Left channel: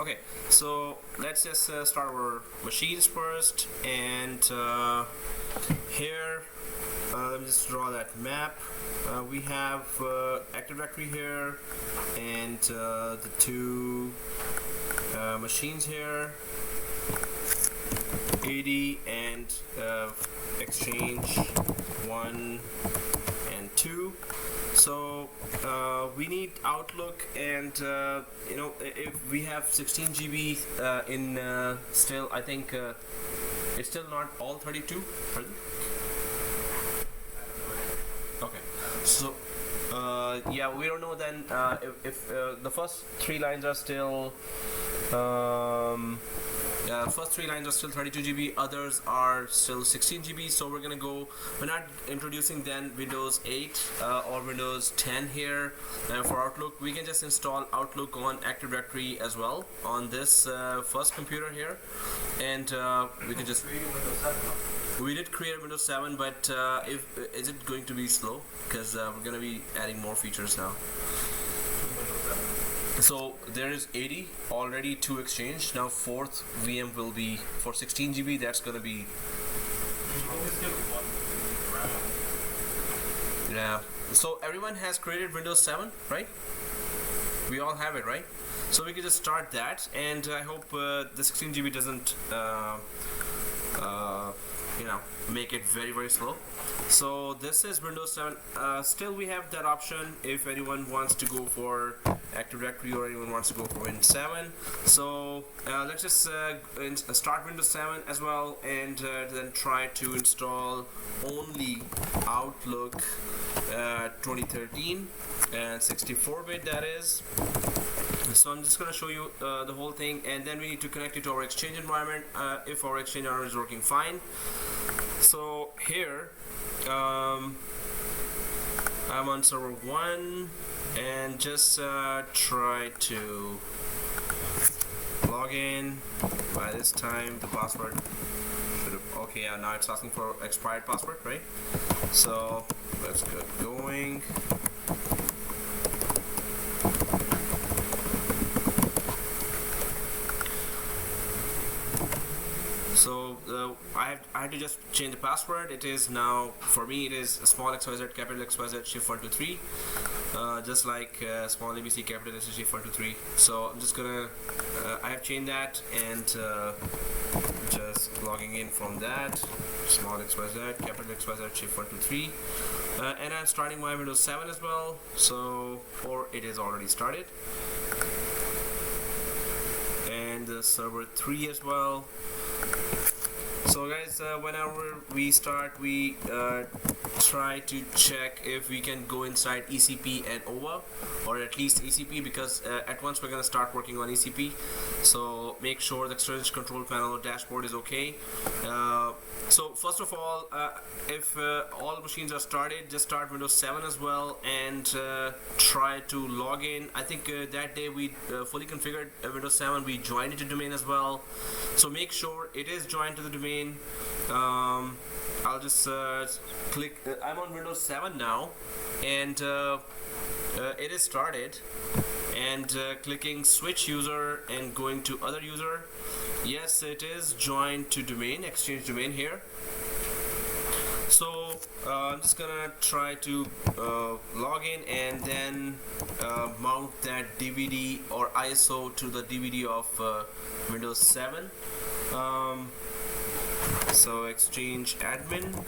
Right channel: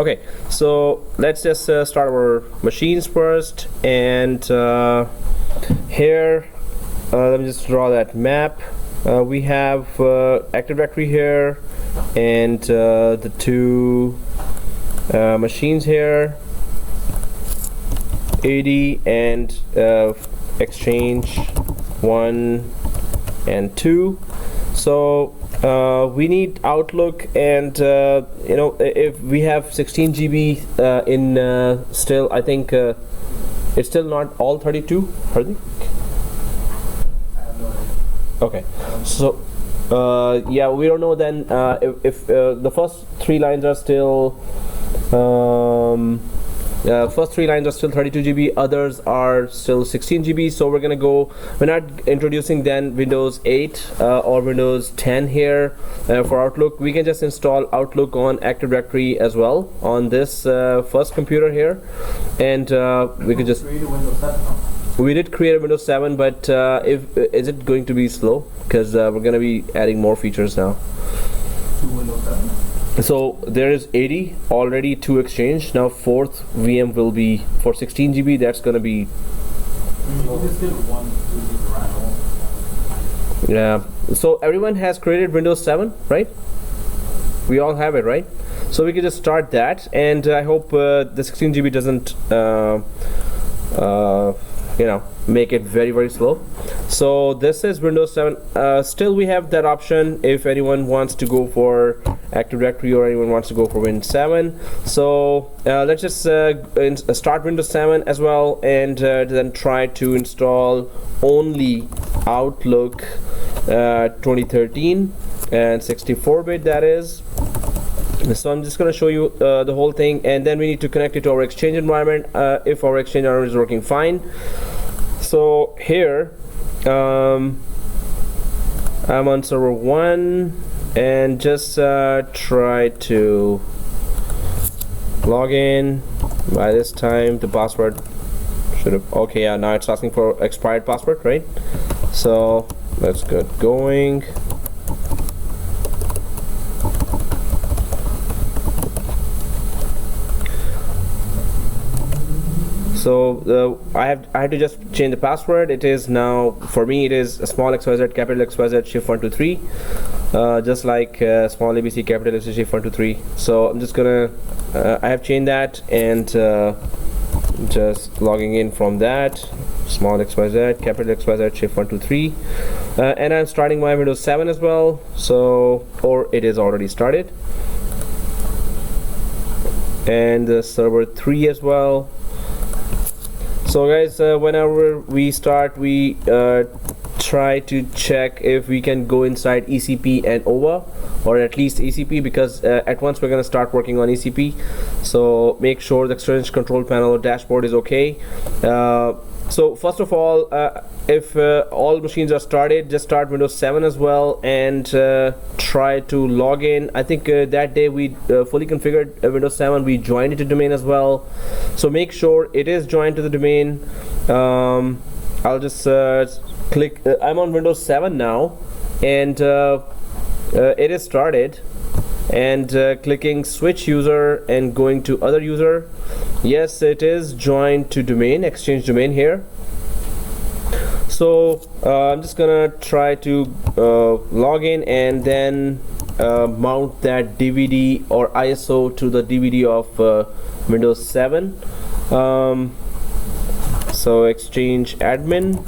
Okay, so let's just start our machines first, and here let me just draw that map. We have Active Directory here, and the two machines here, 80 and Exchange 1 and 2. So we need Outlook, and you know, if we have 16 GB in still, I think it's still not all 32. Pardon? Okay, so yeah, we don't know then if the first three lines are still first three lines are still 32 GB, others are still 16 GB. So we're not introducing then Windows 8 or Windows 10 here for Outlook. We can just install Outlook on Active Directory as well on this first computer here, and we could just. We did create a Windows 7, but is it going to be slow? Because we're going to be adding more features now. So there is 80 already to Exchange. Now fourth VM will be for 16 GB. That's going to be. Yeah. So everyone has created Windows 7, right? We all have it, right? So we can just start that, and I hope the 16 GB doesn't. You know, make it very, very slow. So this is Windows 7. Still we have that option if anyone wants to go for Active Directory or anyone wants to go for Windows 7. So let's just start Windows 7 as well, and then try to install only Outlook 2013 and 64-bit, that is. So I'm just going to show you the whole thing, and then we need to connect it to our Exchange environment if our Exchange environment is working fine. So here I'm on server 1, and just try to log in. By this time the password should have, okay, yeah, now it's asking for expired password, right? So let's get going. So I had to just change the password. It is now, for me, it is a small XYZ, capital XYZ, shift 123, just like small ABC, capital ABC, shift 123. So I'm just gonna, I have changed that, and just logging in from that, small XYZ, capital XYZ, shift 123, and I'm starting my Windows 7 as well. So, or it is already started, and the server 3 as well. So guys, whenever we start, we try to check if we can go inside ECP and OVA, or at least ECP, because at once we're going to start working on ECP. So make sure the Exchange control panel or dashboard is okay. So first of all, if all machines are started, just start Windows 7 as well, and try to log in. I think that day we fully configured Windows 7. We joined it to domain as well. So make sure it is joined to the domain. I'll just click. I'm on Windows 7 now, and it is started. And clicking switch user and going to other user. Yes, it is joined to domain, Exchange domain here. So I'm just gonna try to log in, and then mount that DVD or ISO to the DVD of Windows 7. So Exchange admin.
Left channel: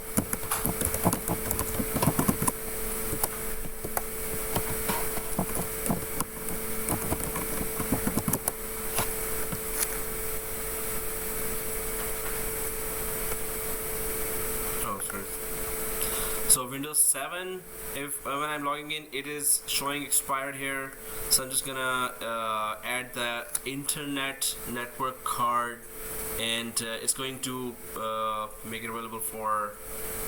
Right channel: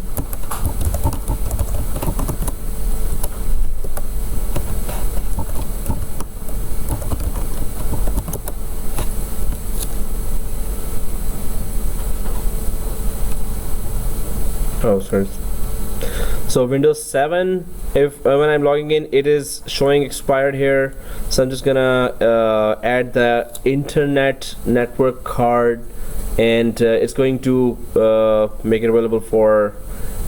Oh, sorry. So Windows 7, if when I'm logging in, it is showing expired here. So I'm just gonna add the internet network card, and it's going to make it available for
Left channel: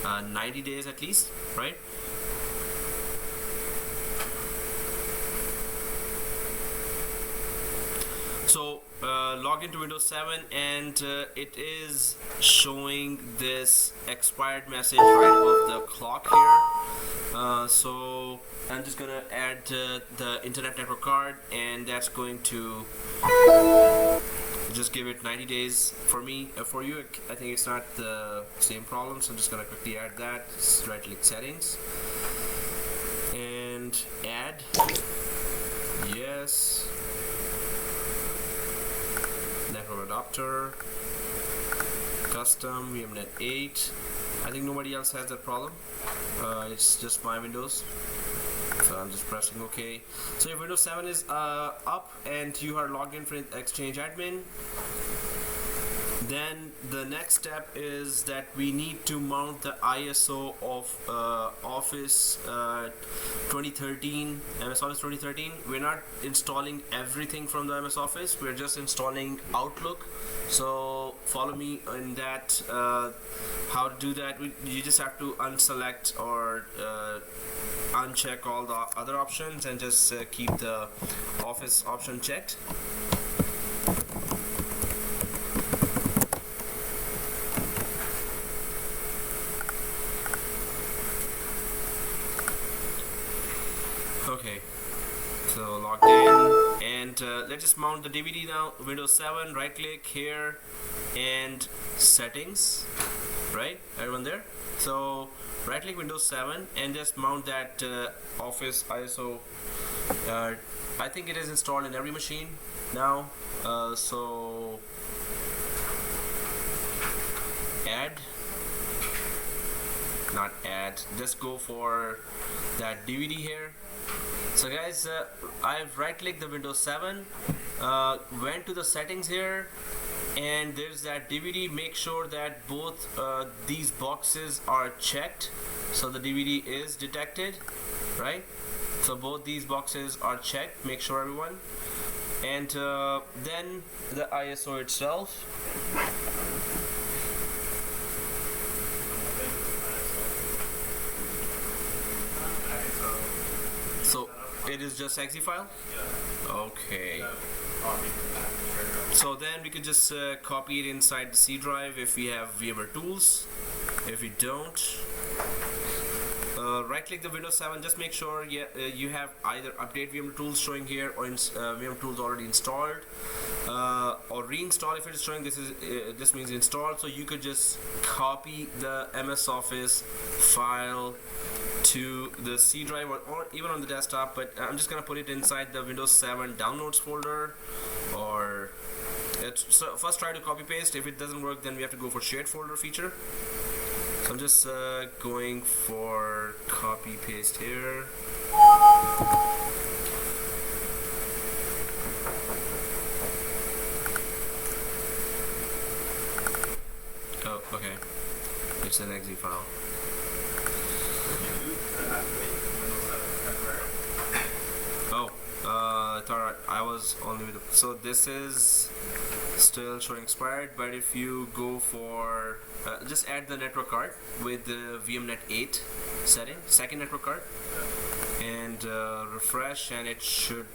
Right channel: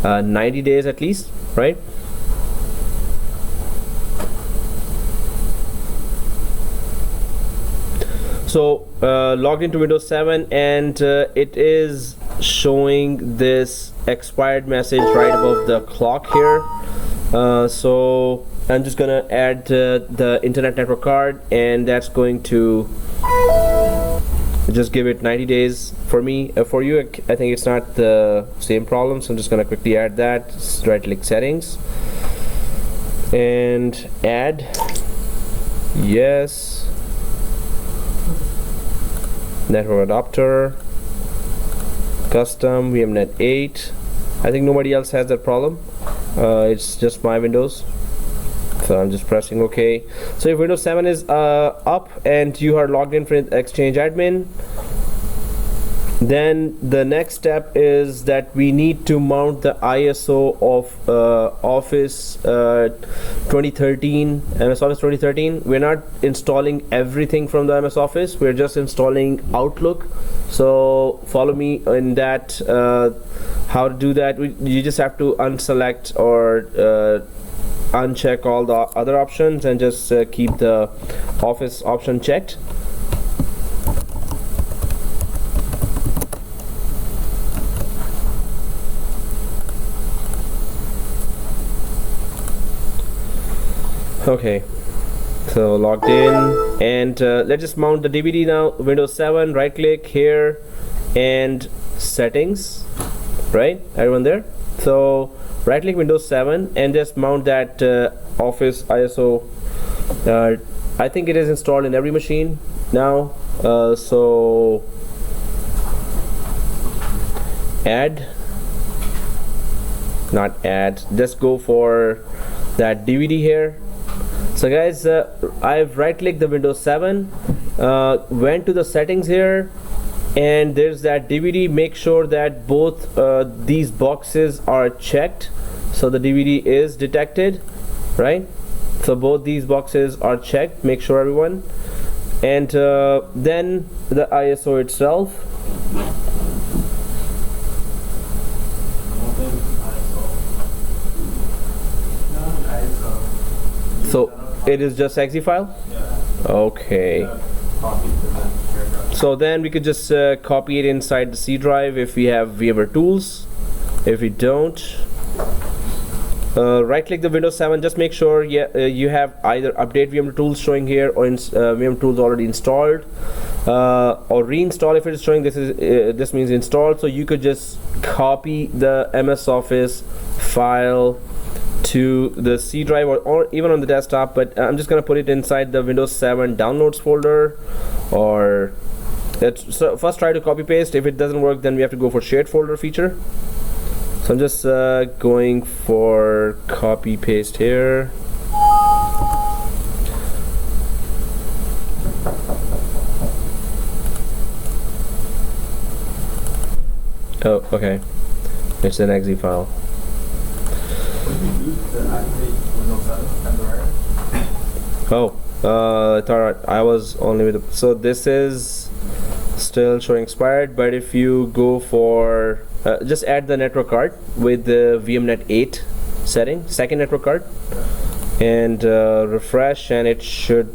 90 days at least, right? So logged into Windows 7, and it is showing this expired message right above the clock here. So I'm just gonna add the internet network card, and that's going to just give it 90 days. For me, for you, I think it's not the same problem, so I'm just gonna quickly add that. Right click settings and add. Yes. Network adapter, custom VMnet 8. I think nobody else has that problem. It's just my Windows. So I'm just pressing OK. So if Windows 7 is up and you are logged in for Exchange Admin, then the next step is that we need to mount the ISO of Office 2013, MS Office 2013. We're not installing everything from the MS Office, we're just installing Outlook. So follow me in that. How to do that, you just have to unselect or uncheck all the other options and just keep the Office option checked. Okay, so logged in, and let's just mount the DVD now. Windows 7, right click here and settings, right, everyone there? So right click Windows 7 and just mount that Office ISO. I think it is installed in every machine now, so just go for that DVD here. So guys, I've right clicked the Windows 7, went to the settings here, and there's that DVD. Make sure that both these boxes are checked, so the DVD is detected, right? So both these boxes are checked, make sure everyone. And then the ISO itself. So it is just exe file? Okay. So then we could just copy it inside the C drive if we have VMware tools. If we don't, right click the Windows 7, just make sure you have either update VMware tools showing here or VMware tools already installed, or reinstall if it is showing this means installed. So you could just copy the MS Office file to the C drive or even on the desktop, but I'm just gonna put it inside the Windows 7 downloads folder. Or so first try to copy paste. If it doesn't work, then we have to go for shared folder feature. So I'm just going for copy paste here. Oh, okay. It's an exe file. Oh, I was only with the, so this is still showing expired, but if you go for just add the network card with the VMnet 8 setting, second network card, and refresh, and it should,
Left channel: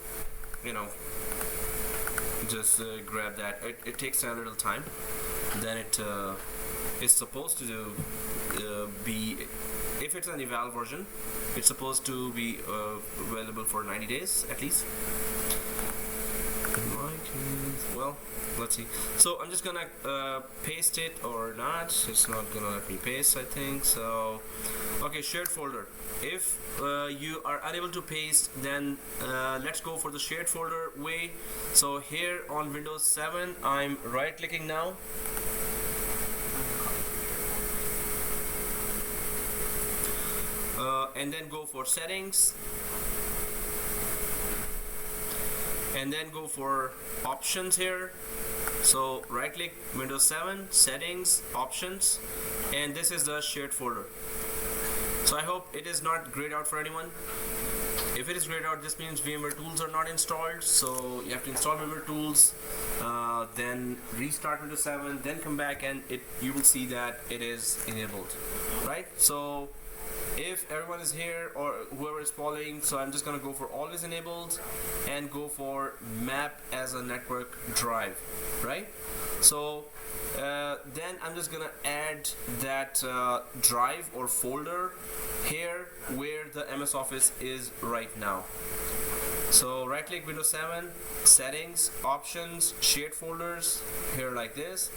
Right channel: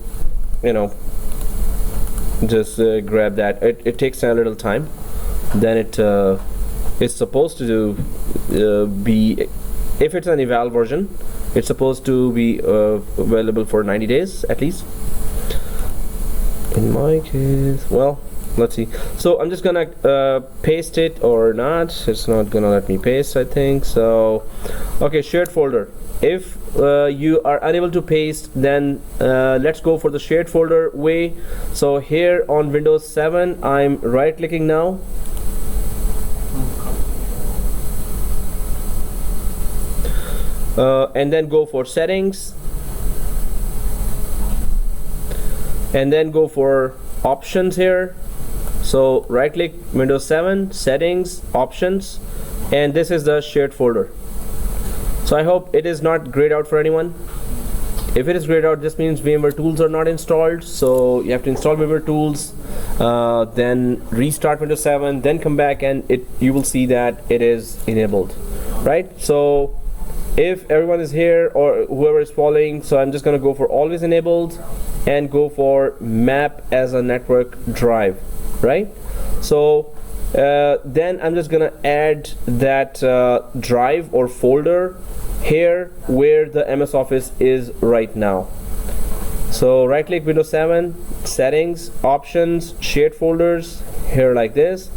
just grab that. It takes a little time. Then it's supposed to be, if it's an eval version, it's supposed to be available for 90 days at least. In my case, well, let's see. So I'm just gonna paste it or not. It's not gonna let me paste, I think. So okay, shared folder. If you are unable to paste, then let's go for the shared folder way. So here on Windows 7, I'm right clicking now, and then go for settings, and then go for options here. So right click Windows 7, settings, options, and this is the shared folder. So I hope it is not grayed out for anyone. If it is grayed out, this means VMware tools are not installed. So you have to install VMware tools, then restart Windows 7, then come back, and you will see that it is enabled, right? So if everyone is here or whoever is following, so I'm just gonna go for always enabled and go for map as a network drive, right? So then I'm just gonna add that drive or folder here where the MS Office is right now. So right click Windows 7, settings, options, shared folders here like this,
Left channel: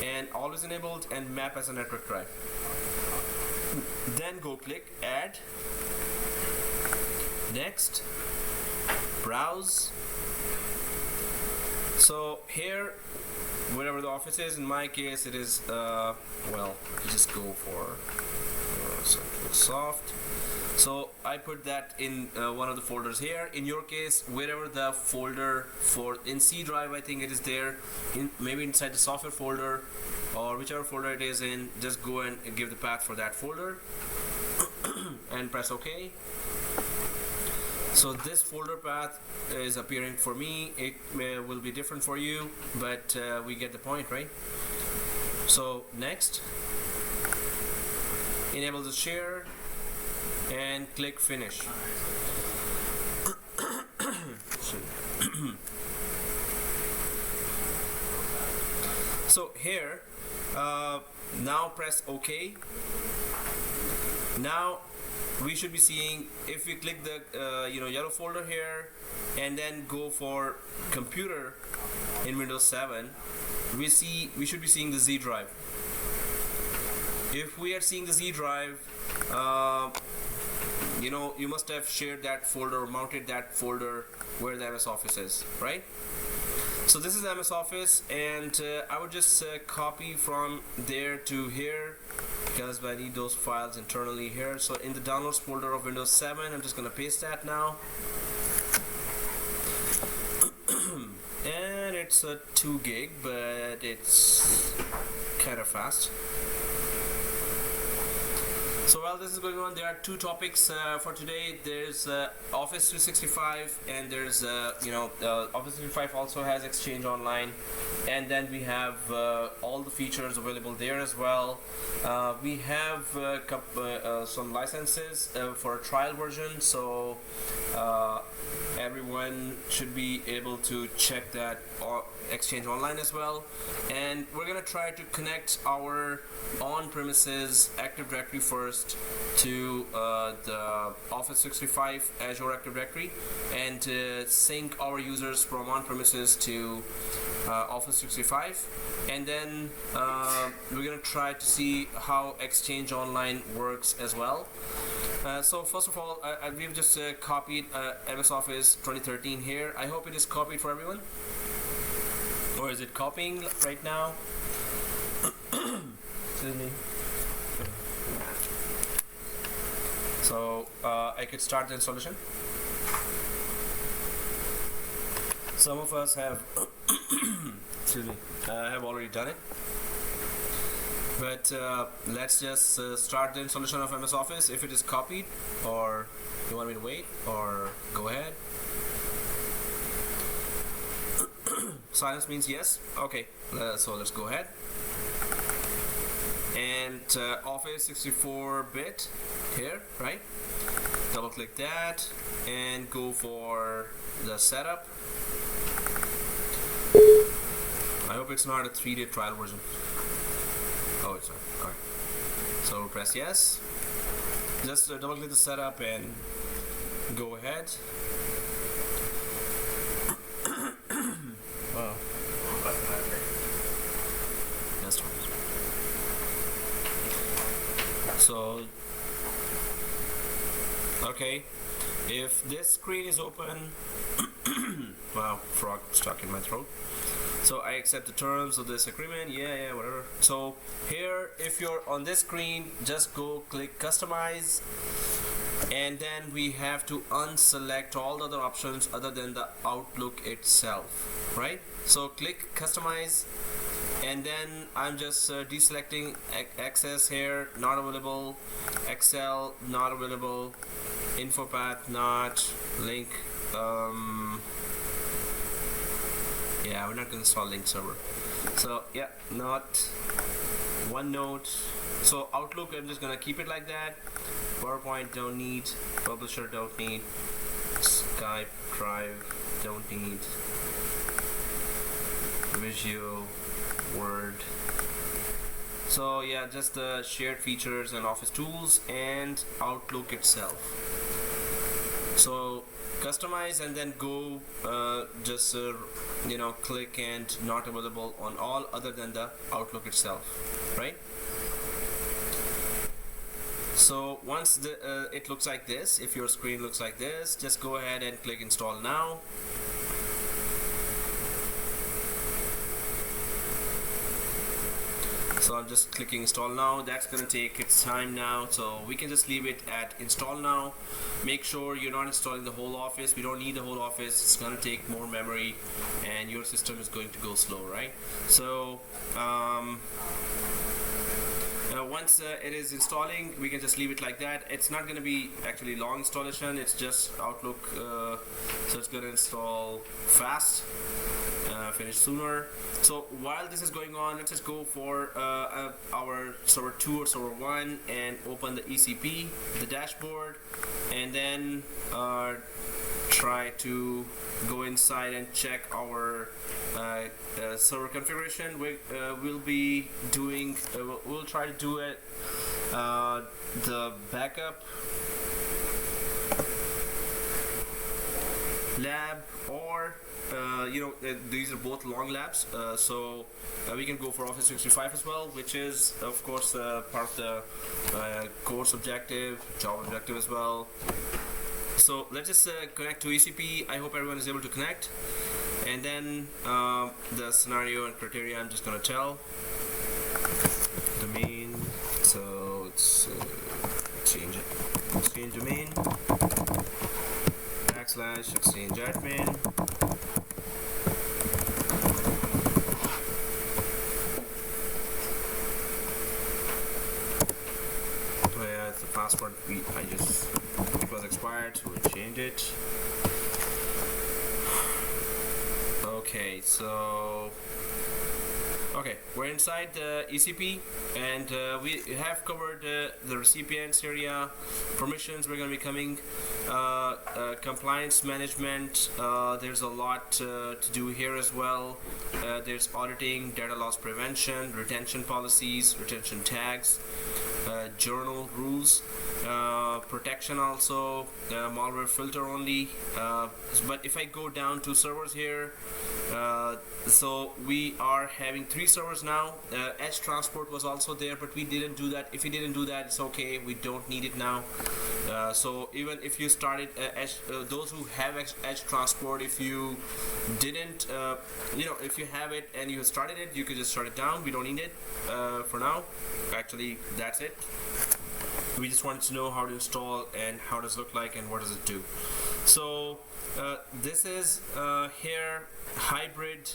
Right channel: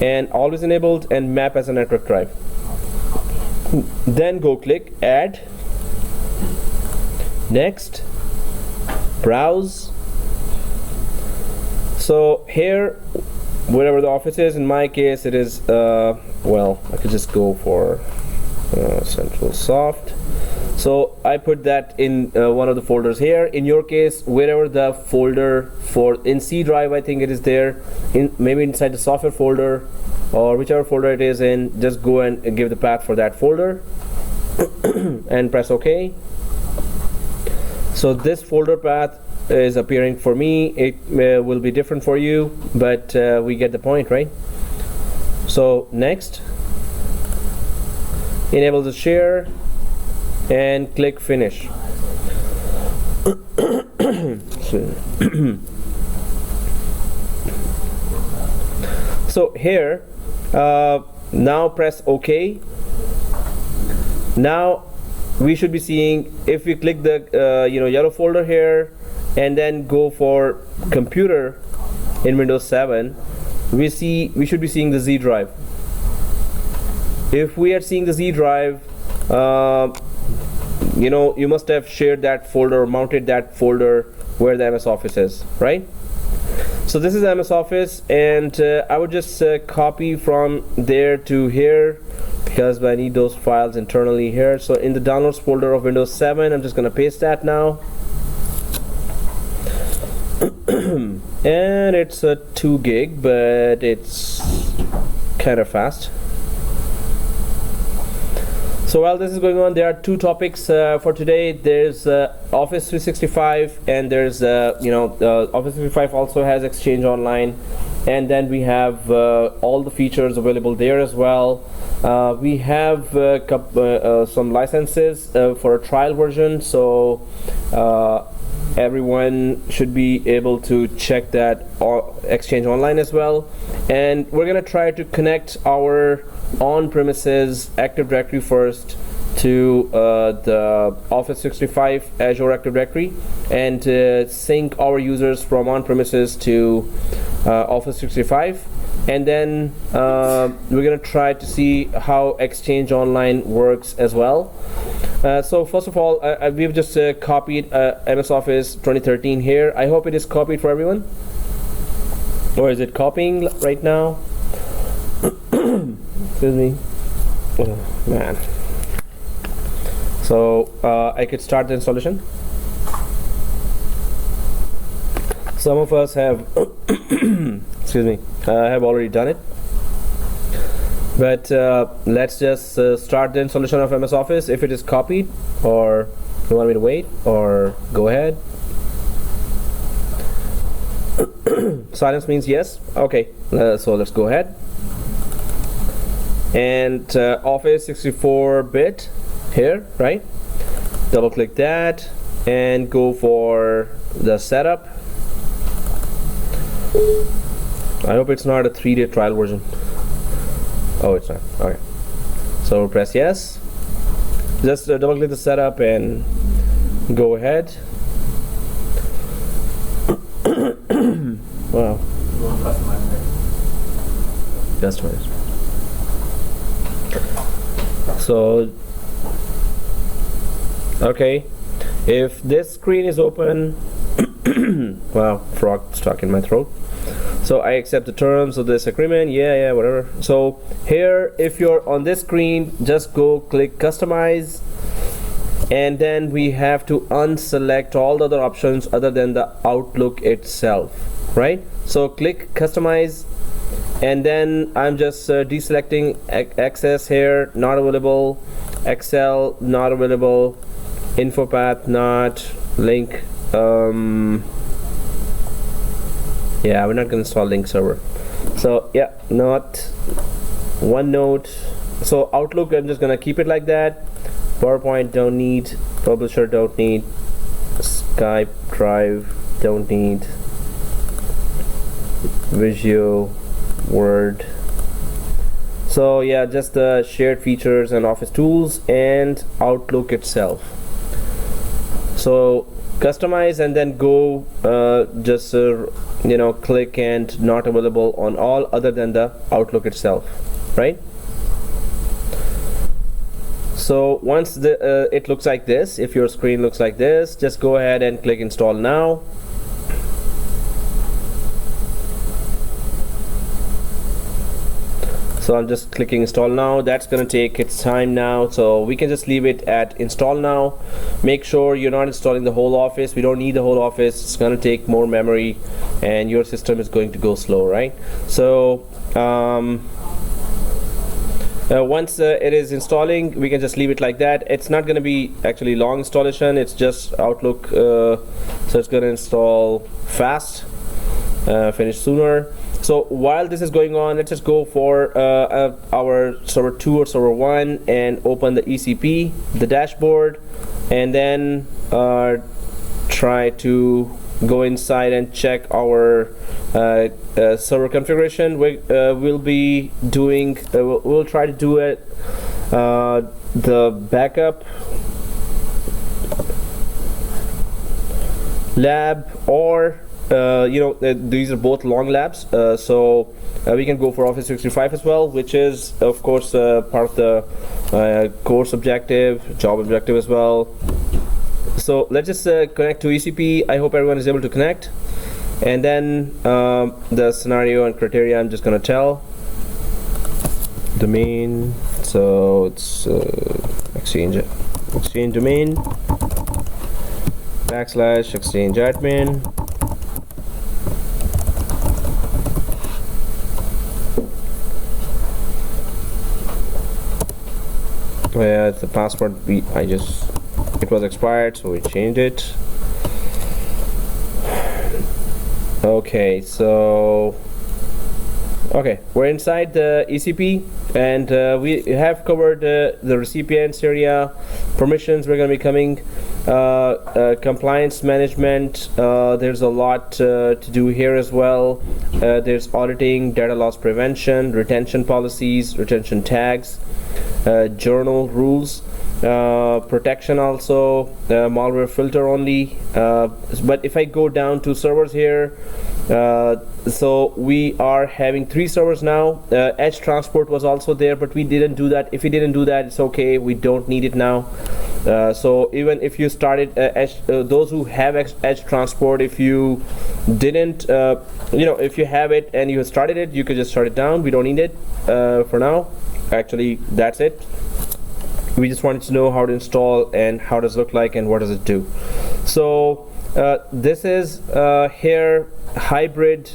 and always enabled, and map as a network drive. Then go click add, next, browse. So here, wherever the office is, in my case it is well, I could just go for Central Soft. So I put that in one of the folders here. In your case, wherever the folder for in C drive, I think it is there, maybe inside the software folder or whichever folder it is in, just go and give the path for that folder and press OK. So this folder path is appearing for me. It will be different for you, but we get the point, right? So next, enable the share and click finish. So here, now press OK. Now we should be seeing, if we click the yellow folder here and then go for computer in Windows 7, we should be seeing the Z drive. If we are seeing the Z drive, you must have shared that folder, mounted that folder where the MS Office is, right? So this is MS Office, and I would just copy from there to here because I need those files internally here. So in the downloads folder of Windows 7, I'm just gonna paste that now. And it's a 2 gig, but it's kind of fast. So while this is going on, there are 2 topics for today. There's Office 365, and there's Office 365 also has Exchange Online, and then we have all the features available there as well. We have some licenses for a trial version, so everyone should be able to check that Exchange Online as well. And we're gonna try to connect our on-premises Active Directory first to the Office 365 Azure Active Directory, and sync our users from on-premises to Office 365, and then we're gonna try to see how Exchange Online works as well. So first of all, we've just copied MS Office 2013 here. I hope it is copied for everyone, or is it copying right now? Excuse me. Oh, man. So I could start the installation. Some of us have excuse me, have already done it, but let's just start the installation of MS Office. If it is copied, or you want me to wait, or go ahead. Silence means yes. Okay, so let's go ahead. And Office 64-bit here, right? Double click that and go for the setup. I hope it's not a 3-day trial version. Oh, it's not. Okay. So press yes. Just double click the setup and go ahead. Wow. Customers. So, okay, if this screen is open, wow, frog stuck in my throat. So I accept the terms of this agreement, yeah, whatever. So here, if you're on this screen, just go click customize, and then we have to unselect all the other options other than the Outlook itself, right? So click customize, and then I'm just deselecting access here, not available, Excel not available, info path not, link, yeah, we're not going to install link server. So yeah, not, OneNote. So Outlook, I'm just going to keep it like that. PowerPoint don't need, Publisher don't need, Skype Drive don't need, Visio, Word. So yeah, just the shared features and Office tools and Outlook itself. So customize, and then go just click and not available on all other than the Outlook itself, right? So once it looks like this, if your screen looks like this, just go ahead and click install now. So I'm just clicking install now. That's gonna take its time now, so we can just leave it at install now. Make sure you're not installing the whole Office. We don't need the whole Office. It's gonna take more memory and your system is going to go slow, right? So once it is installing, we can just leave it like that. It's not going to be actually long installation, it's just Outlook, so it's going to install fast, finish sooner. So while this is going on, let's just go for our server 2 or server 1 and open the ECP, the dashboard, and then try to go inside and check our server configuration. We'll be doing we'll try to do it the backup lab, or these are both long labs, so we can go for Office 365 as well, which is of course part of the course objective, job objective as well. So let's just connect to ECP. I hope everyone is able to connect, and then the scenario and criteria I'm just gonna tell. Domain, so it's exchange domain / exchange admin. Yeah, it's the password it was expired, so we changed it. Okay, so we're inside the ECP, and we have covered the recipients area, permissions. We're going to be coming compliance management. There's a lot to do here as well. There's auditing, data loss prevention, retention policies, retention tags, journal rules, protection also, malware filter only. But if I go down to servers here, so we are having 3 servers now. Edge transport was also there, but we didn't do that. If we didn't do that, it's okay, we don't need it now. So even if you started those who have edge transport, if you didn't if you have it and you started it, you could just shut it down. We don't need it for now. Actually, that's it. We just wanted to know how to install and how does it look like and what does it do. So this is here hybrid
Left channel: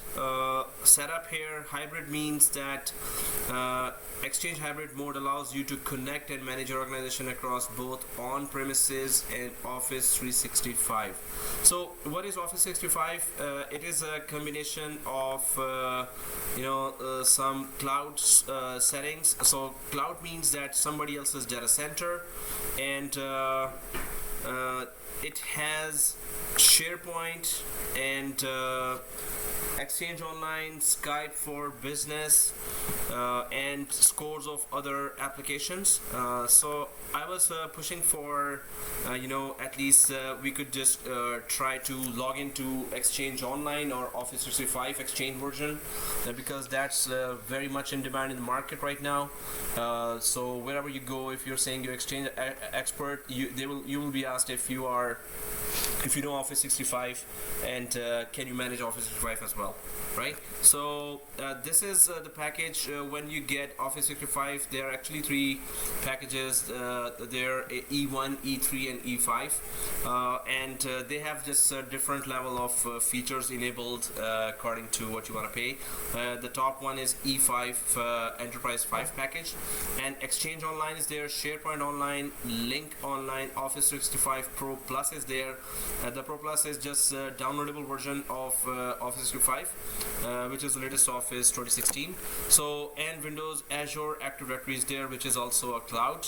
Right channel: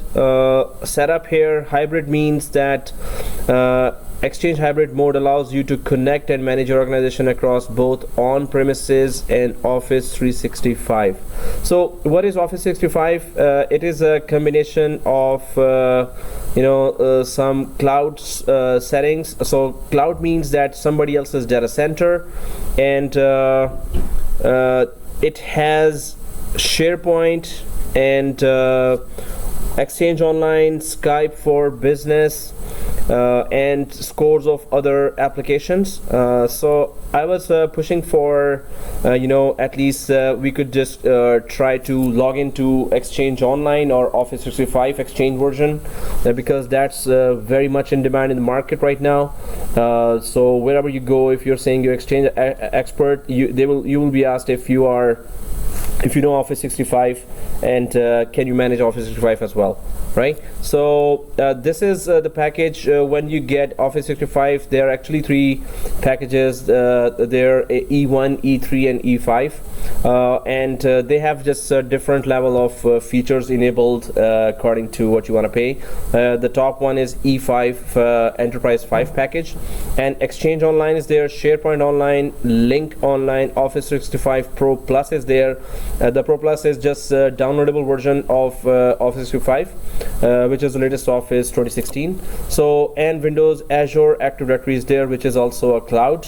setup here. Hybrid means that Exchange Hybrid mode allows you to connect and manage your organization across both on-premises and Office 365. So what is Office 365? It is a combination of some cloud settings. So cloud means that somebody else's data center, and it has SharePoint and Exchange Online, Skype for Business, and scores of other applications. So I was pushing for at least we could just try to log into Exchange Online or Office 365 Exchange version, because that's very much in demand in the market right now. So wherever you go, if you're saying you're Exchange expert, you will be asked if you know Office 365 and can you manage Office 365 as well, right? So this is the package. When you get Office 365, there are actually 3 packages. They're E1, E3 and E5, and they have just a different level of features enabled according to what you want to pay. The top one is E5 Enterprise 5 package, and Exchange Online is there, SharePoint Online, Link Online, Office 365 Pro Plus is there. The Pro Plus is just a downloadable version of Office 365, which is the latest Office 2016. So, and Windows, Azure, Active Directory is there, which is also a cloud.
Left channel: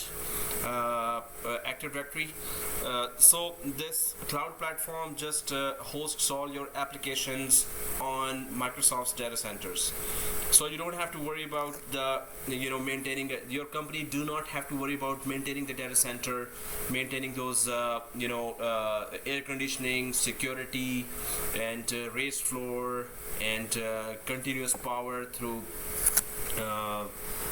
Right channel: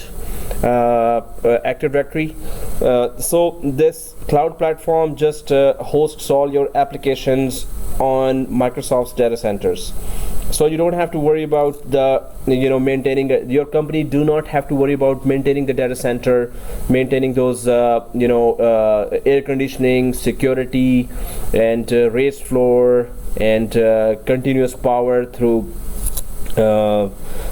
Active Directory. So this cloud platform just hosts all your applications on Microsoft's data centers. So you don't have to worry about the maintaining your company do not have to worry about maintaining the data center, maintaining those air conditioning, security, and raised floor, and continuous power through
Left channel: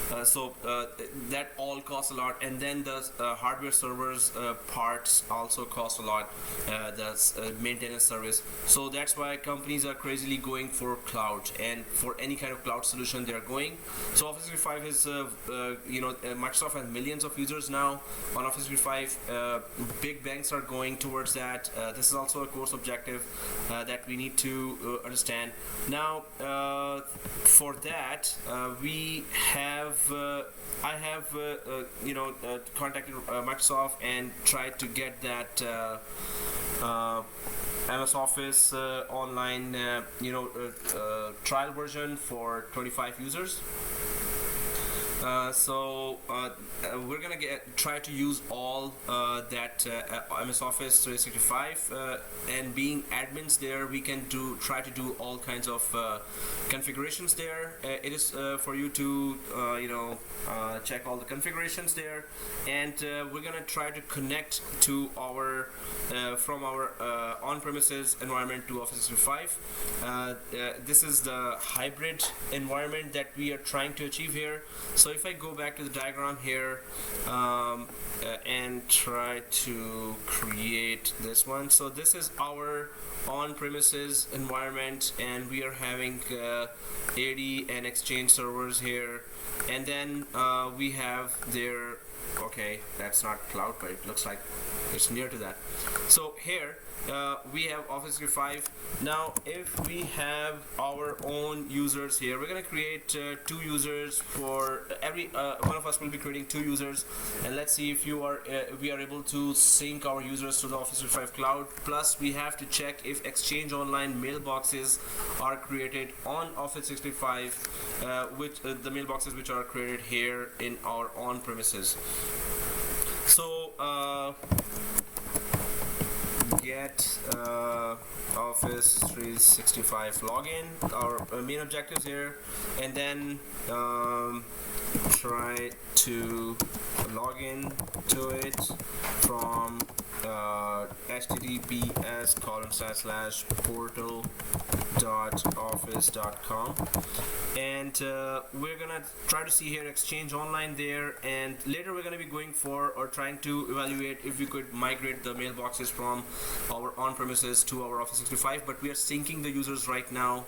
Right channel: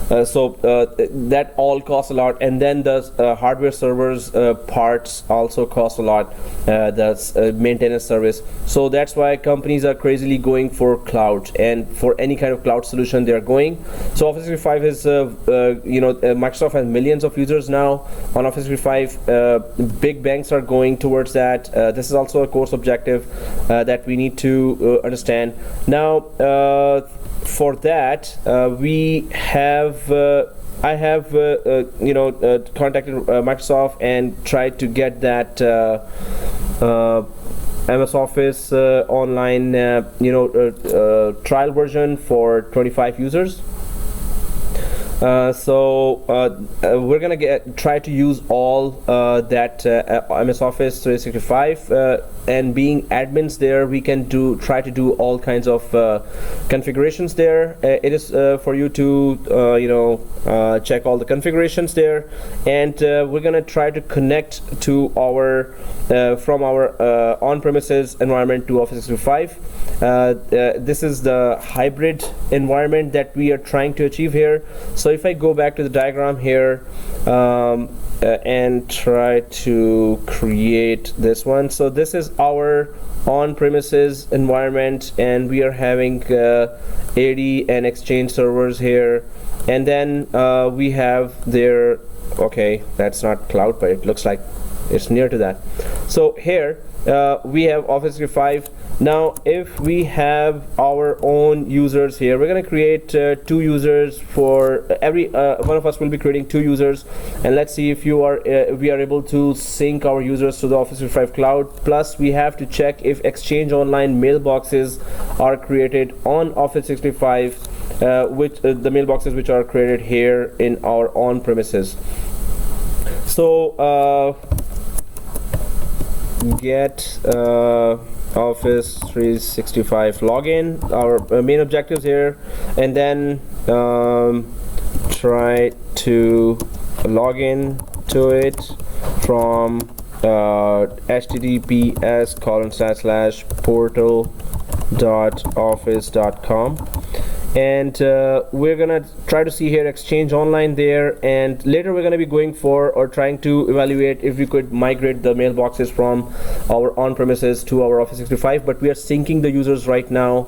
that all costs a lot, and then the hardware servers parts also cost a lot, the maintenance service. So that's why companies are crazily going for cloud, and for any kind of cloud solution they are going. So Office 365 is Microsoft has millions of users now on Office 365. Big banks are going towards that. This is also a course objective that we need to understand now. For that, I have contacted Microsoft and tried to get that MS Office online trial version for 25 users. We're gonna try to use all that MS Office 365, and being admins there, we can try to do all kinds of configurations there. It is for you to check all the configurations there, and we're gonna try to connect to our from our on-premises environment to Office 365. This is the hybrid environment that we are trying to achieve here. So if I go back to the diagram here and try to create this one, so this is our on-premises environment, and we are having 80 and Exchange servers here, and then we have their, okay, that's not cloud, but it looks like it's near to that. So here we have Office 365. Now if we have our own users here, we're going to create 2 users for every one of us will be creating 2 users, and let's see if we are able to sync our users to the Office 365 cloud. Plus we have to check if Exchange Online mailboxes are created on Office 365, which the mailboxes which are created here in our on-premises. So get Office 365 login, our main objectives here, and then try to log in to it from https://portal.office.com, and we're gonna try to see here Exchange Online there, and later we're going to be going for or trying to evaluate if we could migrate the mailboxes from our on-premises to our Office 365, but we are syncing the users right now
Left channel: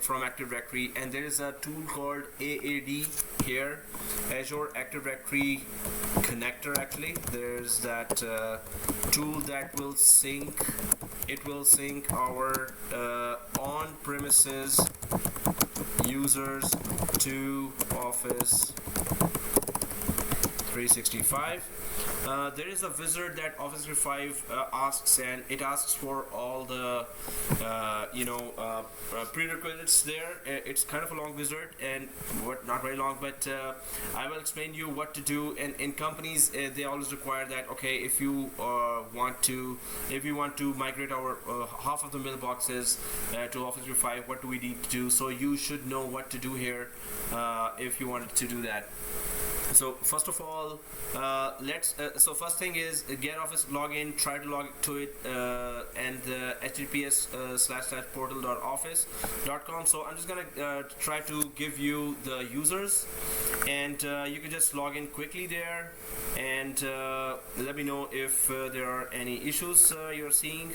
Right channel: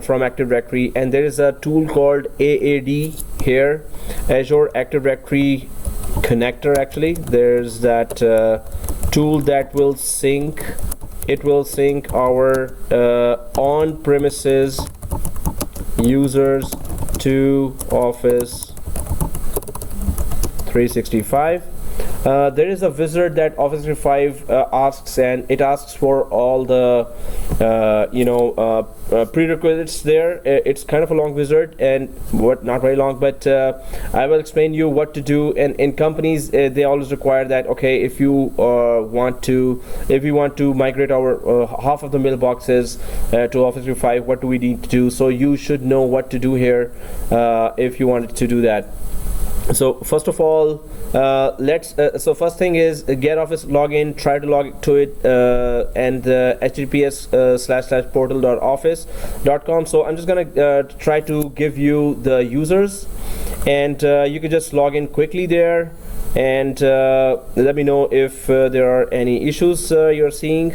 from Active Directory, and there is a tool called AAD here, Azure Active Directory Connector. Actually, there's that tool that will sync. It will sync our on-premises users to Office 365. There is a wizard that Office 365 asks, and it asks for all the prerequisites there. It's kind of a long wizard, and not very long, but I will explain you what to do. And in companies, they always require that, okay, if you want to migrate our half of the mailboxes to Office 365, what do we need to do? So you should know what to do here if you wanted to do that. So first of all, so first thing is get Office login, try to log to it, and https://portal.office.com. So I'm just gonna try to give you the users, and you can just log in quickly there, and let me know if there are any issues you're seeing.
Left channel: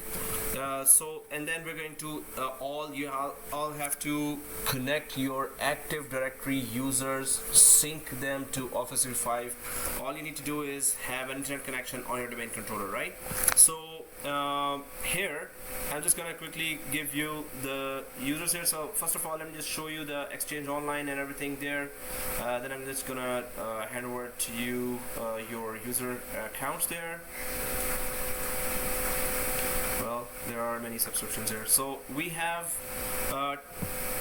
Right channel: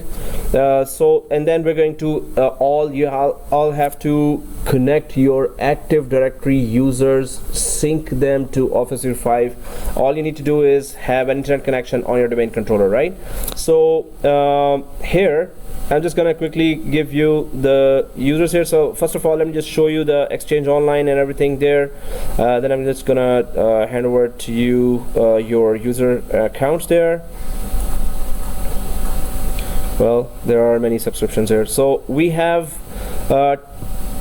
And then we're going to all have to connect your Active Directory users, sync them to Office 365. All you need to do is have an internet connection on your domain controller, right? So here I'm just gonna quickly give you the users here. So first of all, let me just show you the Exchange Online and everything there. Then I'm just gonna hand over to you your user accounts there. Well, there are many subscriptions here. So we have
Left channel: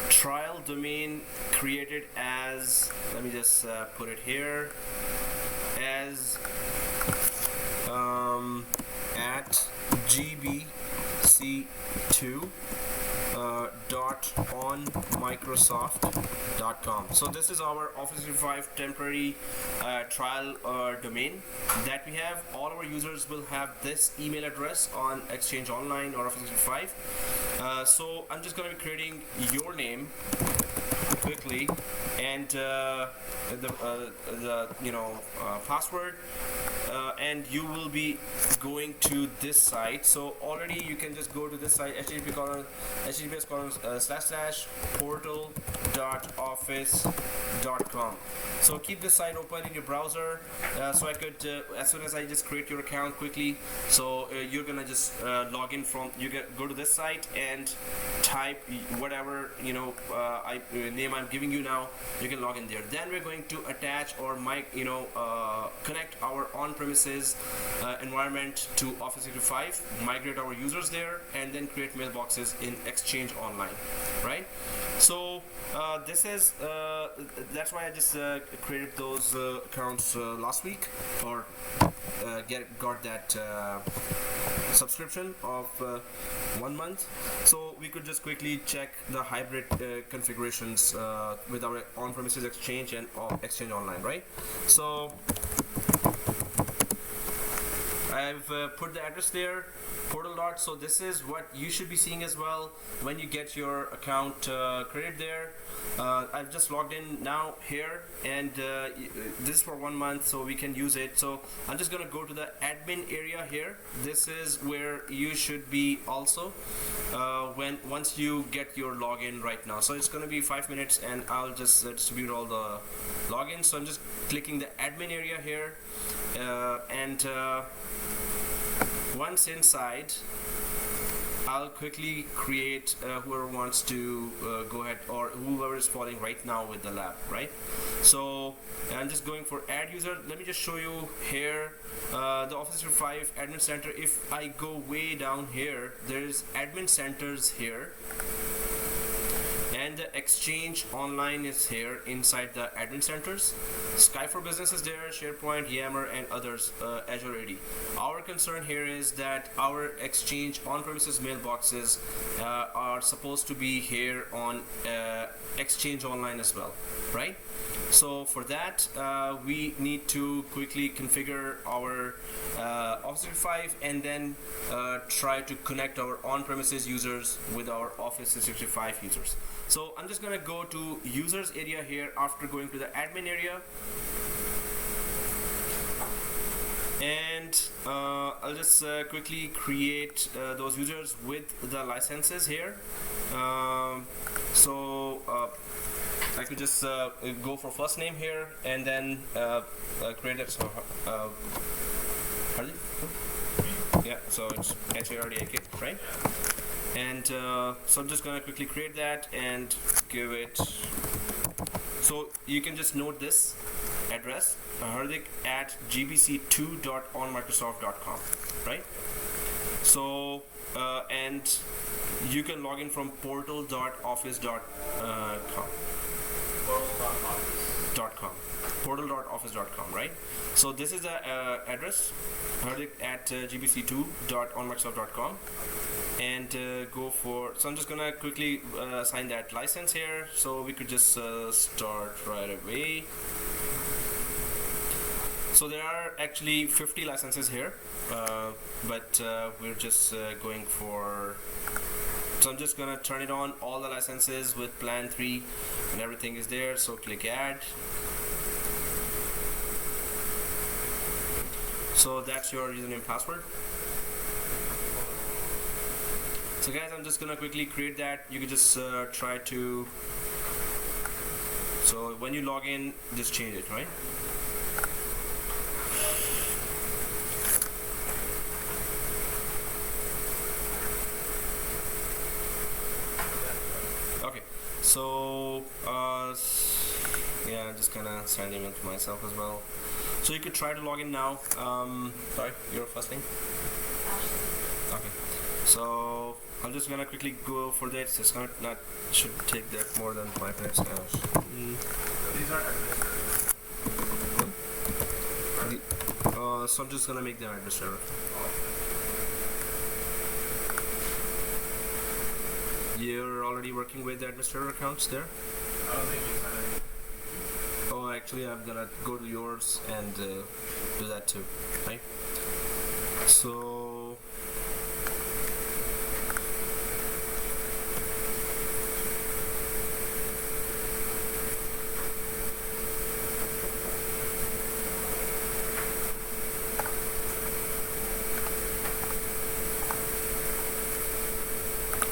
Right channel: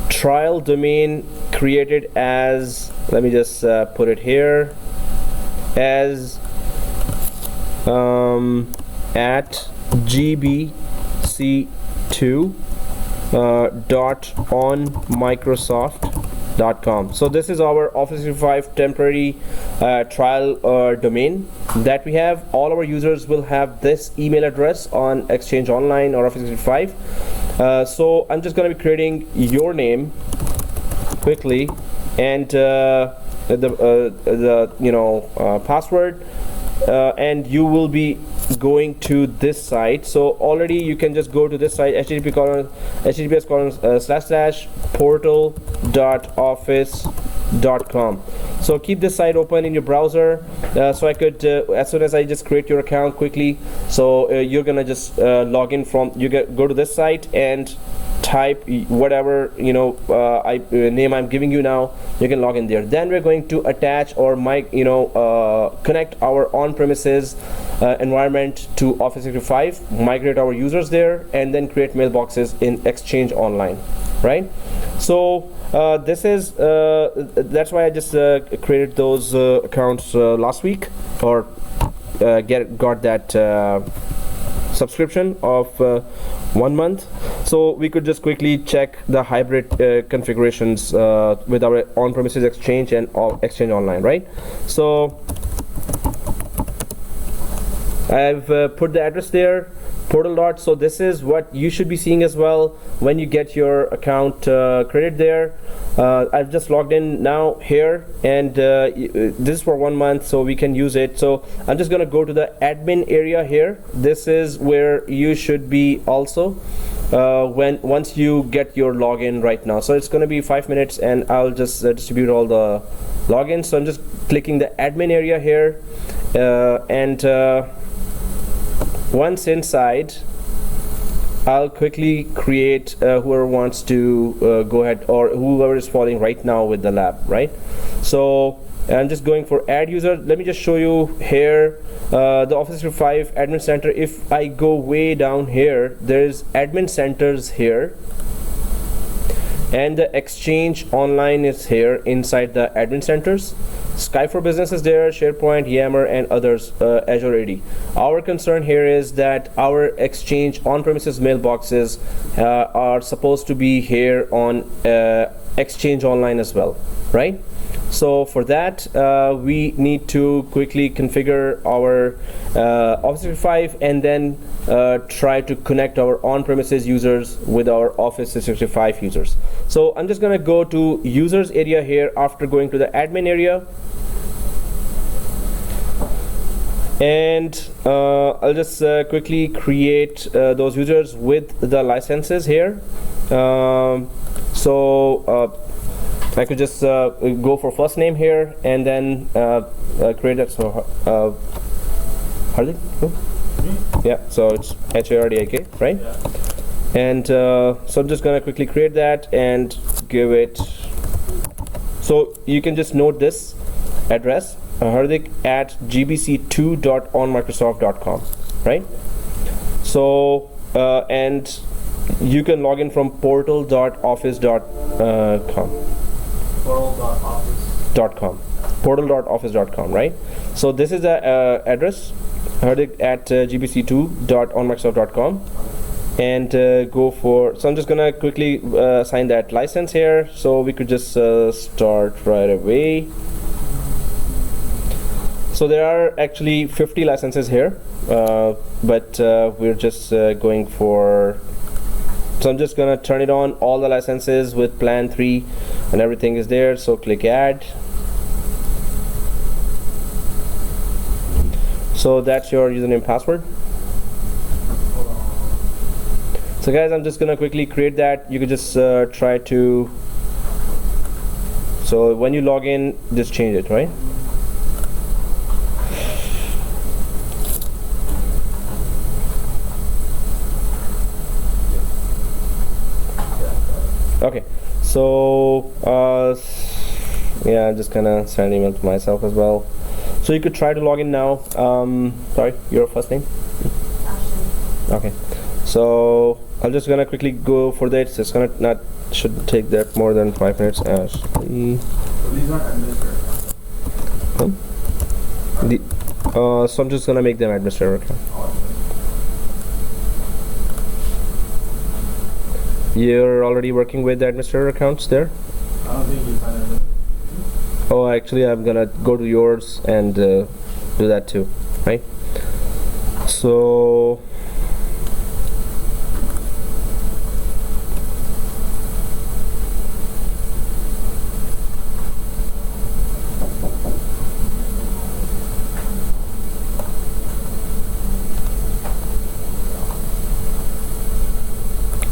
trial domain created as, let me just put it here, as at gbc2 dot on Microsoft.com. So this is our Office 365 temporary trial domain that we have. All our users will have this email address on Exchange Online or Office 365. So I'm just going to be creating your name quickly and the password, and you will be going to this site. So already you can just go to this site, https://portal.office.com. so keep this site open in your browser, so I could as soon as I just create your account quickly, so you're gonna just log in from, go to this site and type whatever name I'm giving you now. You can log in there. Then we're going to attach or connect our on-premises environment to Office 365, migrate our users there, and then create mailboxes in Exchange Online, right? So this is that's why I just created those accounts last week, or got that subscription of 1 month, so we could just quickly check the hybrid configurations with our on-premises Exchange and Exchange Online, right? So I've put the address there, portal. So this is what you should be seeing as well when you get your account created there. I've just logged in now here, and this is for 1 month, so we can use it. So I'm just gonna go to the admin area here. This is where you should be also once you get your login right now. So it's gonna be 5 minutes, and I'll just distribute all the logins. So I'm just clicking the admin area here, and once inside, I'll quickly create whoever wants to go ahead, or whoever is following right now with the lab, right? So I'm just going for add user. Let me just show you here the Office 365 admin center. If I go way down here, there's admin centers here, and the Exchange Online is here inside the admin centers. Sky for Business is there, SharePoint, Yammer, and others, Azure AD. Our concern here is that our Exchange on-premises mailboxes are supposed to be here on Exchange Online as well, right? So for that, we need to quickly configure our Office 365 and then try to connect our on-premises users with our Office 365 users. So I'm just gonna go to users area here after going to the admin area, and I'll just quickly create those users with the licenses here. I could just go for first name here, and then create that. So Hardik? Yeah, so it's HARDIK, right? Yeah. And so I'm just gonna quickly create that and give it. So you can just note this address, Hardik at gbc2.onmicrosoft.com, right? So and you can log in from portal.office.com. Portal.office.com, right? So this is the address, Hardik at gbc2.onmicrosoft.com, and go for. So I'm just gonna quickly assign that license here, so we could just start right away. So there are actually 50 licenses here, but we're just going for. So I'm just gonna turn it on, all the licenses with plan 3 and everything is there. So click add. So that's your username password. So guys, I'm just gonna quickly create that. You could just try to. So when you log in, just change it, right? Okay, so yeah, I'm just gonna send an email to myself as well. So you could try to log in now. Sorry, your first name? Okay, so I'm just gonna quickly go for that. It's gonna shouldn't take that more than 5 minutes. These aren't administrators. So I'm just gonna make them administrator account. You're already working with the administrator accounts there? I don't think you signed it. Oh, actually, I'm gonna go to yours and do that too, right? So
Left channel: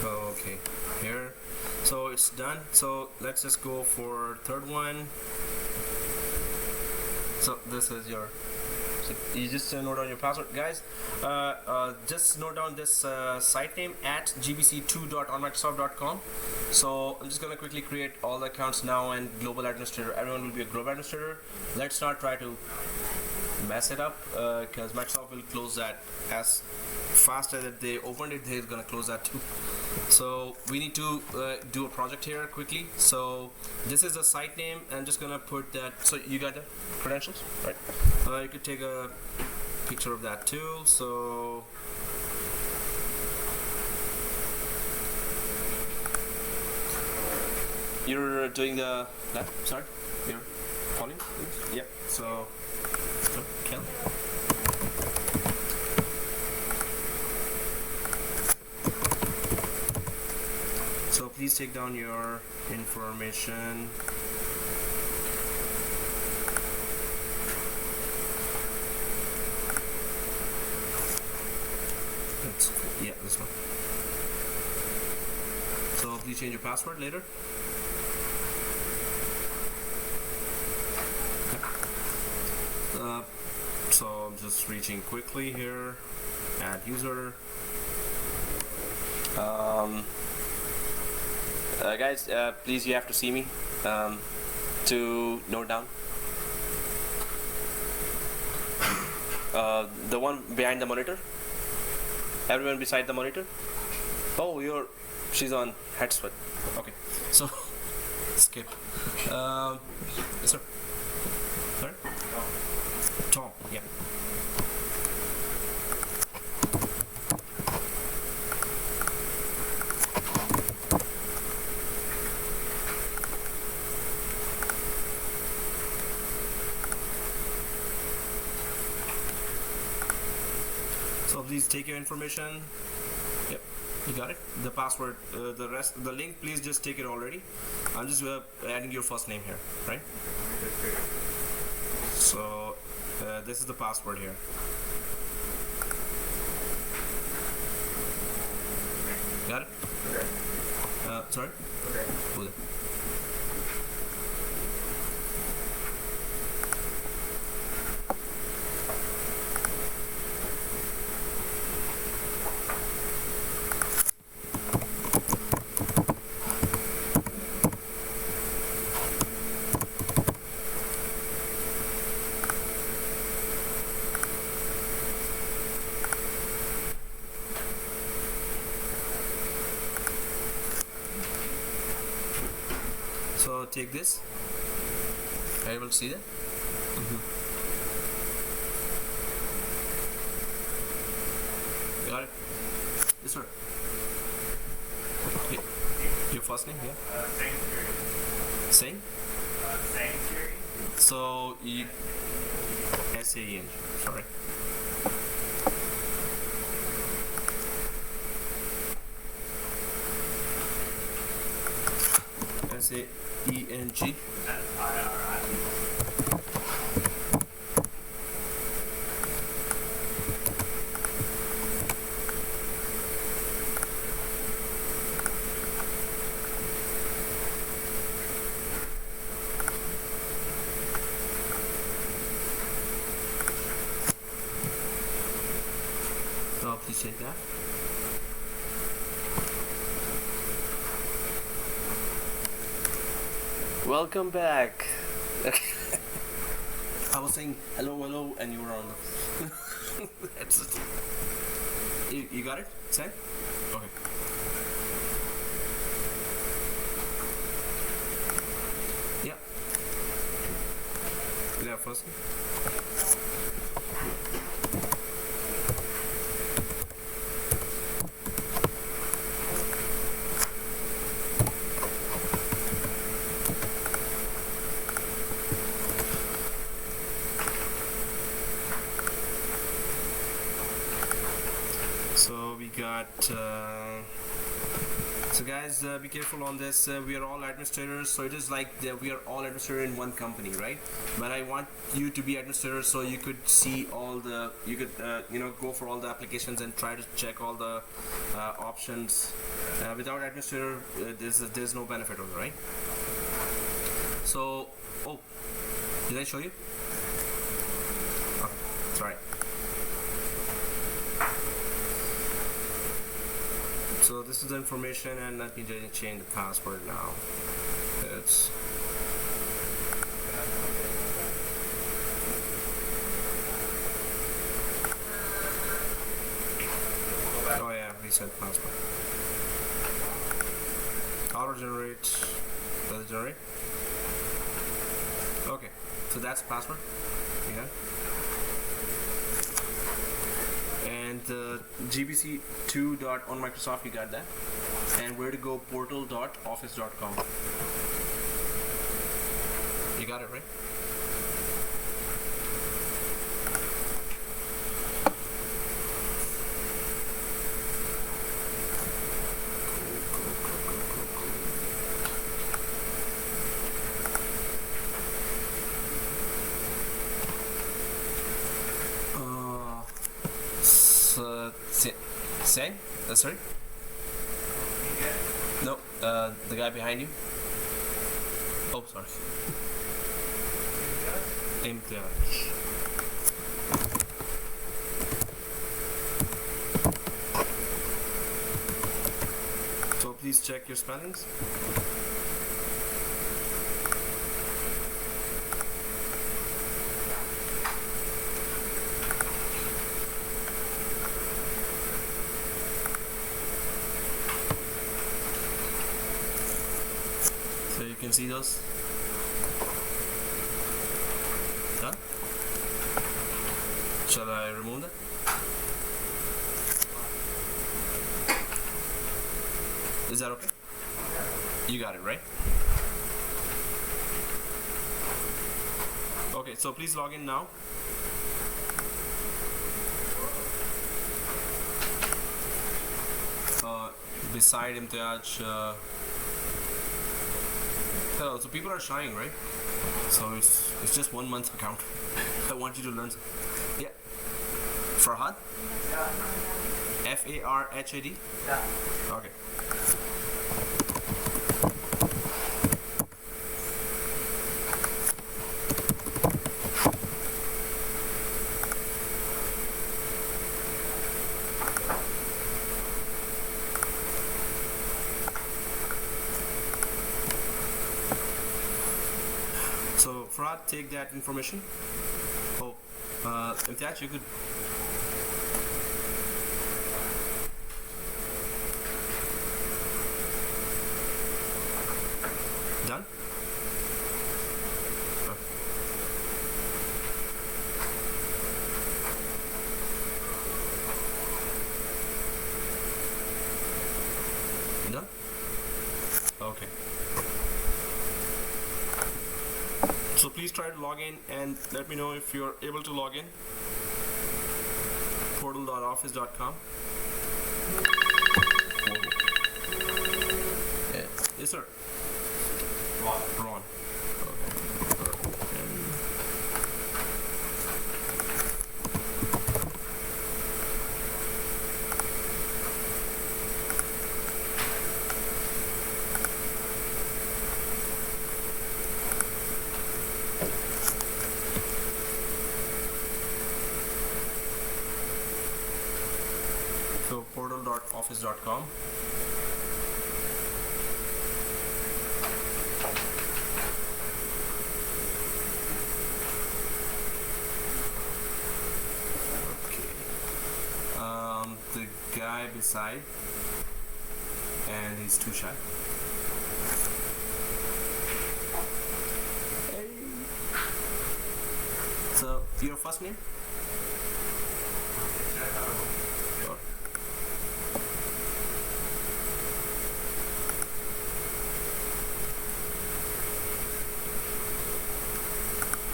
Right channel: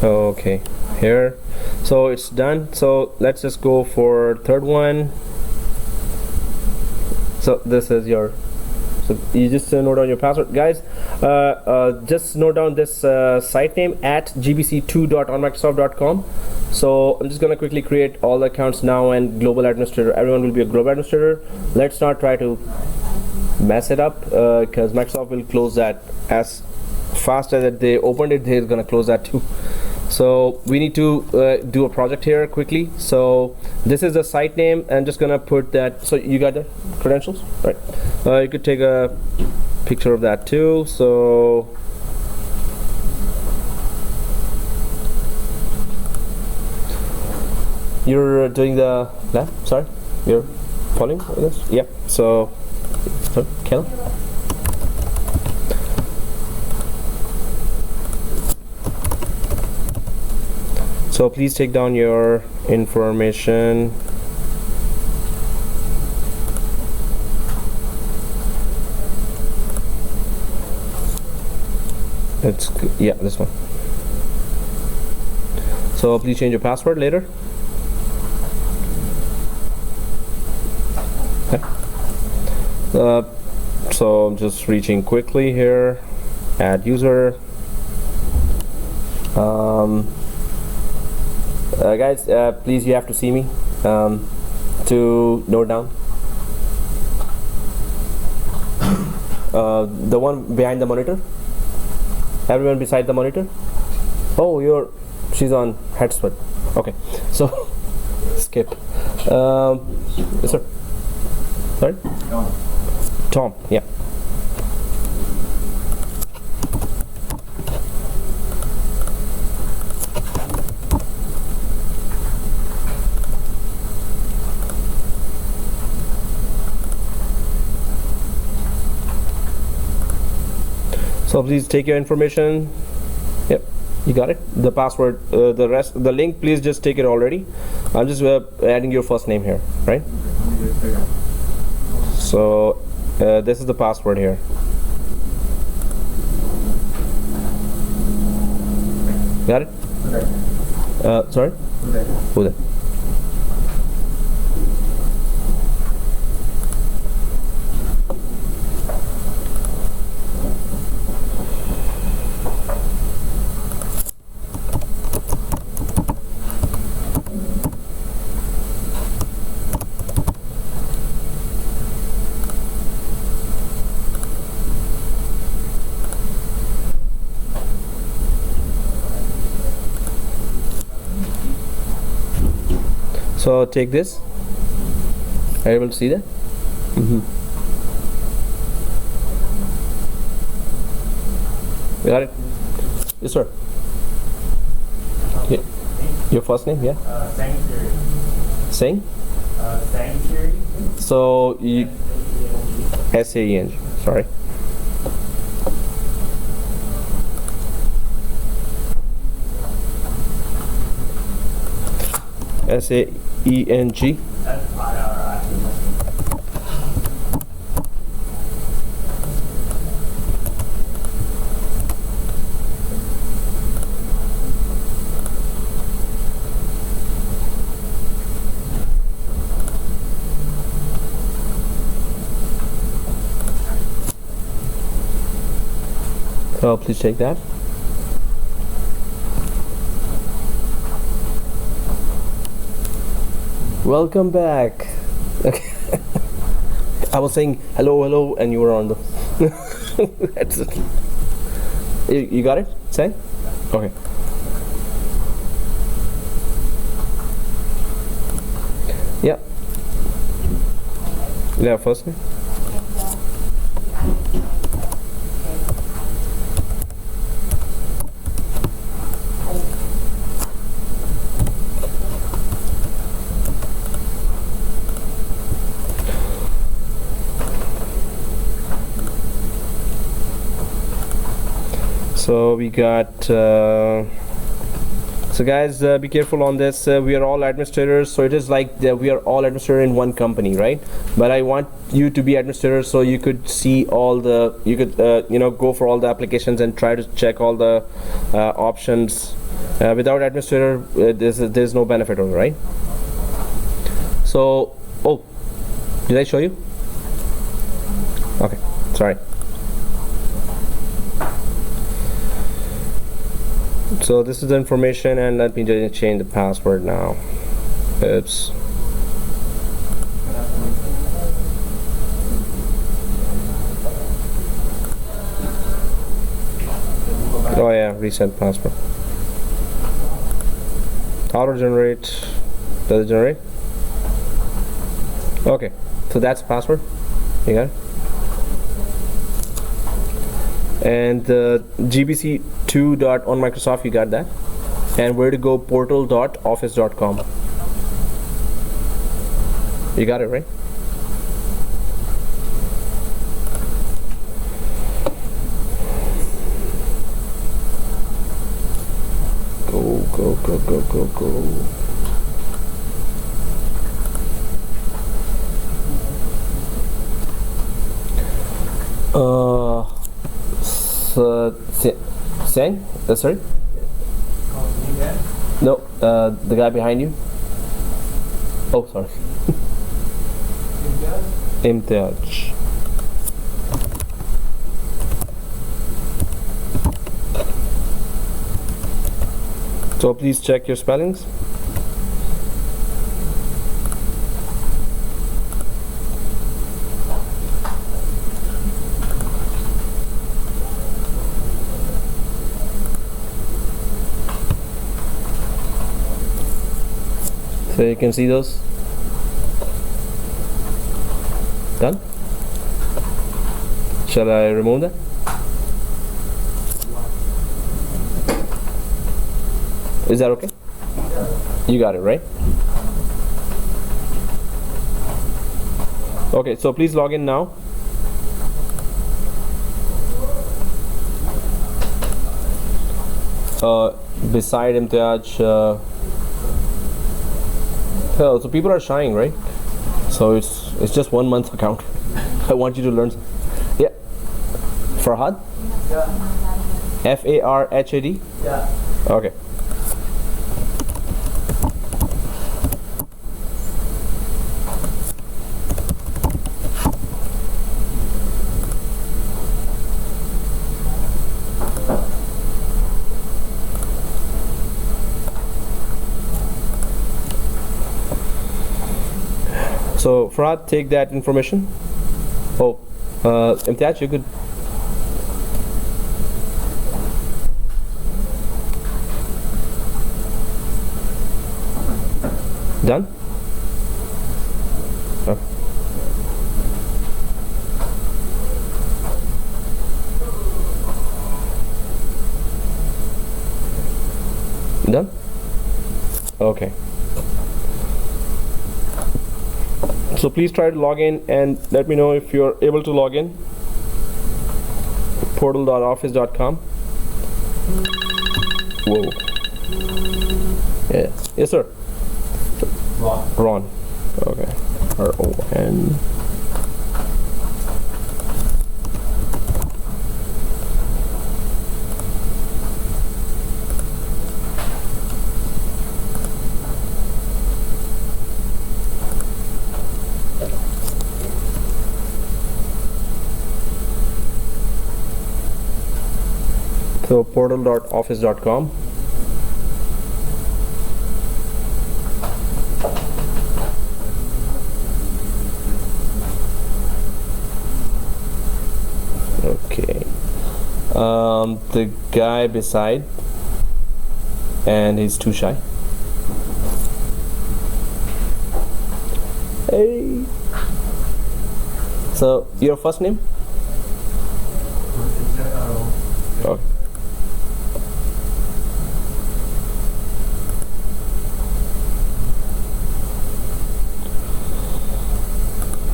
okay, here, so it's done. So let's just go for third one. So this is your, so you just note down your password, guys. Just note down this site name at gbc2.onmicrosoft.com. So I'm just gonna quickly create all the accounts now, and global administrator, everyone will be a global administrator. Let's not try to mess it up, because Microsoft will close that as fast as they opened it. They're gonna close that too. So we need to do a project here quickly. So this is the site name. I'm just gonna put that. So you got the credentials, right? You could take a picture of that too. So you're doing the lab. Sorry, you're following this. Yeah. So, Kel. So please take down your information. It's, yeah, this one. So please change your password later. Okay. So I'm just reaching quickly here. Add user. Guys, please, you have to see me to note down. The one behind the monitor. Everyone beside the monitor. Oh, she's on headset. Okay, so skip. Yes, sir. Sorry. Tom. Yeah. So please take your information. Yep, you got it. The password, the rest, the link. Please just take it already. I'm just adding your first name here, right? So this is the password here. Got it? Okay. Sorry? Okay. Who that? So take this. Are you able to see that? Mm-hmm. You got it? Yes, sir. Yeah. Your first name, yeah? Sang? Sanctuary. So you S-A-N. Sorry. S-A-E-N-G. So please take that. Welcome back. Okay. I was saying hello, hello, and you were on the. That's it. You got it? Say? Okay. Yeah. Yeah, first name. So we got so guys, be careful on this. We are all administrators, so it is like we are all administrators in one company, right? But I want you to be administrators so you could see all the, you could go for all the applications and try to check all the options. Without administrator, there's no benefit on it, right? So, oh, did I show you? Okay, sorry. So this is the information, and let me just change the password now. Oops. Oh yeah, reset password. Auto generate. Does it generate? Okay, so that's the password. You got it? And gbc2.on Microsoft, you got that. And where to go, portal.office.com. You got it, right? Go. Sang? Sorry? No, the guy behind you. Oh, sorry. Imtiaj. So please check your spellings. So you can see those. Done? Shall I remove that? Is that okay? You got it, right? Okay, so please log in now. Beside Imtiaj, so people are shying, right? So it's just 1 month account. I want you to learn. Yeah. Farhad? Yeah. Farhad? Yeah. Okay. So Farhad, take that information. Oh, Imtiaj, you could. Done? Oh. Done? Okay. So please try to log in and let me know if you're able to log in. Portal.office.com. Whoa. Yeah. Yes, sir. Ron. Okay. R-O-N. So portal.office.com. Okay. The guy beside, and he's too shy. Hey. So your first name? Okay.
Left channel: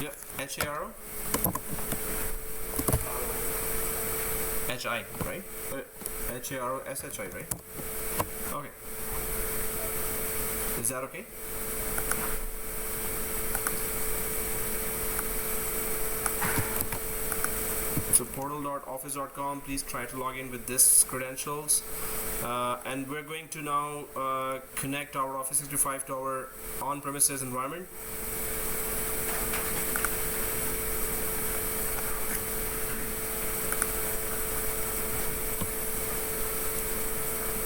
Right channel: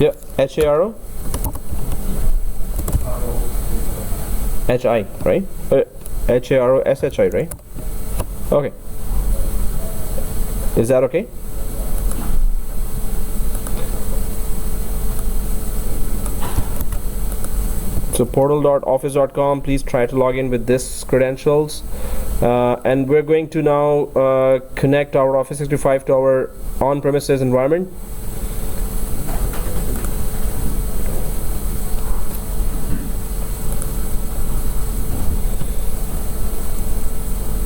Yeah, HARO? HI, right? HARO SHI, right? Okay. Is that okay? So portal.office.com, please try to log in with this credentials. And we're going to now connect our Office 365 to our on-premises environment.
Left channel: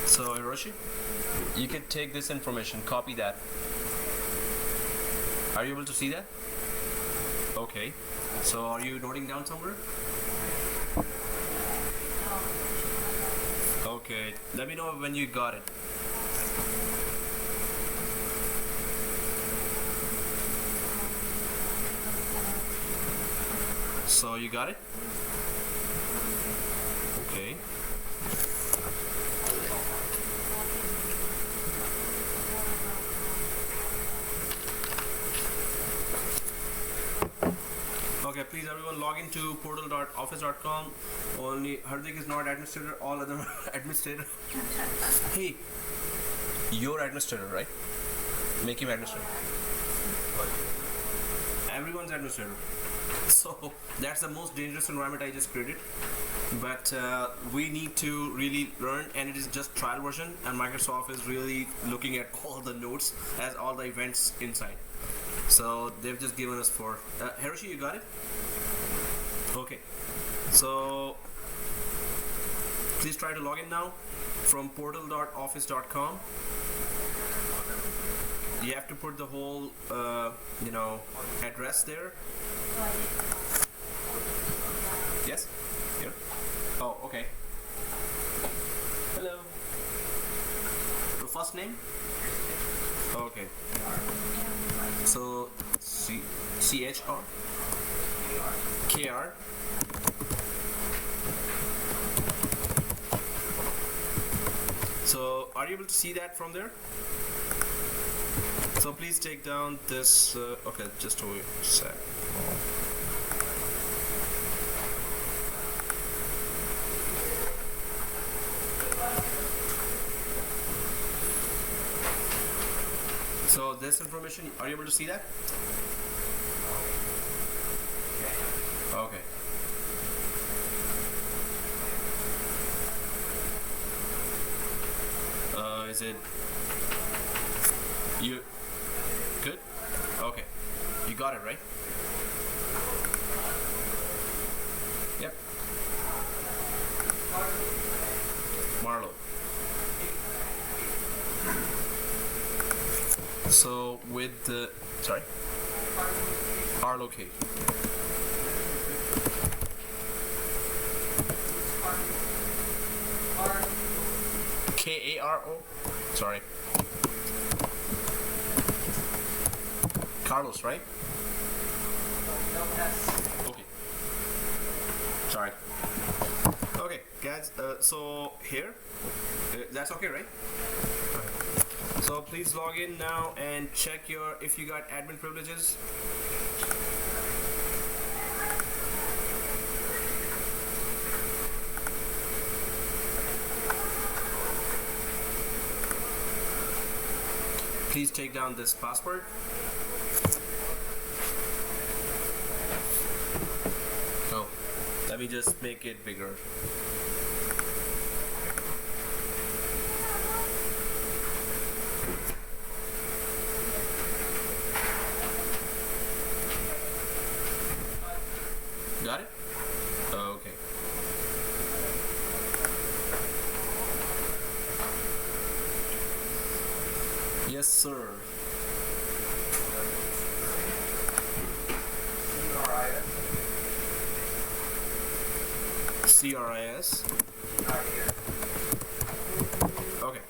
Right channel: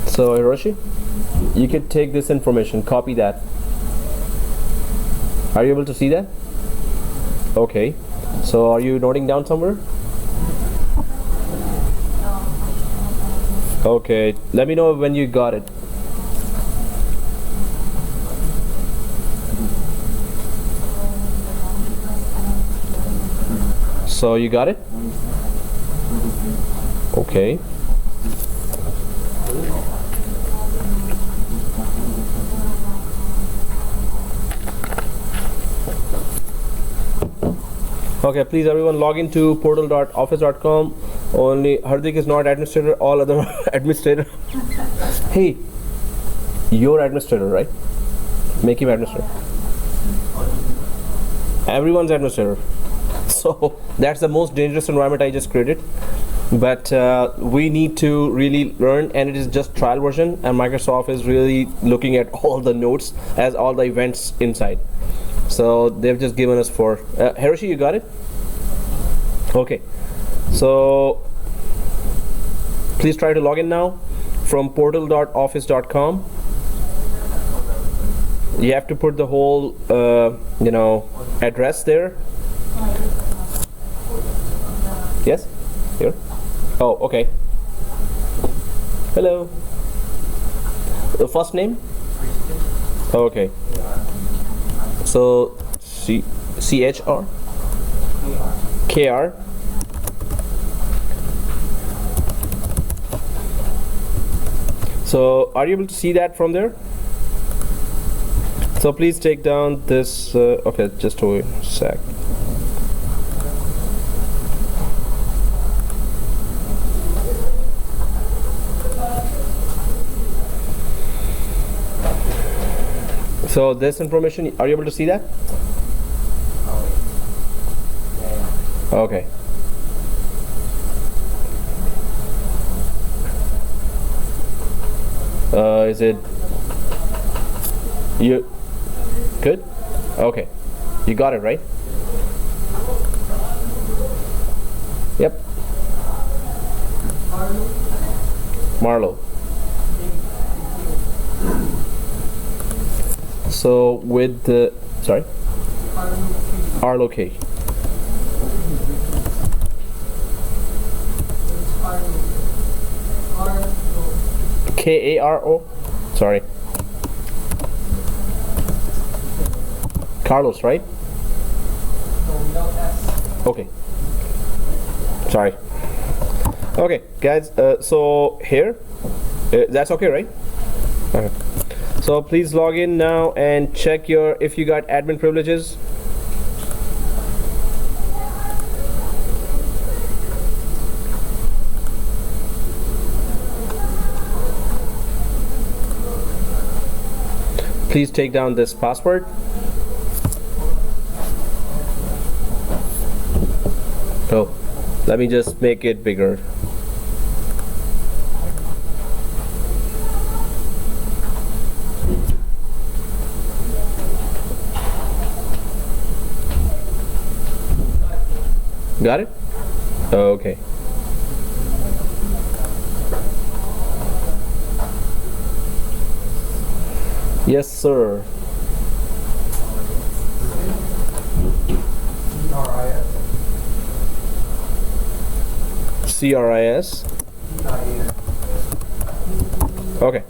So Hiroshi, you could take this information, copy that. Are you able to see that? Okay. So are you noting down somewhere? Okay. Let me know when you got it. So you got it? Okay. Okay, please everyone log into portal.office.com. Only Hardik is not administrator, all other administrator. Hey, you're administrator, right? Make him administrator. Everyone's administrator. So that's the most dangerous environment I just created. But we need to really learn, and it is just trial version, and Microsoft is really looking at all the notes as all the events inside. So they've just given us 4. Hiroshi, you got it? Okay. So please try to log in now from portal.office.com. You have to put the whole, address there. Yes? Here? Oh, okay. Hello. The first name? Okay. So CHR KR. So are you able to see that from there? So please take down this. Okay, just a sec. So this information, are you able to see that? Okay. Is it you good? Okay. You got it, right? Yep. Marlo. So with the Arlo K. Karo. Sorry. Carlos, right? Okay. Sorry. Okay, guys. So here, that's okay, right? Okay. So please log in now and check if you got admin privileges. Please take down this password. Oh, let me just make it bigger. Got it? Okay. Yes, sir. CRIS. Okay.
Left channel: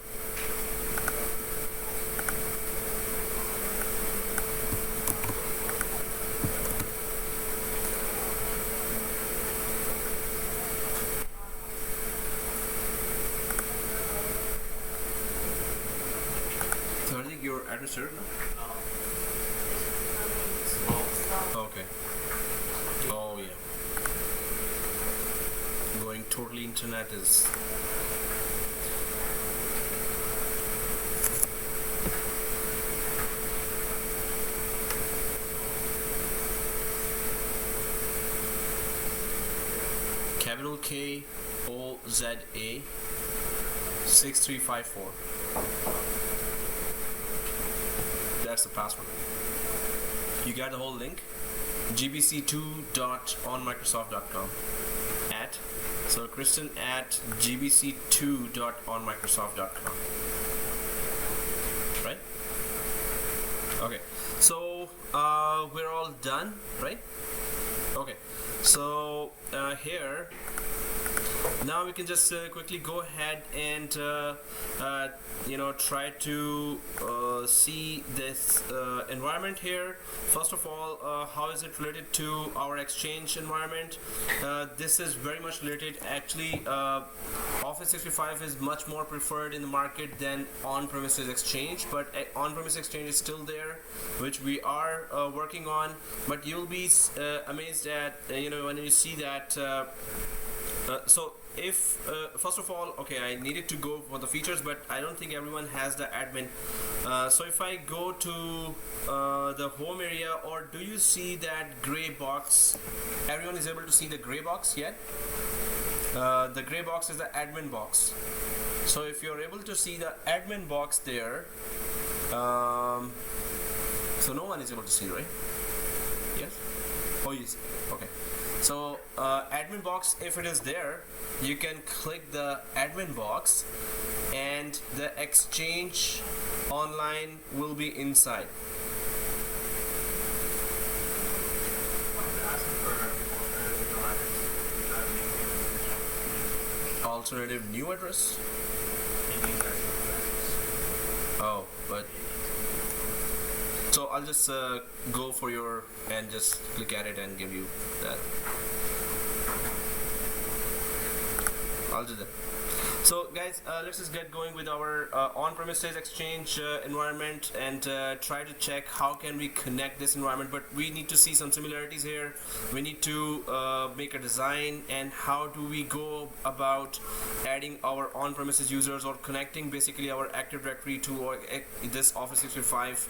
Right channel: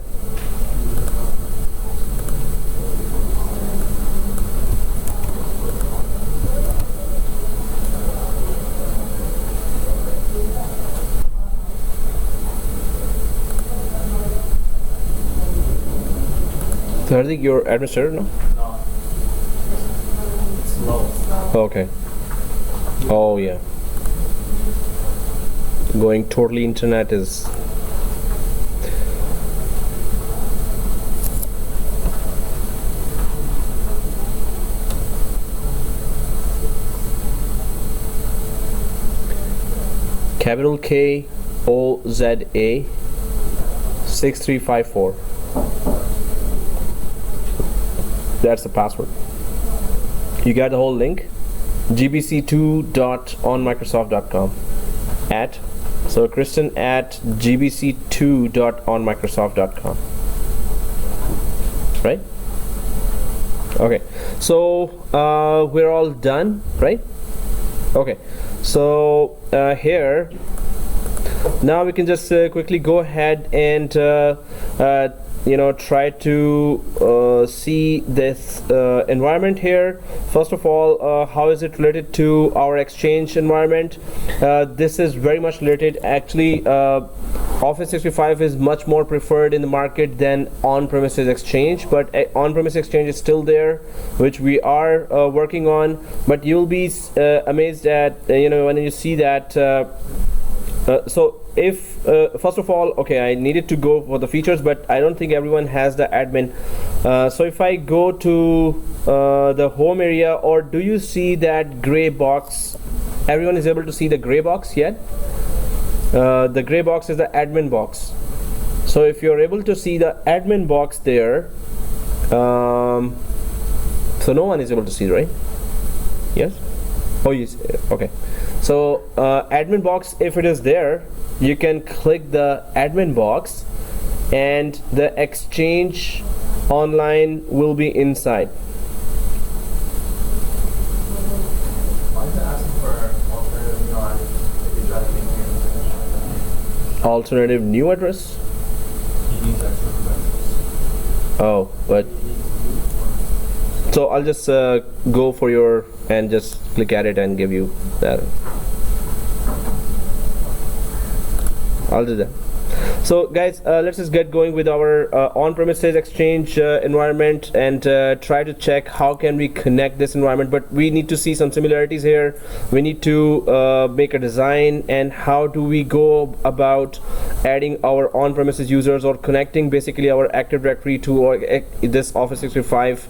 Hardik, your administrator now? No. It's slow. Okay. Oh yeah. Going totally internet is. Capital K O Z A 6354. That's the password. You got the whole link. gbc2.onmicrosoft.com at so Kristen at gbc2.onmicrosoft.com, right? Okay, so we're all done, right? Okay, so here now we can just quickly go ahead and try to see this environment here. First of all, how is it related to our Exchange environment? This is very much related. Actually, Office 365 is much more preferred in the market than on-premises Exchange, but on-premises Exchange is still there, which we are working on. But you'll be amazed at when you see that. So if first of all, okay, I needed to go for the features, but I don't think everyone has the admin. So if I go to the home area, or do you see that gray box? Everyone is able to see the gray box yet? The gray box is the admin box. So if you're able to see the admin box there, so no one is able to see, right? Yes? Oh yes, okay. So admin box, if it is there, you can click the admin box and the Exchange online will be inside. Why is it asking for alternative email address if you try to link Alternative new address? it? You need that address. Oh, but so I'll just go for your and just click at it and give you that. I'll do that. So guys, let's just get going with our on-premises Exchange environment and try to check how can we connect this environment. But we need to see some similarities here. We need to make a design, and how do we go about adding our on-premises users or connecting basically our Active Directory to this Office 365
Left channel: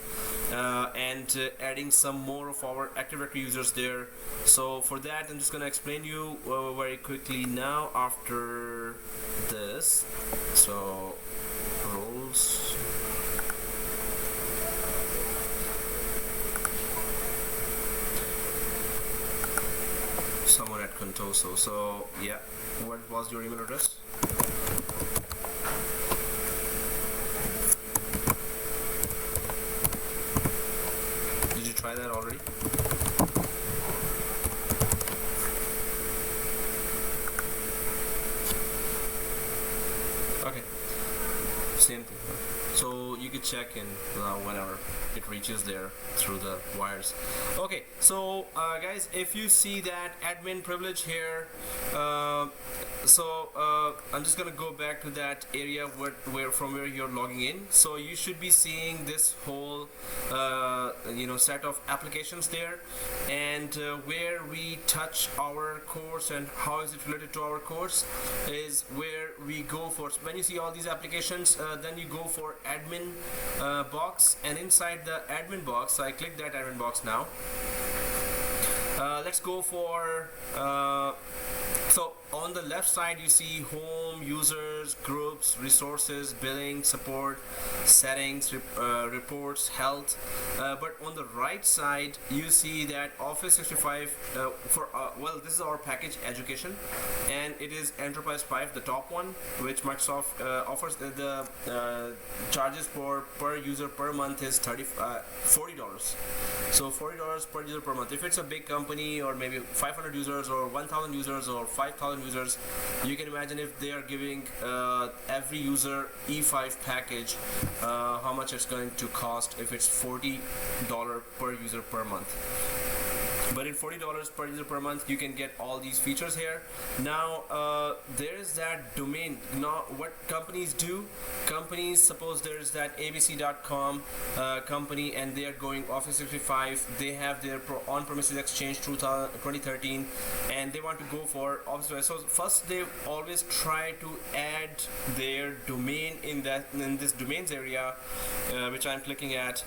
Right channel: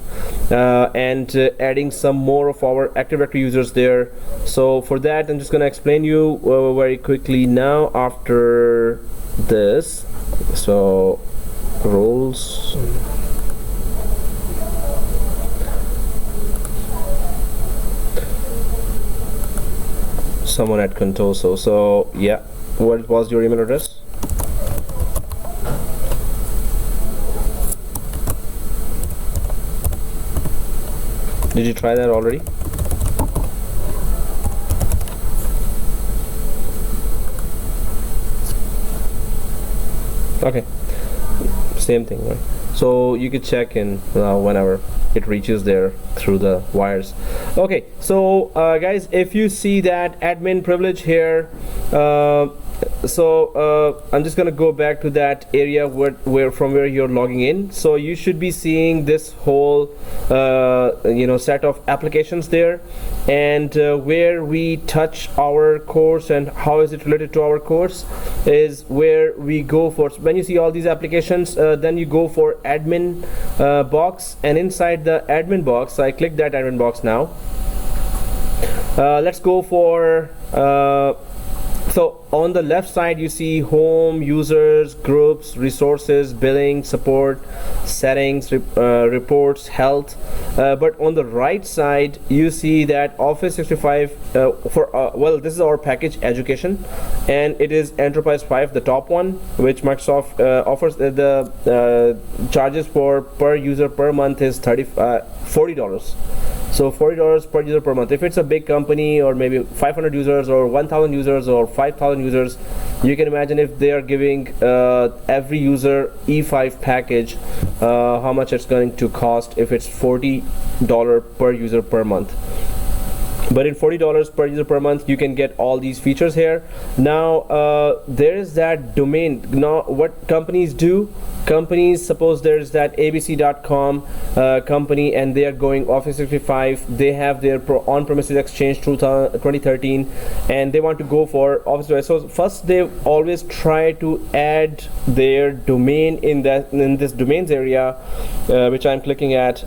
and adding some more of our Active Directory users there. So for that, I'm just going to explain you very quickly now after this. So roles, someone at control. So yeah, what was your email address? Did you try that already? Okay, same thing, right? So you could check in whenever it reaches there through the wires. Okay, so guys, if you see that admin privilege here, I'm just gonna go back to that area where from where you're logging in. So you should be seeing this whole set of applications there, and where we touch our course and how is it related to our course is where we go for. So when you see all these applications, then you go for admin box, and inside the admin box, I click that admin box now. Let's go for so on the left side you see home, users, groups, resources, billing, support, settings, reports, health, but on the right side you see that Office 365 well, this is our package education, and it is Enterprise 5, the top one, which Microsoft offers. The charges for per user per month is $40. So $40 per user per month. If it's a big company, or maybe 500 users or 1,000 users or 5,000 users, you can imagine if they are giving every user E5 package, how much it's going to cost if it's $40 per user per month. but in $40 per user per month you can get all these features here. Now there is that domain. Now what companies do, companies, suppose there's that abc.com company and they are going Office 365, they have their on-premises exchange through 2013 and they want to go for Office. So first they always try to add their domain in this domains area, which I'm clicking at.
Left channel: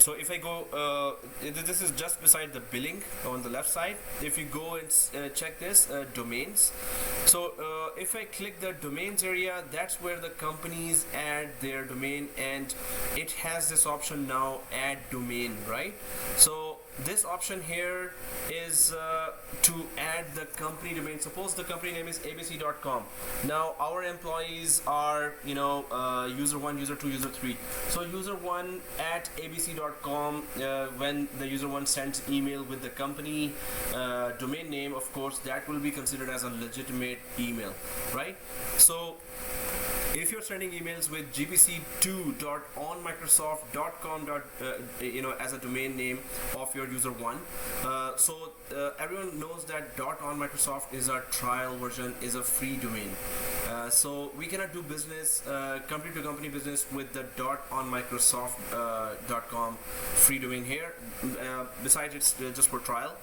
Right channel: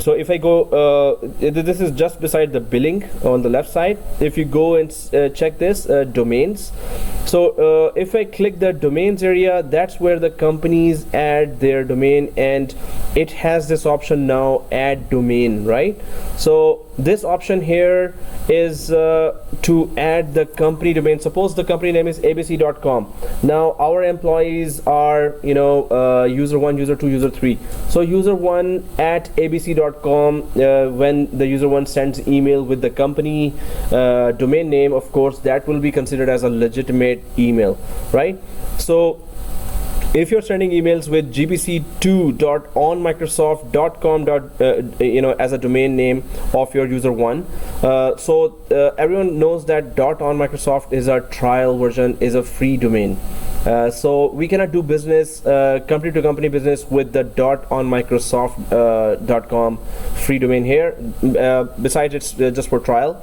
So if I go, this is just beside the billing on the left side. If you go and check this domains, so if I click the domains area, that's where the companies add their domain, and it has this option now, add domain, right? So this option here is to add the company domain. Suppose the company name is abc.com. Now our employees are, you know, user 1, user 2, user 3. So user 1 at abc.com, when the user 1 sends email with the company domain name, of course that will be considered as a legitimate email, right? So if you're sending emails with gbc2.onmicrosoft.com, you know, as a domain name of your user 1, so everyone knows that .onmicrosoft is our trial version, is a free domain. So we cannot do business, company to company business with the .onmicrosoft.com free domain here. Besides, it's just for trial.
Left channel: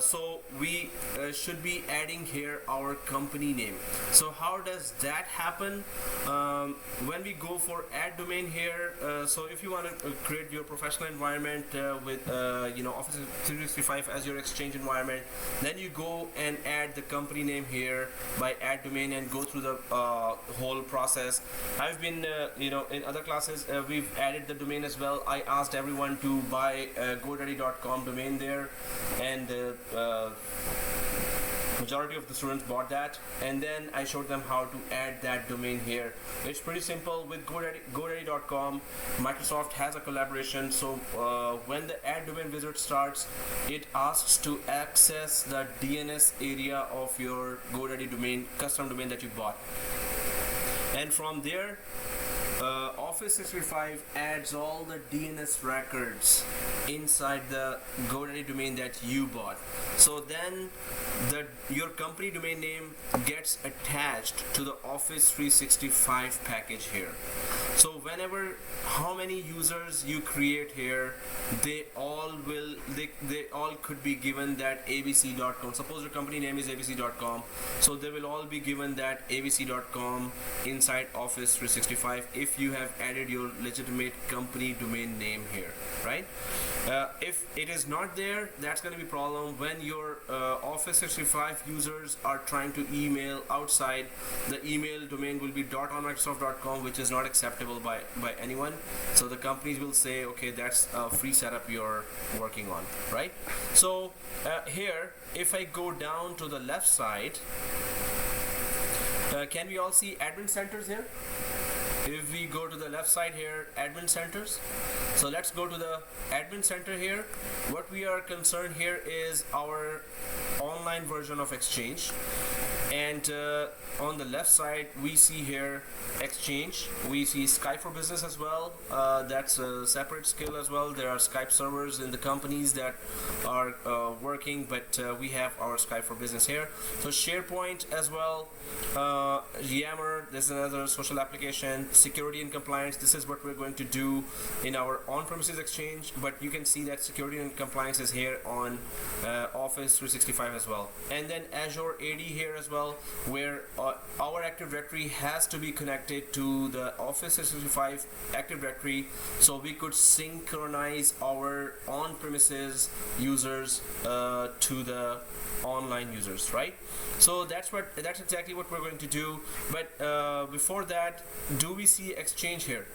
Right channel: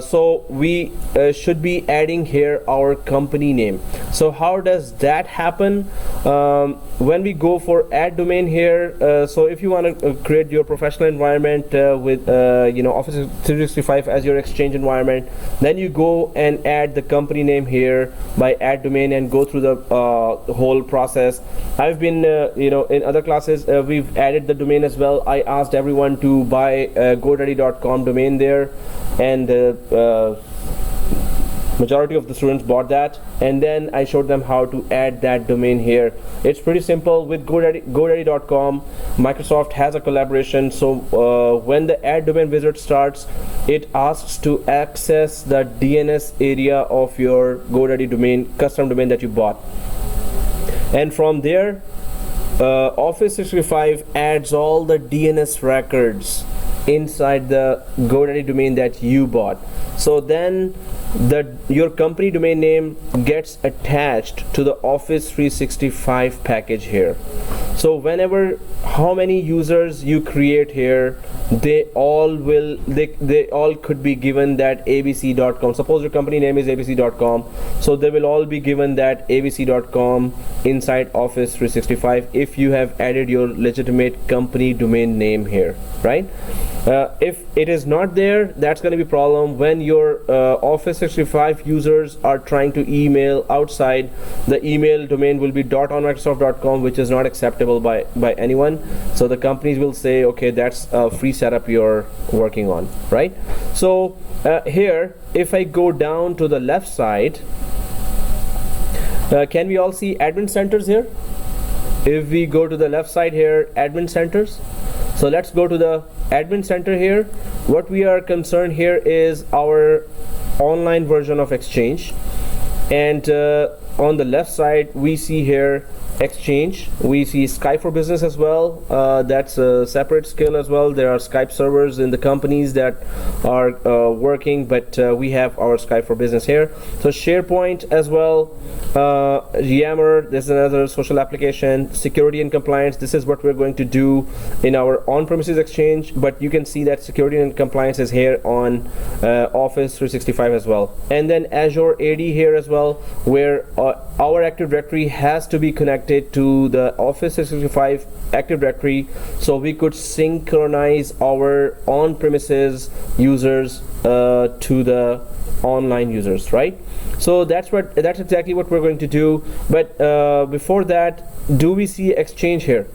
So we should be adding here our company name. So how does that happen? When we go for add domain here, so if you want to create your professional environment with you know, Office 365 as your exchange environment, then you go and add the company name here by add domain and go through the whole process. I've been you know, in other classes we've added the domain as well. I asked everyone to buy godaddy.com domain there, and majority of the students bought that, and then I showed them how to add that domain here. It's pretty simple with godaddy.com. Microsoft has a collaboration, so when the add domain wizard starts, it asks to access the DNS area of your GoDaddy domain, custom domain that you bought, and from there Office 365 adds all the DNS records inside the GoDaddy domain that you bought. So then your company domain name gets attached to the Office 365 package here. So whenever, how many users you create here, they all could be given that abc.com. Suppose your company name is abc.com, so they will all be given that abc.com inside Office 365 if you have added your legitimate company domain name here, right? If it is not there, that's going to be a problem when your Office 365 users are trying to email outside. The email domain will be .onmicrosoft.com, which is not acceptable by anyone. So the companies will say, okay, that's a free setup you're working on, right? So here, if I go down to the left side, can we all see admin centers here? If we go to the left side here, admin centers. So let's go to the admin center here. What we are concerned here is our online version of Exchange, and on the left side we see here Exchange. We see Skype for Business as well. That's a separate skill as well. There are Skype servers in the companies that are working, but we have our Skype for Business here. So SharePoint as well. Yammer, this is another social application. Security and compliance, this is what we're going to do in our on-premises Exchange, but you can see that security and compliance is here on Office 365 as well. And then Azure AD here as well, where our Active Directory has to be connected to the Office 365 Active Directory, so we could synchronize our on-premises users to the online users, right? So that's exactly what we're going to do. But before that, do we see Exchange here?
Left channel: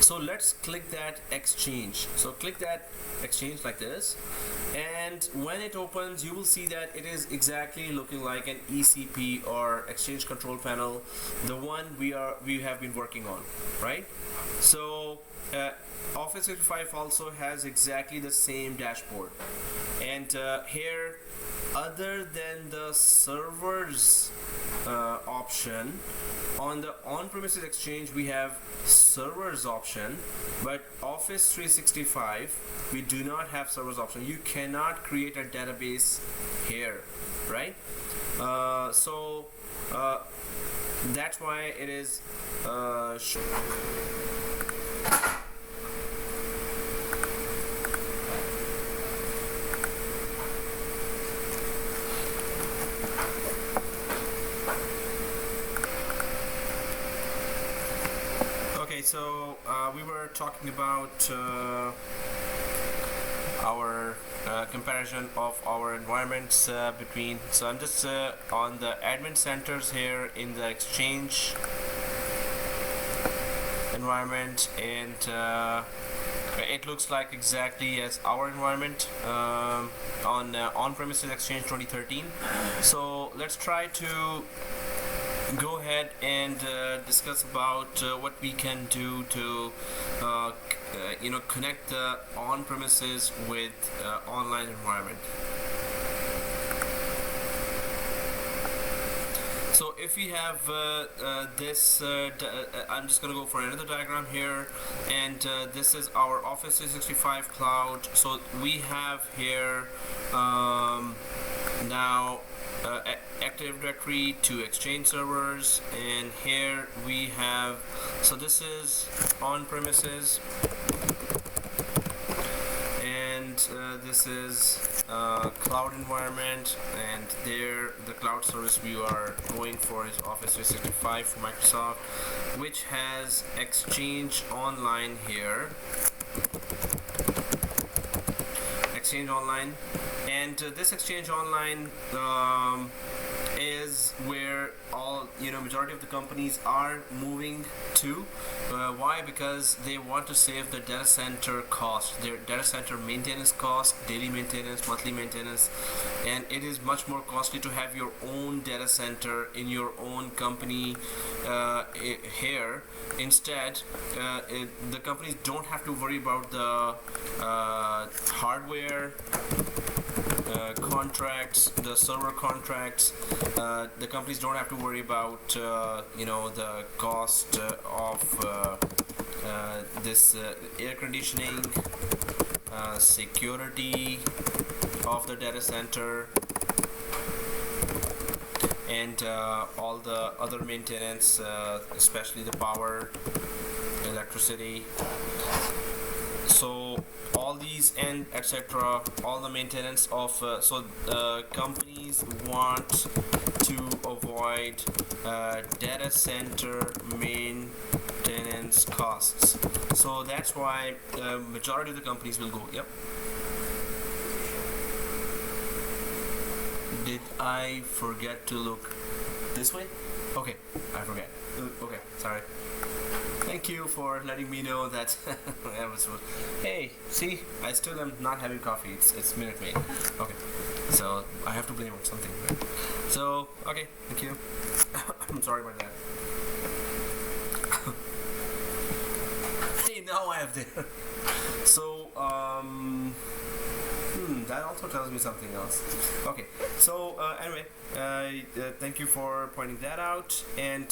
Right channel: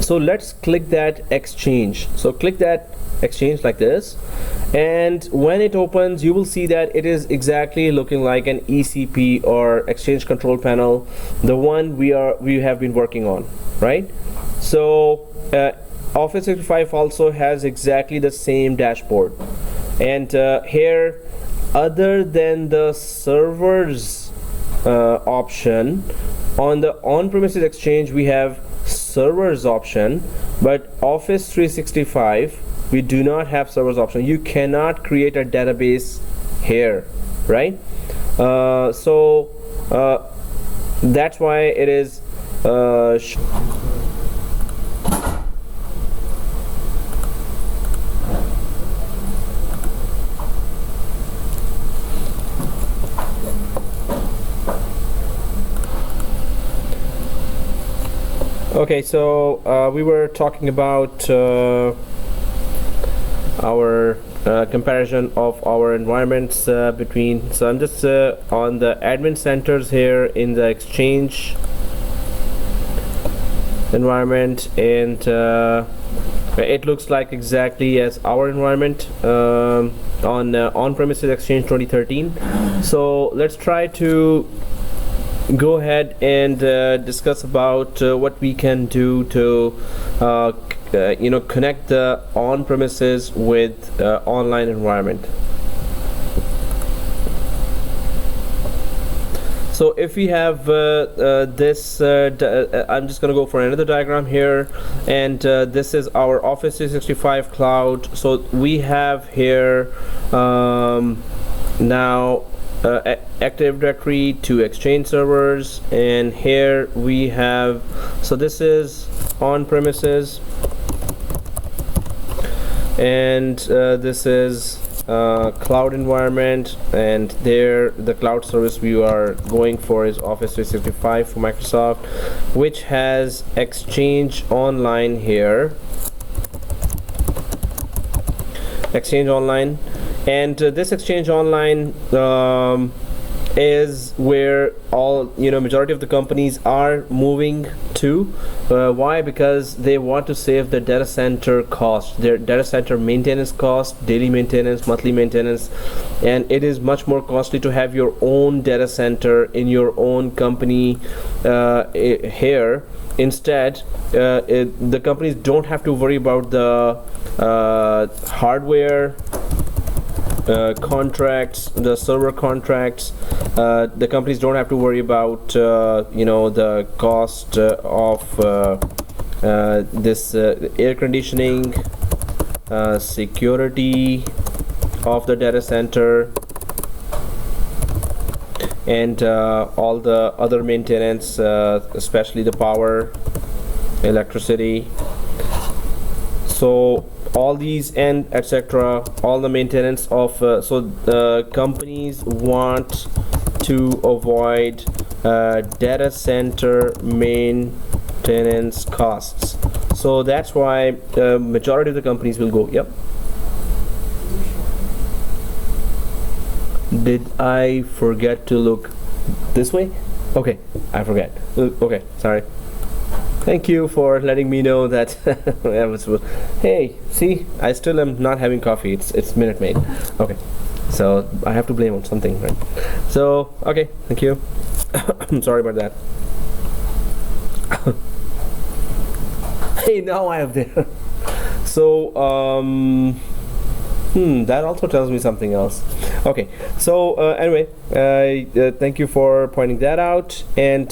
So let's click that Exchange. So click that Exchange like this, and when it opens, you will see that it is exactly looking like an ECP or Exchange Control Panel, the one we have been working on, right? So Office 365 also has exactly the same dashboard, and here, other than the servers option, on the on-premises Exchange we have servers option, but Office 365 we do not have servers option. You cannot create a database here, right? So that's why it is okay, so we were talking about our comparison of our environments between. So I'm just on the admin centers here in the Exchange environment, and it looks like exactly as our environment on on-premises Exchange 2013. So let's try to go ahead and discuss about what we can do to connect the on-premises with online environment. So if we have this, I'm just going to go for another diagram here, and this is our Office 365 cloud. So we have here now Active Directory to Exchange servers, and here we have, so this is on-premises, and this is cloud environment, and there the cloud service we are going for is Office 365 for Microsoft, which has Exchange Online here, Exchange Online. And this Exchange Online is where all majority of the companies are moving to. Why? Because they want to save their data center cost, their data center maintenance cost, daily maintenance, monthly maintenance, and it is much more costly to have your own data center in your own company here. Instead, the companies don't have to worry about the hardware contracts, the server contracts. The companies don't have to worry about the cost of this air conditioning, security of the data center, and all the other maintenance, especially the power, electricity. So all these and etc., all the maintenance of companies want to avoid data center maintenance costs. So that's why majority of the companies will go. Yep. Did I forget to look this way? Okay, I forget. Okay, sorry. Thank you for letting me know that. Hey, see, I still am not having coffee. It's Minute Maid. Okay, so I have to blame on something, right? So okay, thank you. I'm sorry about that. Hey, now I have there. So that also tells me something else. Okay, so anyway, thank you for pointing that out. And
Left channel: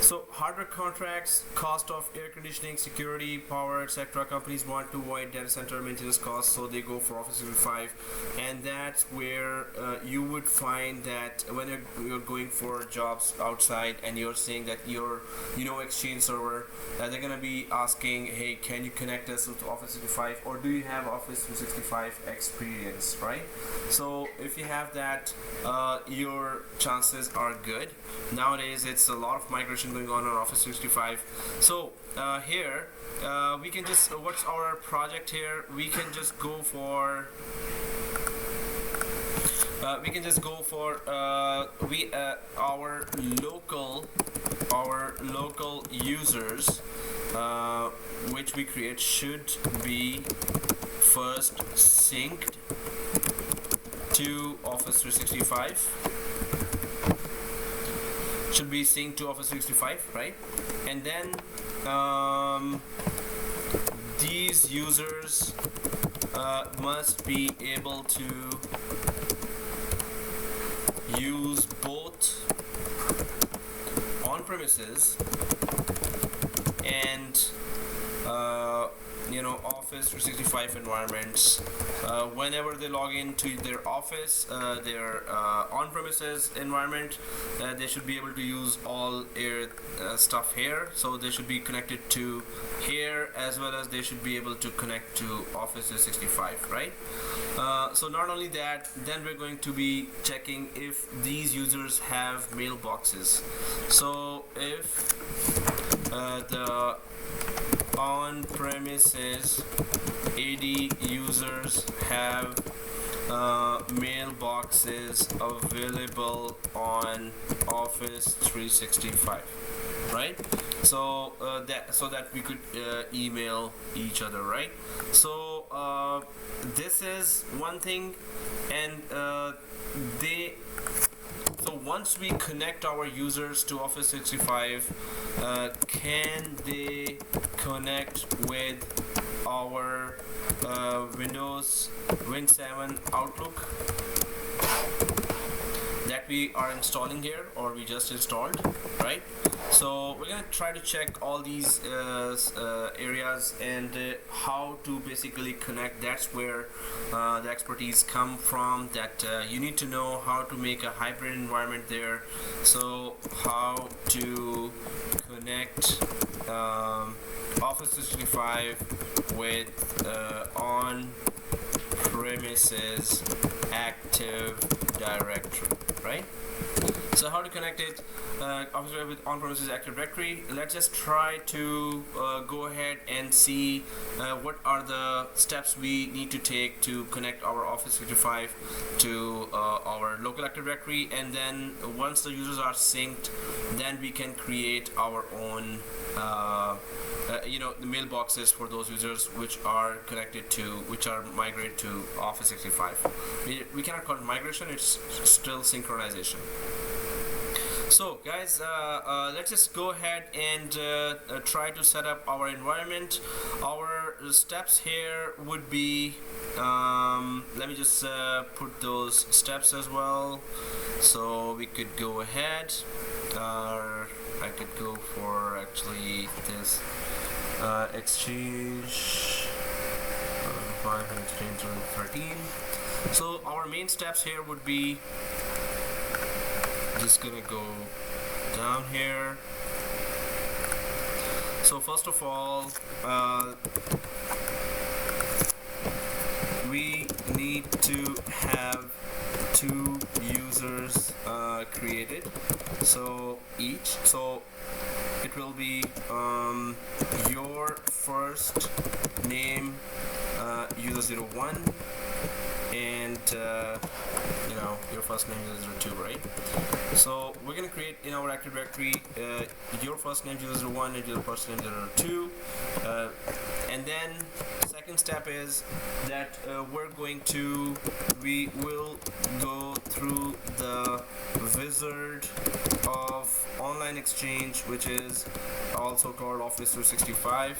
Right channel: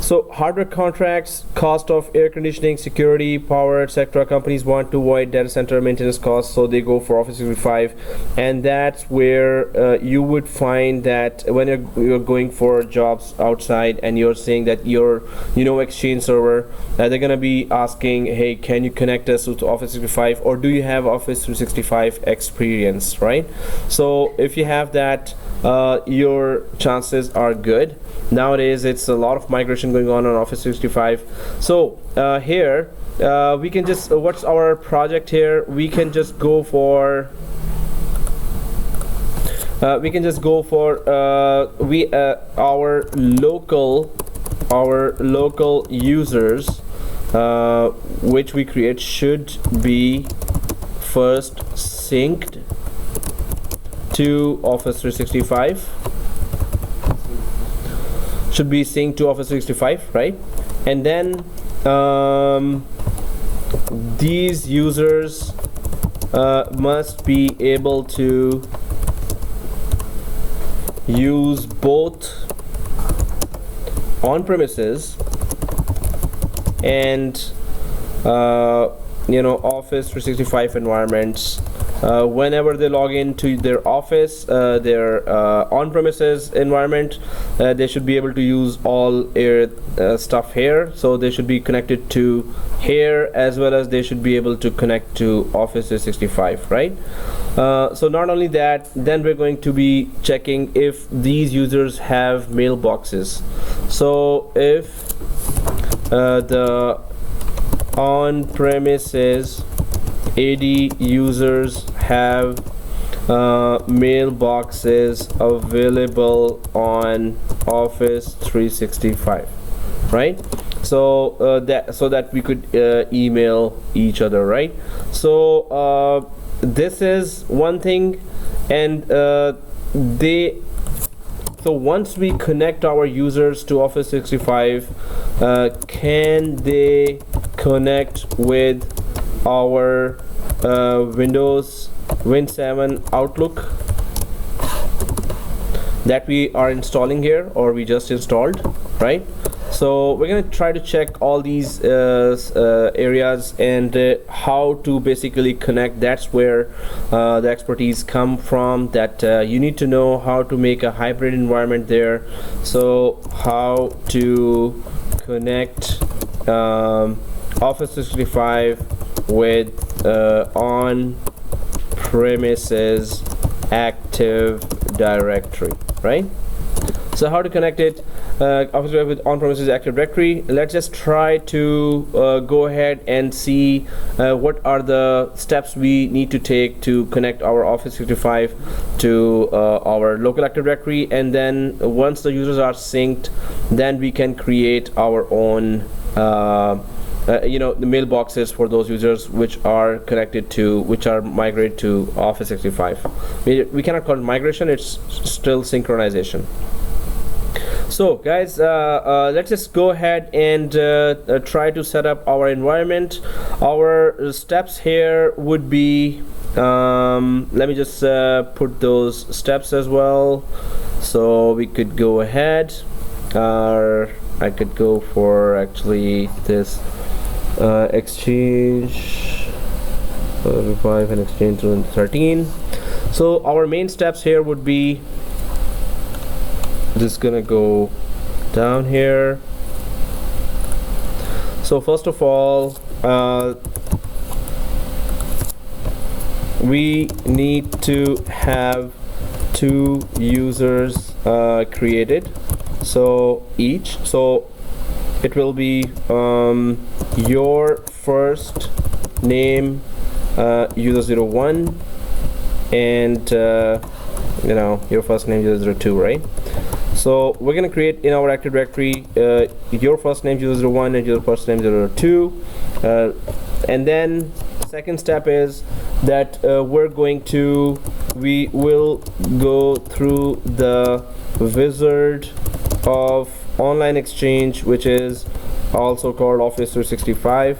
so hardware contracts, cost of air conditioning, security, power, etc. Companies want to avoid data center maintenance costs, so they go for Office 365, and that's where you would find that when you're going for jobs outside and you're saying that you're Exchange server, they're gonna be asking, hey, can you connect us to Office 365, or do you have Office 365 experience, right? So if you have that, your chances are good. Nowadays it's a lot of migration going on Office 365. So here we can just what's our project here? We can just go for our local users which we create should be first synced to Office 365. Should be synced to Office 365, right? And then these users must be able to use both on-premises and Office 365 environments. Whenever they log into their office, their on-premises environment, they should be able to use all their stuff here. So they should be connected to here, as well as they should be able to connect to Office 365, right? So not only that, then we're going to be checking if these users have mailboxes. So if the on-premises AD users have mailboxes available on Office 365, right? So that we could email each other, right? So this is one thing, and so once we connect our users to Office 365, can they connect with our Windows Win 7 Outlook that we are installing here, or we just installed, right? So we're going to try to check all these areas and how to basically connect. That's where the expertise come from, that you need to know how to make a hybrid environment there. So how to connect Office 365 with on-premises Active Directory, right? So how to connect it, Office with on-premises Active Directory. Let's just try to go ahead and see what are the steps we need to take to connect our Office 365 to our local Active Directory, and then once the users are synced, then we can create our own the mailboxes for those users which are connected to, which are migrated to Office 365. We cannot call it migration, it's still synchronization. So guys, let's just go ahead and try to set up our environment. Our steps here would be, let me just put those steps as well, so we could go ahead. I could go for actually this Exchange 5 and Exchange 13. So our main steps here would be, just gonna go down here. So first of all, we need to have 2 users created, so each, so it will be your first name user 01 and your first name user 02, right? So we're going to create in our Active Directory your first name user 01 and your first name user 02, and then second step is that we will go through the wizard of online exchange, which is also called Office 365,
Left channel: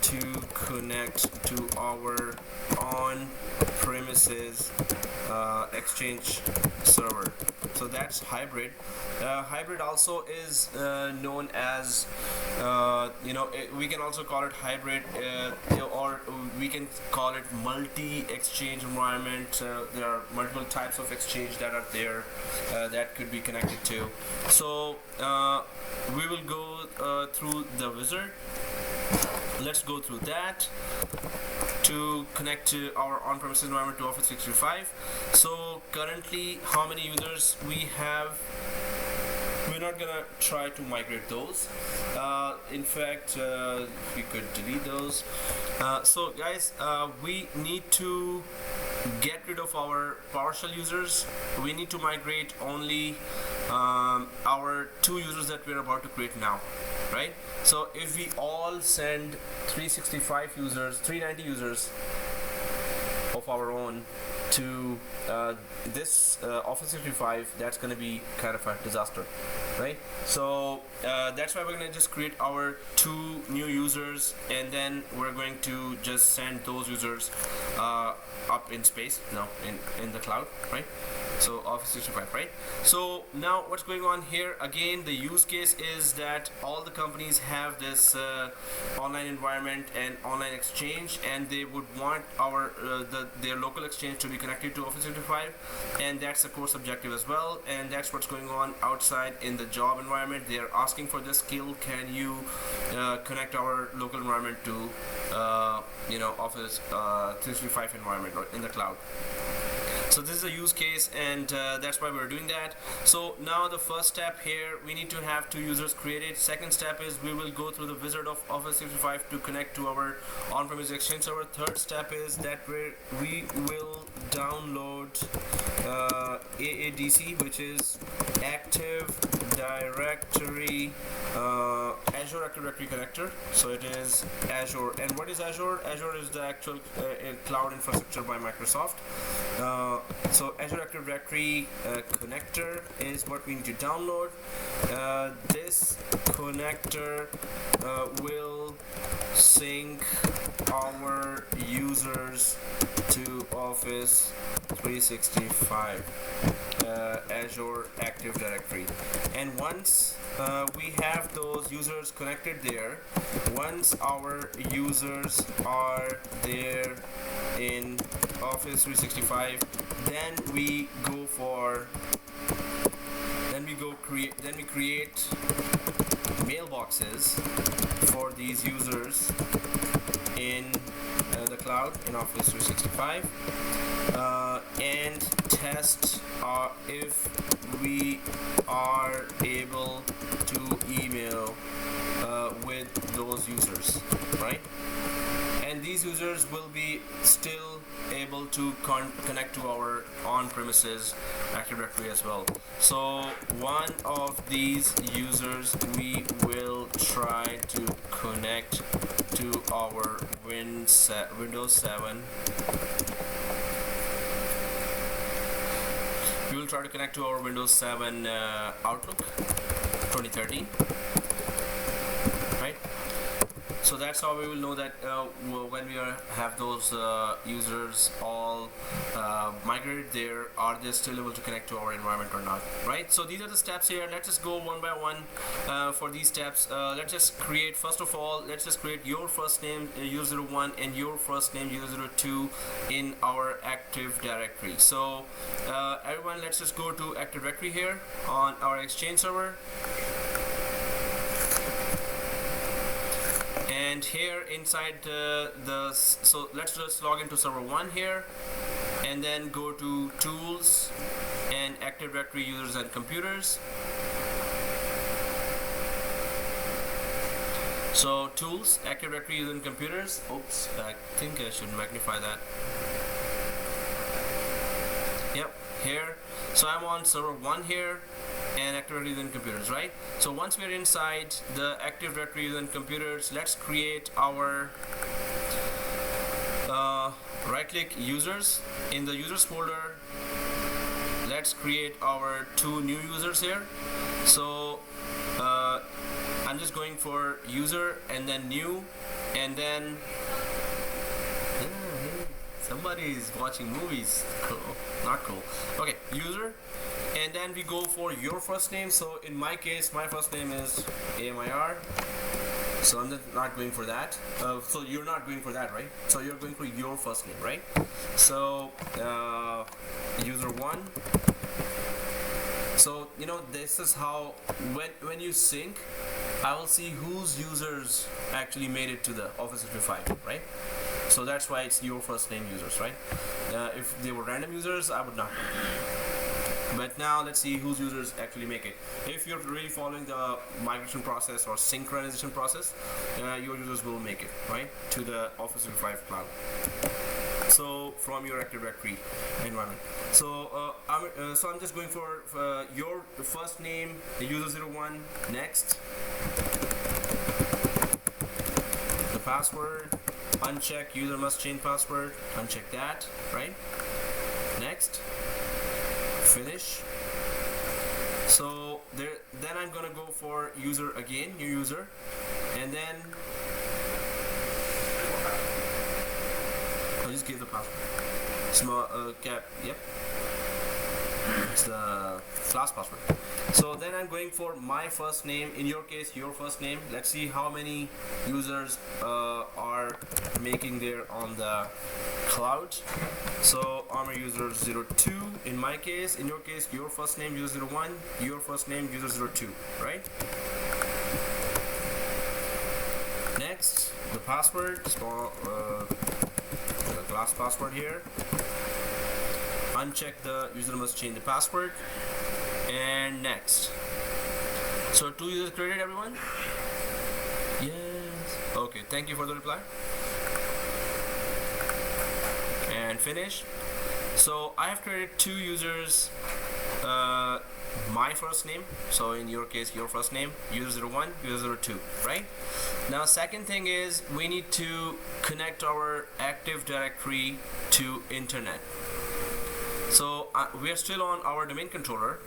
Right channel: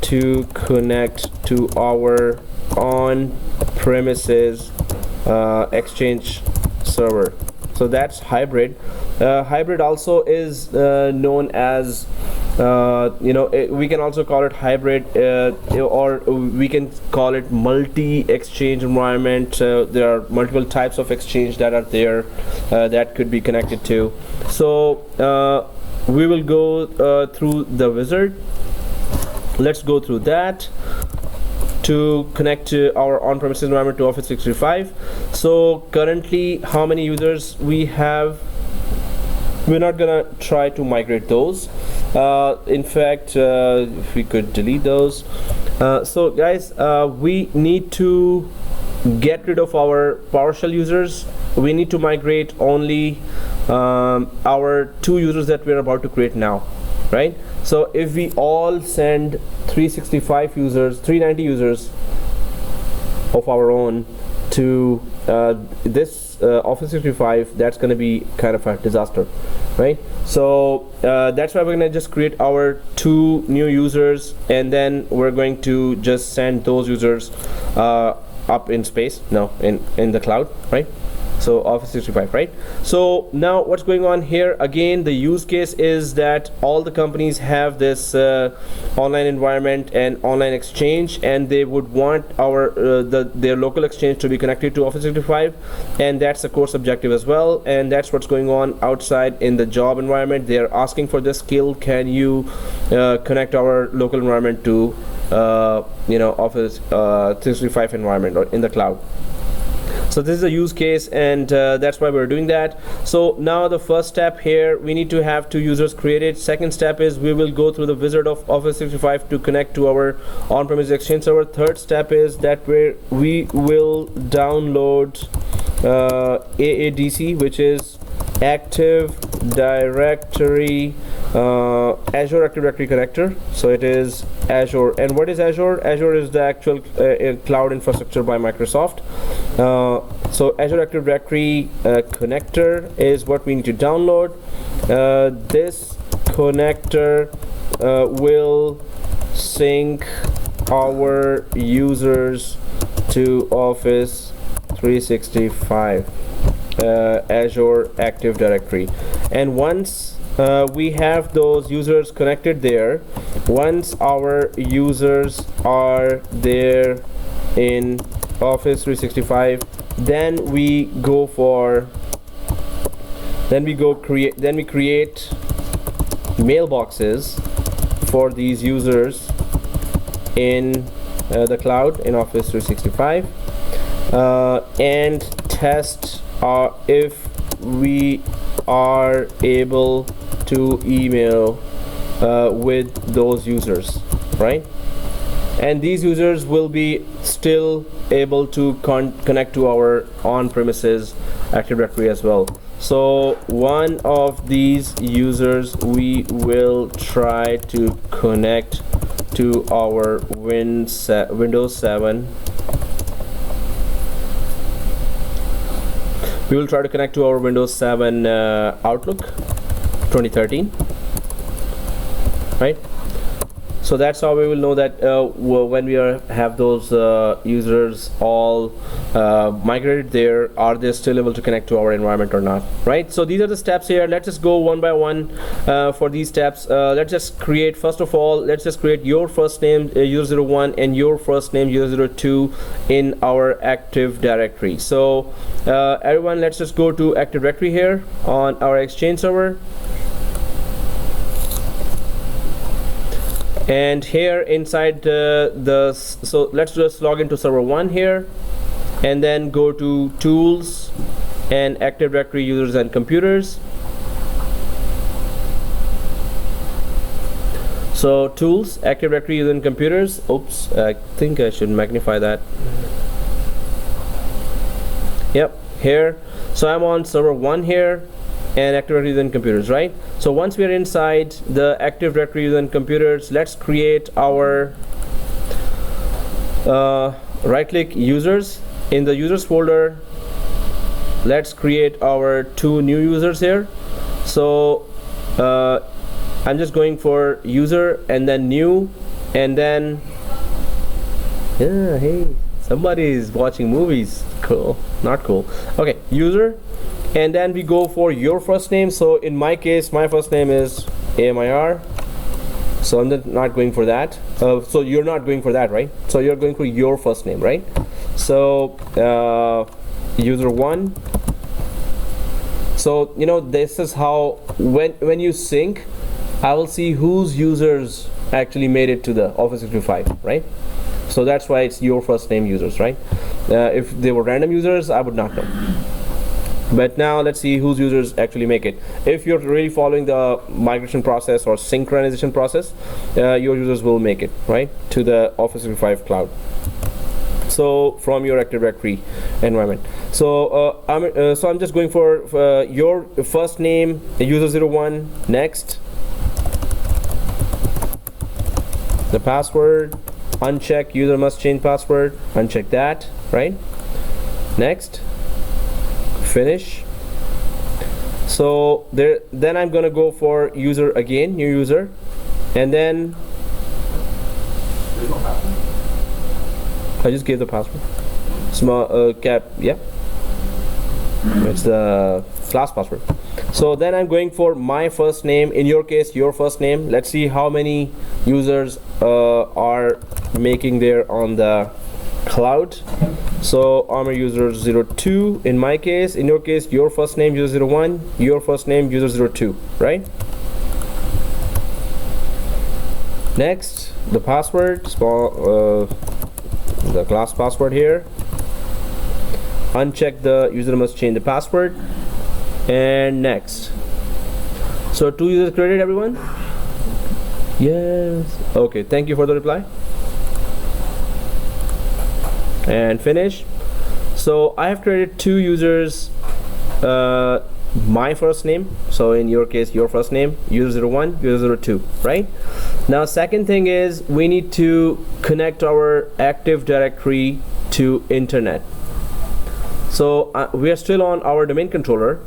to connect to our on-premises exchange server. So that's hybrid. Hybrid also is known as we can also call it hybrid, or we can call it multi-exchange environment. There are multiple types of exchange that are there that could be connected to. So we will go through the wizard. Let's go through that to connect to our on-premises environment to Office 365. So currently, how many users we have? We're not gonna try to migrate those. In fact, if we could delete those. So guys, we need to get rid of our PowerShell users. We need to migrate only our 2 users that we're about to create now, right? So if we all send 365 users, 390 users of our own to this Office 365, that's going to be kind of a disaster, right? So that's why we're going to just create our 2 new users, and then we're going to just send those users up in space, no, in the cloud, right? So Office 365, right? So now what's going on here, again, the use case is that all the companies have this online environment and online exchange, and they would want their local exchange to be connected to Office 365, and that's the course objective as well, and that's what's going on outside in the job environment. They're asking for this skill. Can you connect our local environment to Office 365 environment or in the cloud? So this is a use case, and that's why we're doing that. So now the first step here, we need to have 2 users created. Second step is we will go through the wizard of Office 365 to connect to our on-premise Exchange server. Third step is that we will download AADC, which is Active Directory Azure Active Directory connector. So it is Azure. And what is Azure? Azure is the actual cloud infrastructure by Microsoft. So Azure Active Directory connector is what we need to download. This connector will sync our users to Office 365 Azure Active Directory, and once we have those users connected there, once our users are there in Office 365, then we create mailboxes for these users in the cloud in Office 365 and test if we are able to email with those users, right? And these users will be still able to connect to our on-premises Active Directory as well. So one of these users we will try to connect to our Windows 7. We will try to connect to our Windows 7 Outlook 2013, right? So that's how we will know that when we have those users all migrated there, are they still able to connect to our environment or not, right? So these are the steps here. Let's just go one by one for these steps. Let's just create, first of all, let's just create your first name user 01 and your first name user 02 in our Active Directory. So everyone, let's just go to Active Directory here on our Exchange server. And here inside so let's just log into server 1 here, and then go to Tools and Active Directory Users and Computers. So Tools, Active Directory Users and Computers. Oops, I think I should magnify that. Yep, here. So I'm on server 1 here, and Active Directory and Computers, right? So once we are inside the Active Directory and Computers, let's create our right-click users. In the users folder, let's create our 2 new users here. So I'm just going for user and then new, and then hey, somebody is watching movies. Cool, not cool. Okay, user. And then we go for your first name. So in my case, my first name is AMIR. So I'm not going for that. So you're not going for that, right? So you're going for your first name, right? So user 1. So this is how when you sync, I will see whose users actually made it to the Office 365, right? So that's why it's your first name users, right? If they were random users, I would not know. But now let's see whose users actually make it. If you're really following the migration process or synchronization process, your users will make it, right, to the Office 365 cloud. So from your Active Directory environment. So I'm just going for your first name, user 01. Next, the password. Uncheck user must change password. Uncheck that, right? Next. Finish. So then I'm gonna go for user again, new user, and then I just gave the password. Small cap, yeah. It's the class password. So then I'm going for my first name, in your case your first name. Let's see how many users are making there on the cloud. So I'm a user 02 in my case. In your case your first name user 01, your first name user 02, right? Next, the password, the class password here. Uncheck the user must change the password, and next. So 2 users created, everyone? Yes. Okay, thank you for the reply. And finish. So I have created 2 users, my first name, so in your case your first name, user 01, user 02, right? Now second thing is we need to connect our Active Directory to internet. So we are still on our domain controller,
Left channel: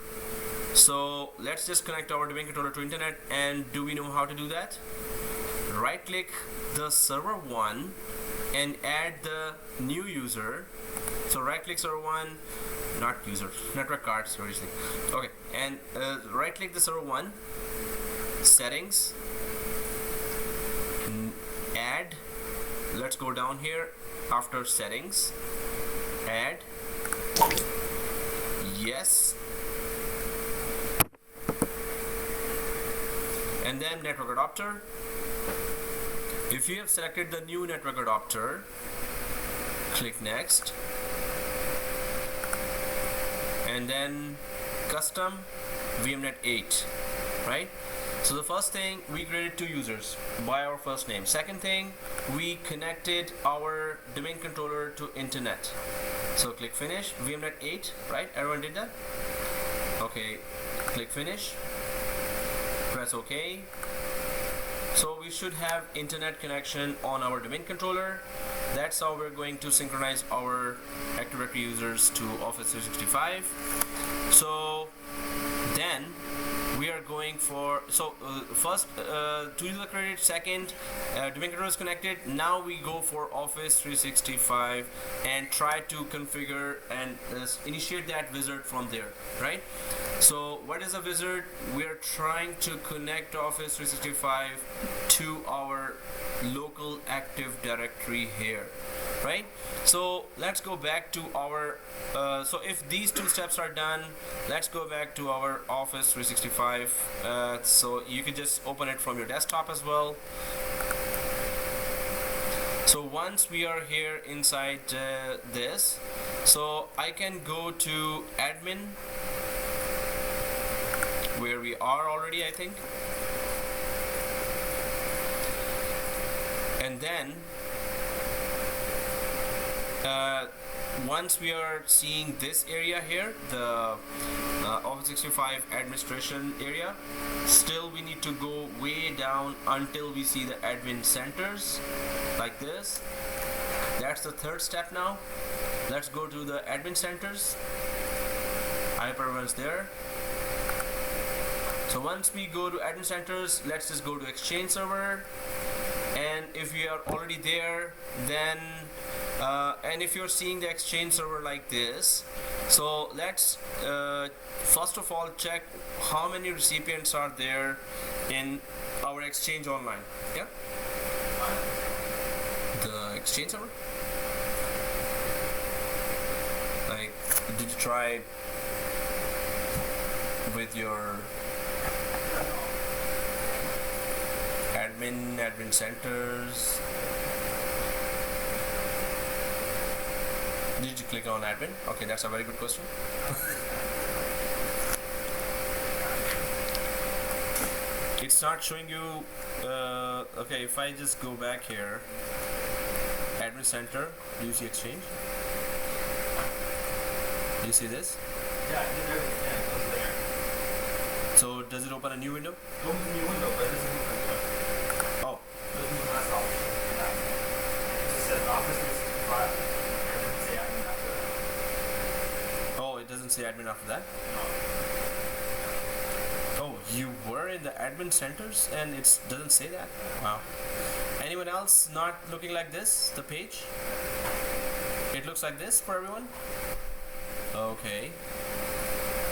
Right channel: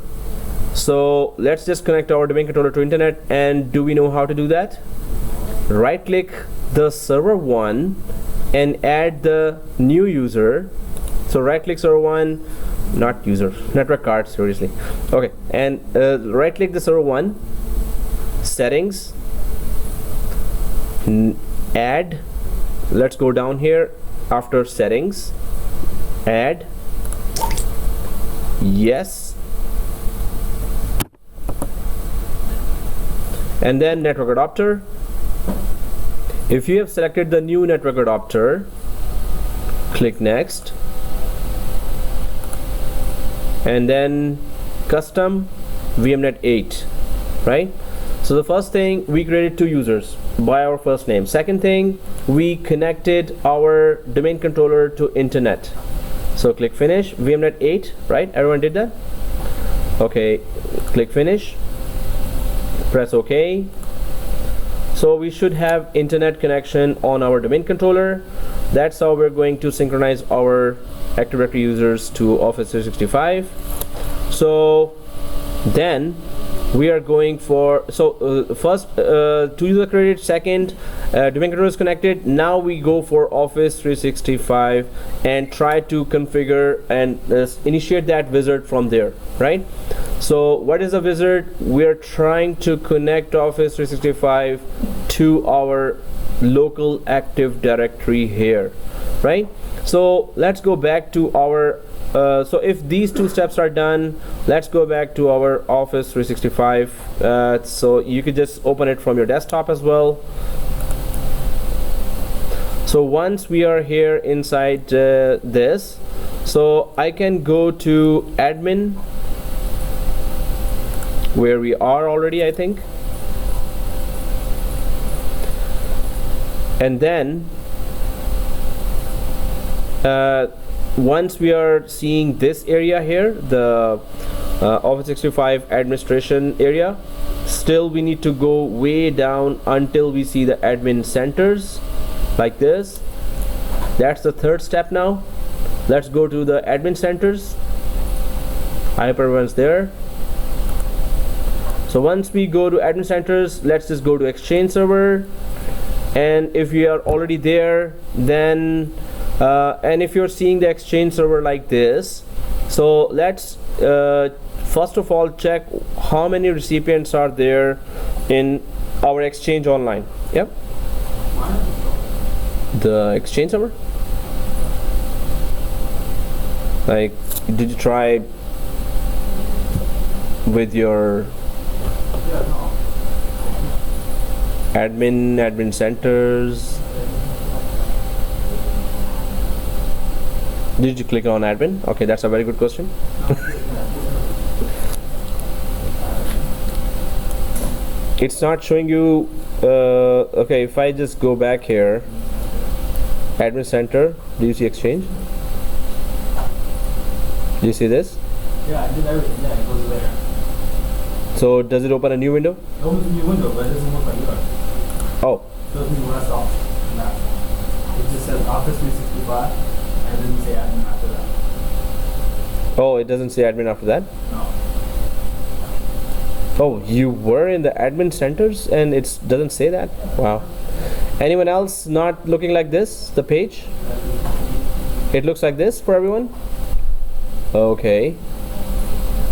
so let's just connect our domain controller to internet. And do we know how to do that? Right click the server 1 and add the new user. So right click server 1, not user, network card, seriously. Okay, and right click the server 1, settings, add. Let's go down here after settings, add, yes, and then network adapter. If you have selected the new network adapter, click next, and then custom VMnet 8, right? So the first thing, we created 2 users by our first name. Second thing, we connected our domain controller to internet. So click finish, VMnet 8, right? Everyone did that? Okay, click finish, press OK. So we should have internet connection on our domain controller. That's how we're going to synchronize our Active Directory users to Office 365. So then we are going for, first 2 users created, second domain controller is connected. Now we go for Office 365 and try to configure and initiate that wizard from there, right? So what is a wizard? We are trying to connect Office 365 to our local Active Directory here, right? So let's go back to our so if these 2 steps are done, let's go back to our Office 365. So you could just open it from your desktop as well. So once we are here inside this, so I can go to admin, where we are already, I think, and then once we are seeing this area here, the Office 365 administration area, still we need to go way down until we see the admin centers like this. That's the 3rd step. Now let's go to the admin centers. I hope everyone's there. So once we go to admin centers, let's just go to Exchange server, and if we are already there, then and if you're seeing the Exchange server like this, so let's first of all check how many recipients are there in our Exchange Online. Yep, the Exchange server. Like, did you try with your admin centers? Did you click on admin? Okay, that's a very good question. It's not showing you. Okay, if I just go back here, admin center, do you see Exchange? Do you see this? Yeah, I did everything. Yeah, it goes there. So does it open a new window? It opens a new window, but it doesn't look like yours. Oh. So it doesn't rest off. Yeah. It just says Office 365, and it doesn't say admin after that. Oh, it doesn't say admin after that? No. Oh, you were in the admin centers and it doesn't say that? Wow. Anyone else not looking like this, the page? It looks like this for everyone? Okay.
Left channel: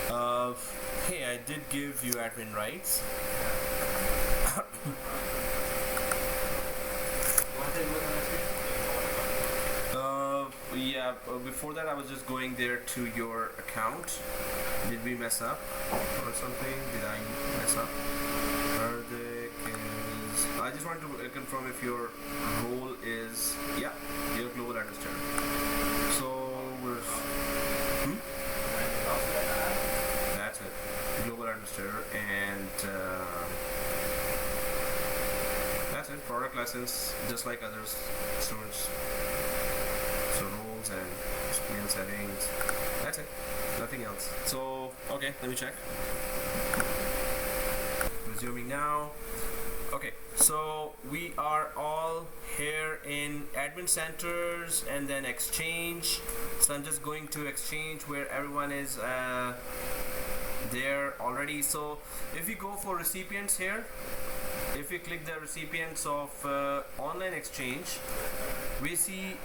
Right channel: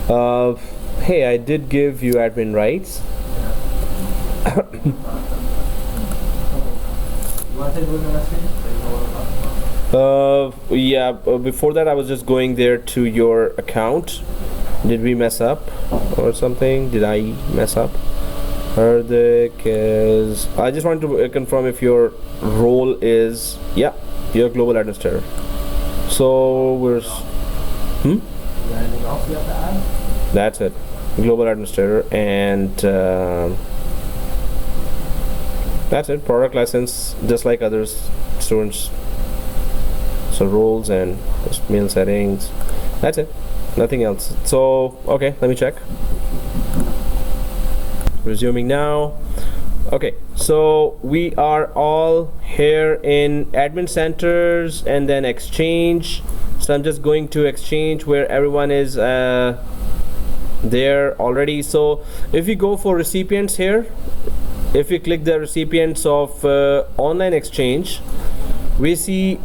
Hey, I did give you admin rights. Yeah, before that I was just going there to your account. Did we mess up or something? Did I mess up? Hardik is... I just wanted to confirm if your role is... Yeah, you're global administrator. So we're... That's it. Global administrator, and that's it. Product license, just like others, students. So roles and mail settings. That's it. Nothing else. So okay, let me check. Resuming now. Okay, so we are all here in admin centers and then exchange. So I'm just going to exchange where everyone is there already. So if you go for recipients here, if you click the recipients of online exchange, we see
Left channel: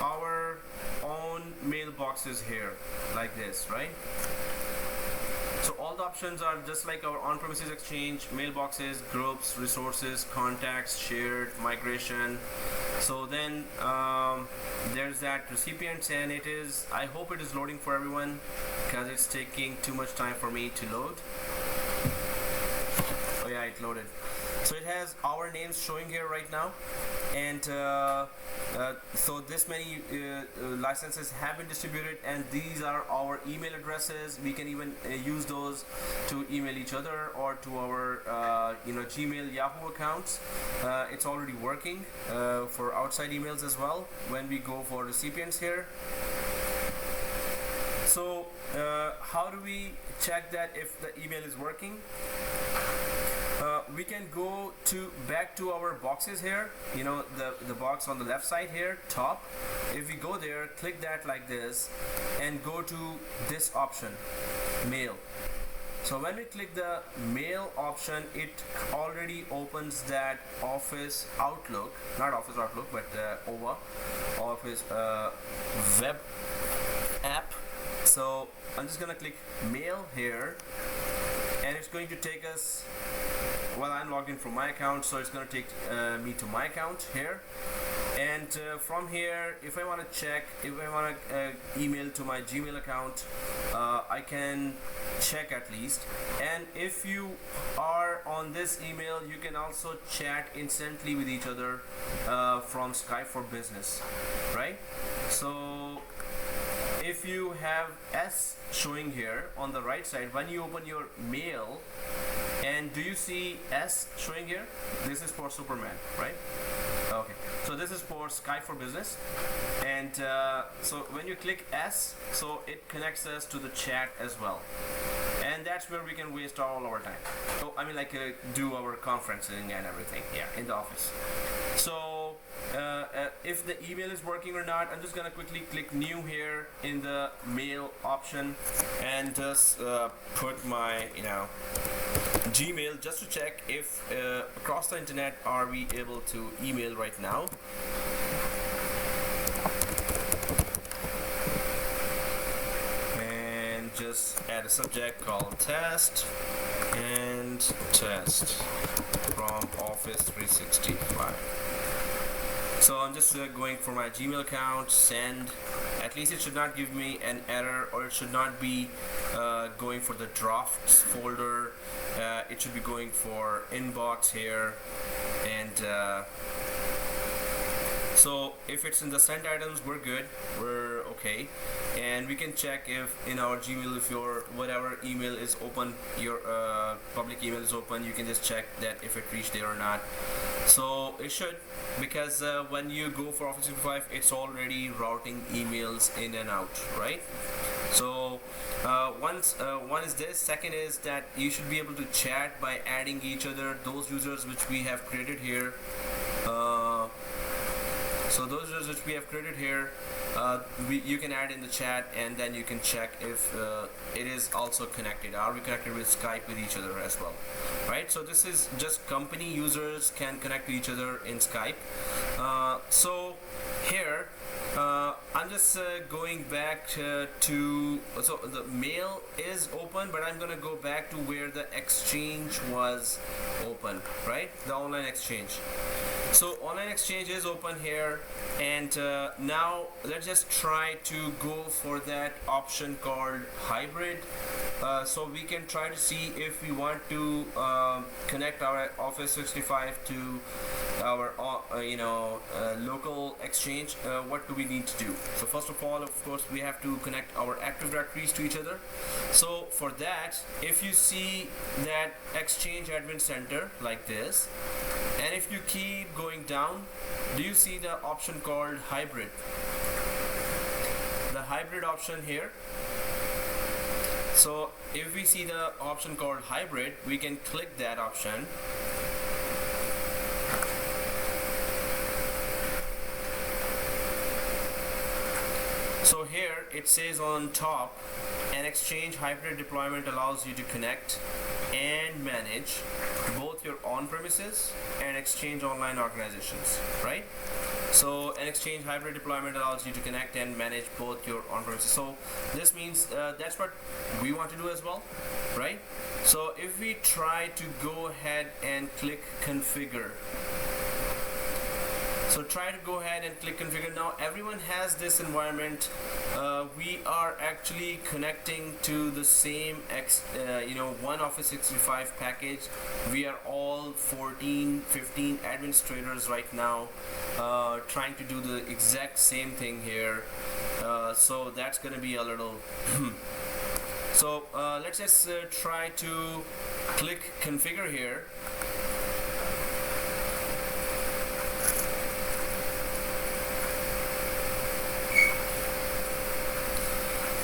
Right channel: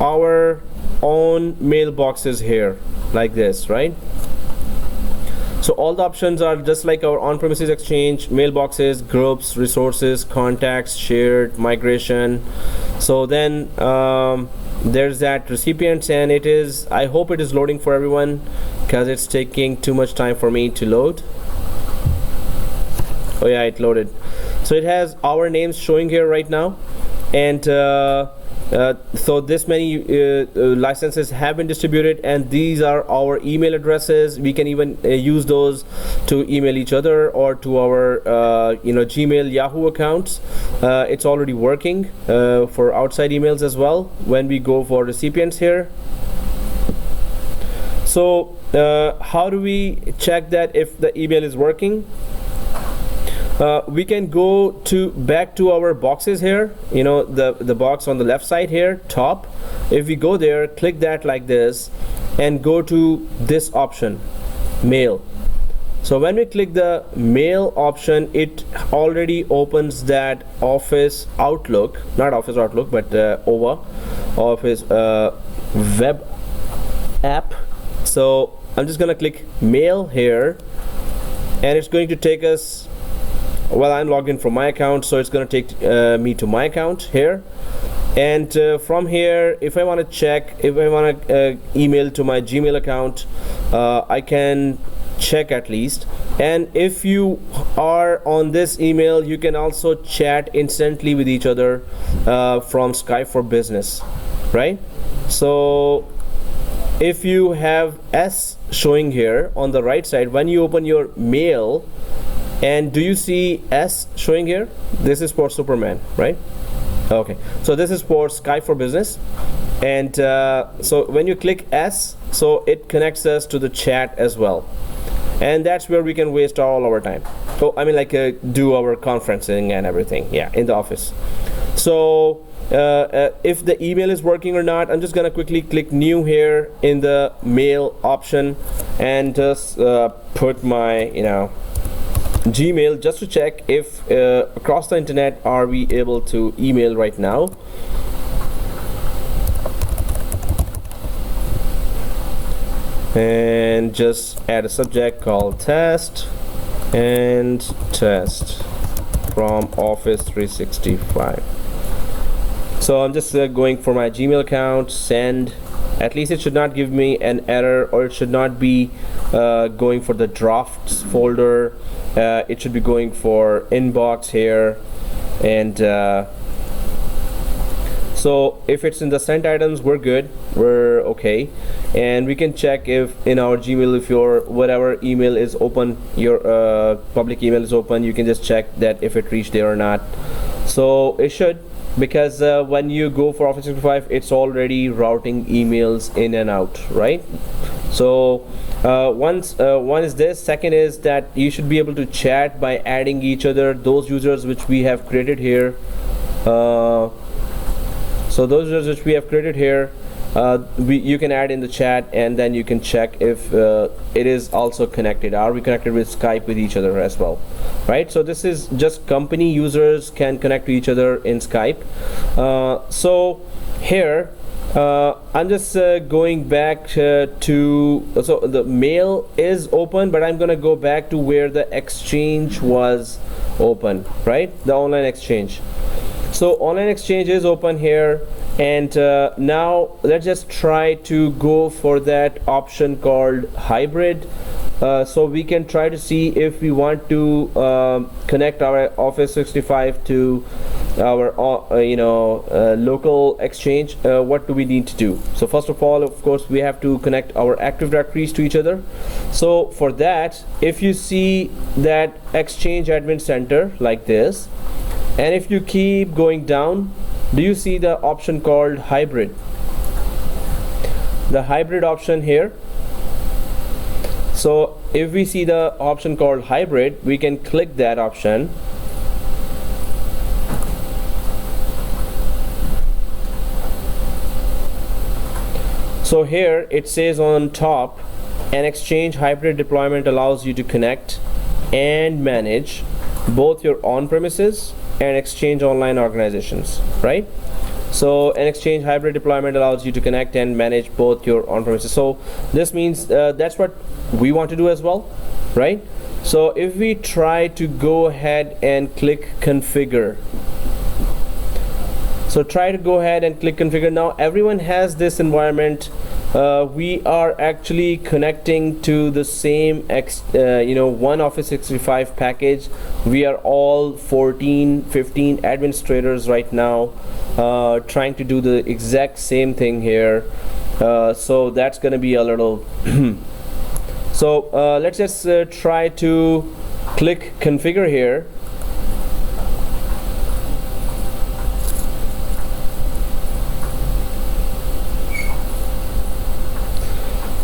our own mailboxes here like this, right? So all the options are just like our on-premises exchange: mailboxes, groups, resources, contacts, shared, migration. So then there's that recipients, and it is, I hope it is loading for everyone because it's taking too much time for me to load. Oh yeah, it loaded. So it has our names showing here right now, and so this many licenses have been distributed, and these are our email addresses. We can even use those to email each other or to our Gmail, Yahoo accounts. It's already working for outside emails as well when we go for recipients here. So how do we check that if the email is working? We can go back to our boxes here, the box on the left side here, top. If we go there, click that like this, and go to this option, mail. So when we click the mail option, it already opens that Office Outlook, not Office Outlook, but OVA, Office web app. So I'm just gonna click mail here, and it's going to take us, well, I'm logged in from my account, so it's going to take me to my account here. And from here, if I want to check, if I want to email to my Gmail account, I can check at least. And if you are on this email, you can also chat instantly with each other from Skype for Business, right? So if you have S showing here on the right side, when you open your mail, and do you see S showing here? This is for Superman, right? Okay, so this is for Skype for Business. And so when you click S, so it connects us to the chat as well. And that's where we can waste all our time. So I mean, like do our conferencing and everything, yeah, in the office. So if the email is working or not, I'm just gonna quickly click new here in the mail option and just put my Gmail, just to check if across the internet are we able to email right now. And just add a subject called test and test from Office 365. So I'm just going for my Gmail account, send. At least it should not give me an error, or it should not be going for the drafts folder. It should be going for inbox here, and so if it's in the sent items, we're good, we're okay. And we can check if in our Gmail, if your whatever email is open, your public email is open, you can just check that if it reached there or not. So it should, because when you go for Office 365, it's already routing emails in and out, right? So one is this. Second is that you should be able to chat by adding each other, those users which we have created here. So those users which we have created here, you can add in the chat, and then you can check if it is also connected. Are we connected with Skype with each other as well, right? So this is just company users can connect to each other in Skype. So here I'm just going back to, so the mail is open, but I'm gonna go back to where the exchange was open, right? The online exchange. So online exchange is open here, and now let's just try to go for that option called hybrid. So we can try to see if we want to connect our Office 365 to our local exchange. What do we need to do? So first of all, of course, we have to connect our Active Directories to each other. So for that, if you see that Exchange Admin Center like this, and if you keep going down, do you see the option called hybrid? The hybrid option here. So if we see the option called hybrid, we can click that option. So here it says on top, an Exchange hybrid deployment allows you to connect and manage both your on-premises and Exchange online organizations, right? So an Exchange hybrid deployment allows you to connect and manage both your on-premises. So this means that's what we want to do as well, right? So if we try to go ahead and click configure, so try to go ahead and click configure. Now everyone has this environment. We are actually connecting to the same one Office 365 package. We are all 15 administrators right now trying to do the exact same thing here. So that's gonna be a little so let's just try to click configure here.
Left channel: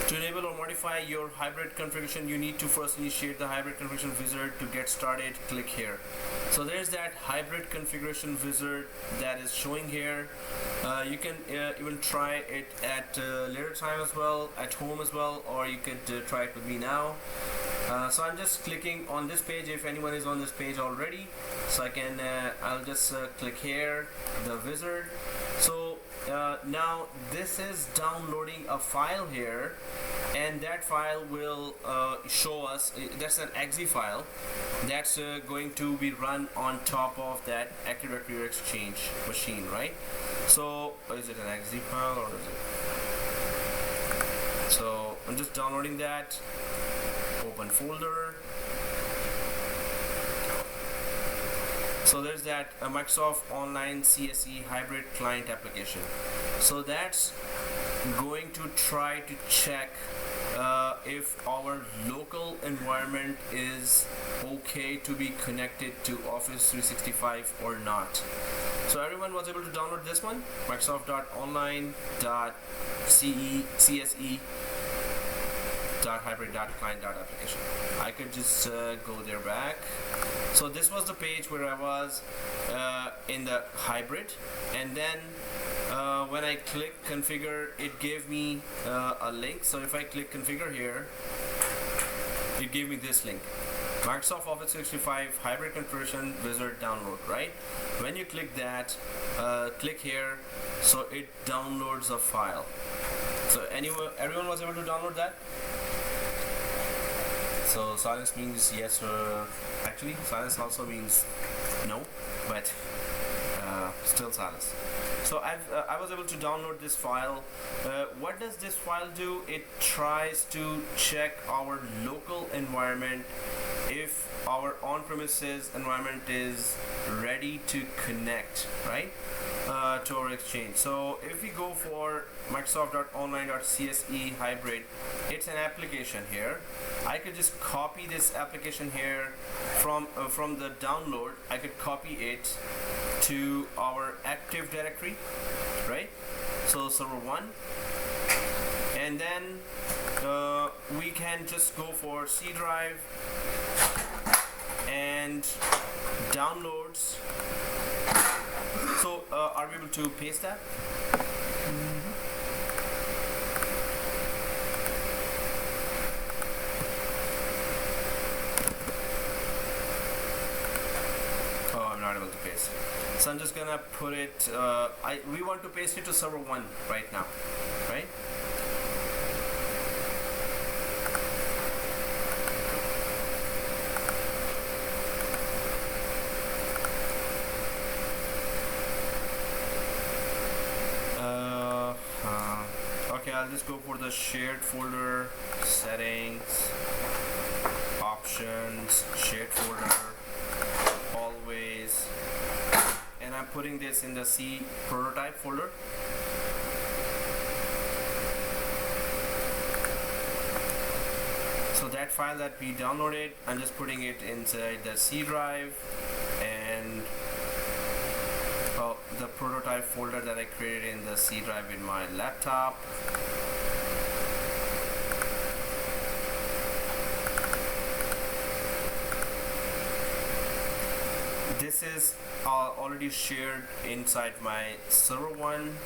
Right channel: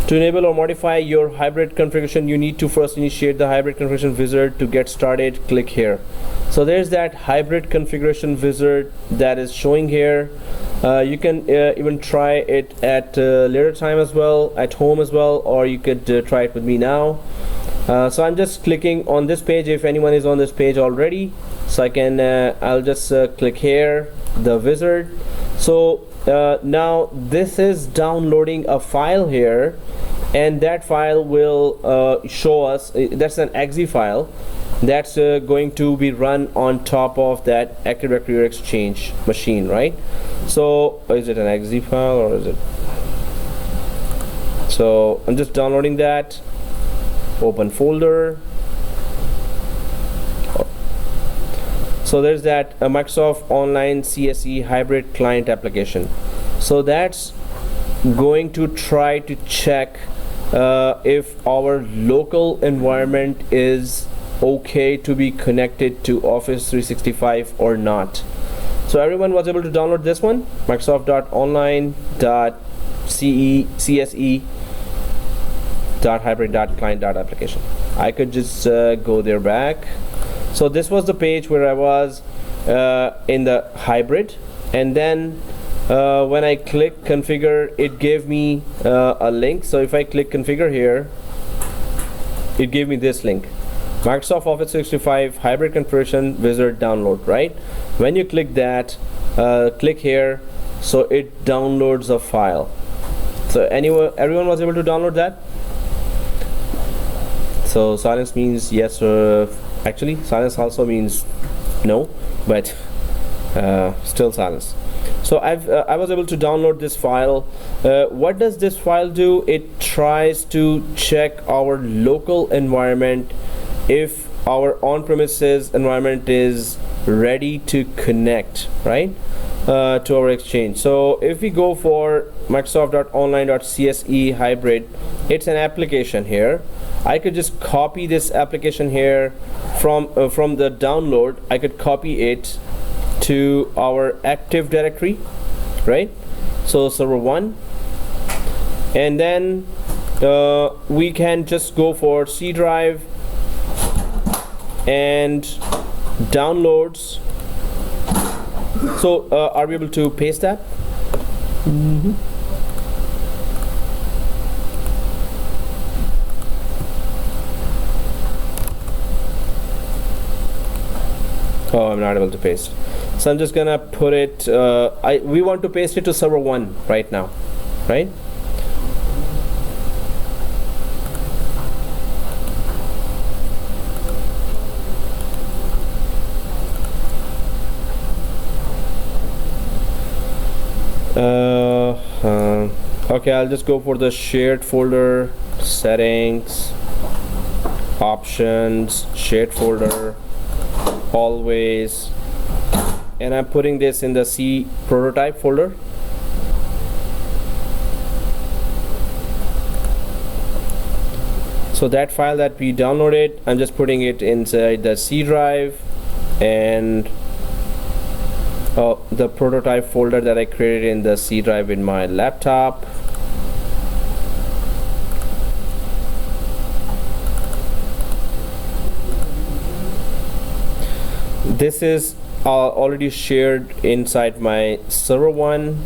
To enable or modify your hybrid configuration, you need to first initiate the hybrid configuration wizard. To get started, click here. So there's that hybrid configuration wizard that is showing here. You can even try it at later time as well, at home as well, or you could try it with me now. So I'm just clicking on this page if anyone is on this page already. So I can, I'll just click here, the wizard. So now this is downloading a file here, and that file will show us, that's an exe file that's going to be run on top of that Active Directory or Exchange machine, right? So is it an exe file or is it? So I'm just downloading that, open folder. So there's that Microsoft Online CSE hybrid client application. So that's going to try to check if our local environment is okay to be connected to Office 365 or not. So everyone was able to download this one, microsoft.online.cse.hybrid.client.application. I could just go there back. So this was the page where I was in the hybrid, and then when I click configure, it gave me a link. So if I click configure here, it gave me this link, Microsoft Office 365 hybrid configuration wizard download, right? When you click that, click here, so it downloads a file. So everyone was able to download that. So silence means yes, actually silence also means no, but still silence. So I was able to download this file. What does this file do? It tries to check our local environment, if our on-premises environment is ready to connect, right, to our Exchange. So if we go for Microsoft.online.cse hybrid, it's an application here. I could just copy this application here from the download. I could copy it to our Active Directory, right? So server 1, and then we can just go for C drive and downloads. So are we able to paste that? Mm-hmm. Oh, I'm not able to paste. So I'm just gonna put it, we want to paste it to server 1 right now, right? Okay, I'll just go for the shared folder, settings, options, shared folder, always, and I'm putting this in the C prototype folder. So that file that we downloaded, I'm just putting it inside the C drive, and the prototype folder that I created in the C drive in my laptop. This is already shared inside my server 1.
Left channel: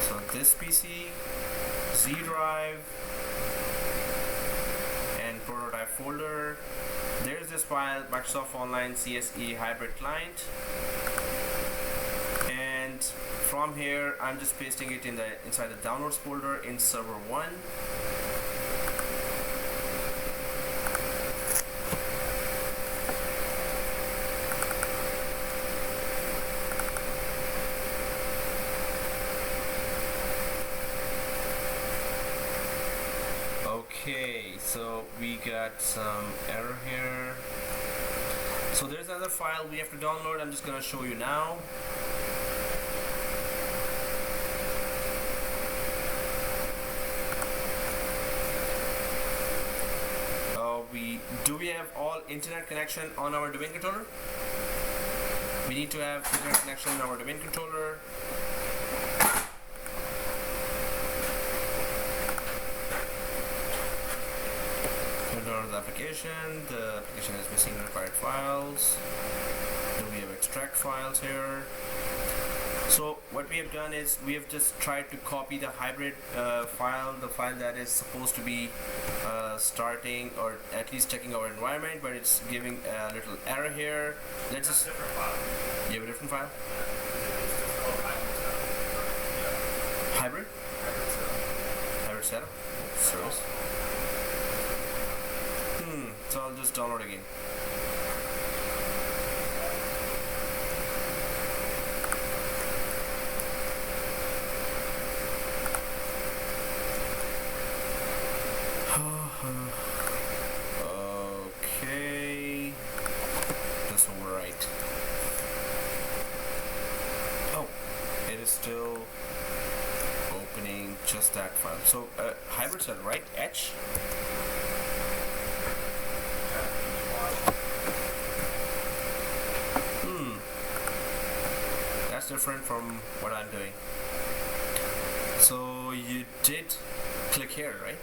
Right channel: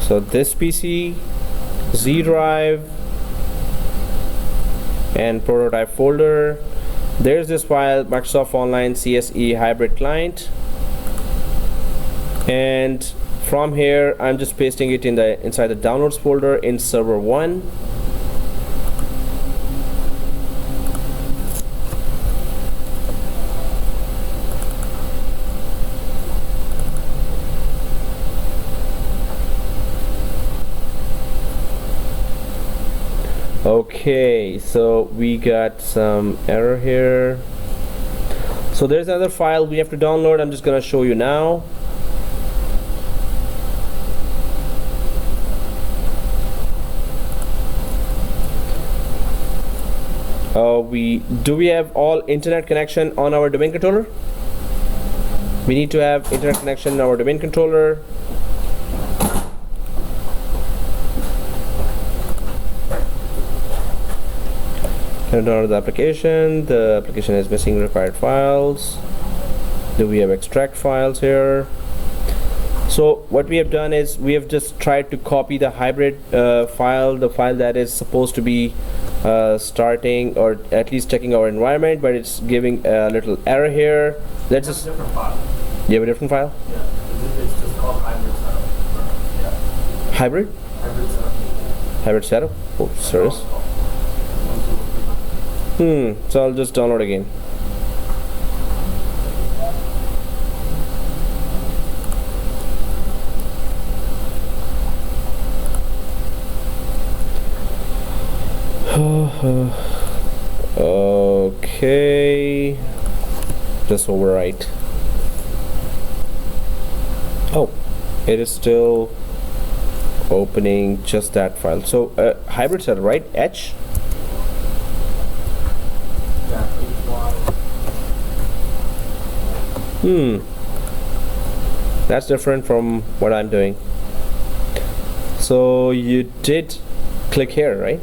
So this PC, Z drive, and prototype folder. There's this file, Microsoft Online CSE Hybrid Client, and from here I'm just pasting it inside the downloads folder in server 1. Okay, so we got some error here. So there's another file we have to download. I'm just gonna show you now. Do we have all internet connection on our domain controller? We need to have internet connection in our domain controller. Download the application. The application is missing required files. Do we have extract files here? So what we have done is we have just tried to copy the hybrid file, the file that is supposed to be starting or at least checking our environment, but it's giving a little error here. Let's just. Different file. You have a different file? Yeah, it's just called hybrid setup. Yeah. Hybrid? Hybrid setup. Hybrid setup? Oh, service. So I'll just download again. Okay. Just overwrite. Oh, it is still opening just that file. So hybrid setup, right? H. That's different from what I'm doing. So you did click here, right?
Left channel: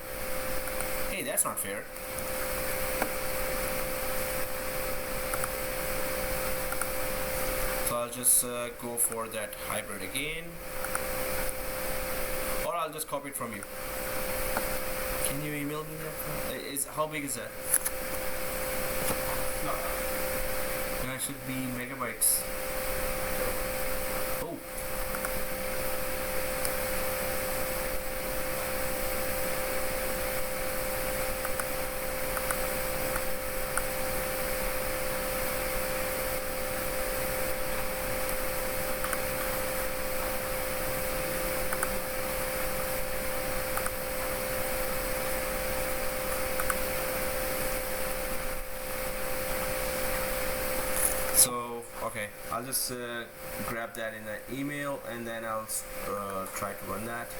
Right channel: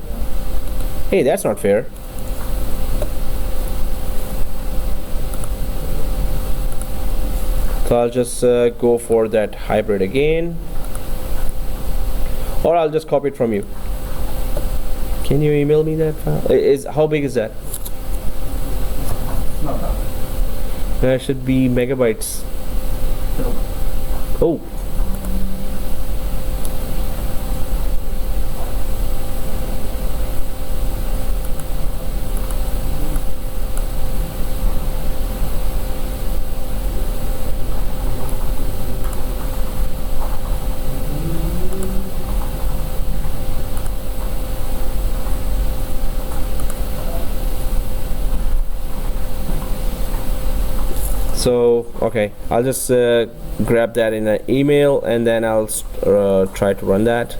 Hey, that's not fair. So I'll just go for that hybrid again, or I'll just copy it from you. Can you email me that file? How big is that? Not that. That should be megabytes. Oh. So okay, I'll just grab that in an email and then I'll try to run that.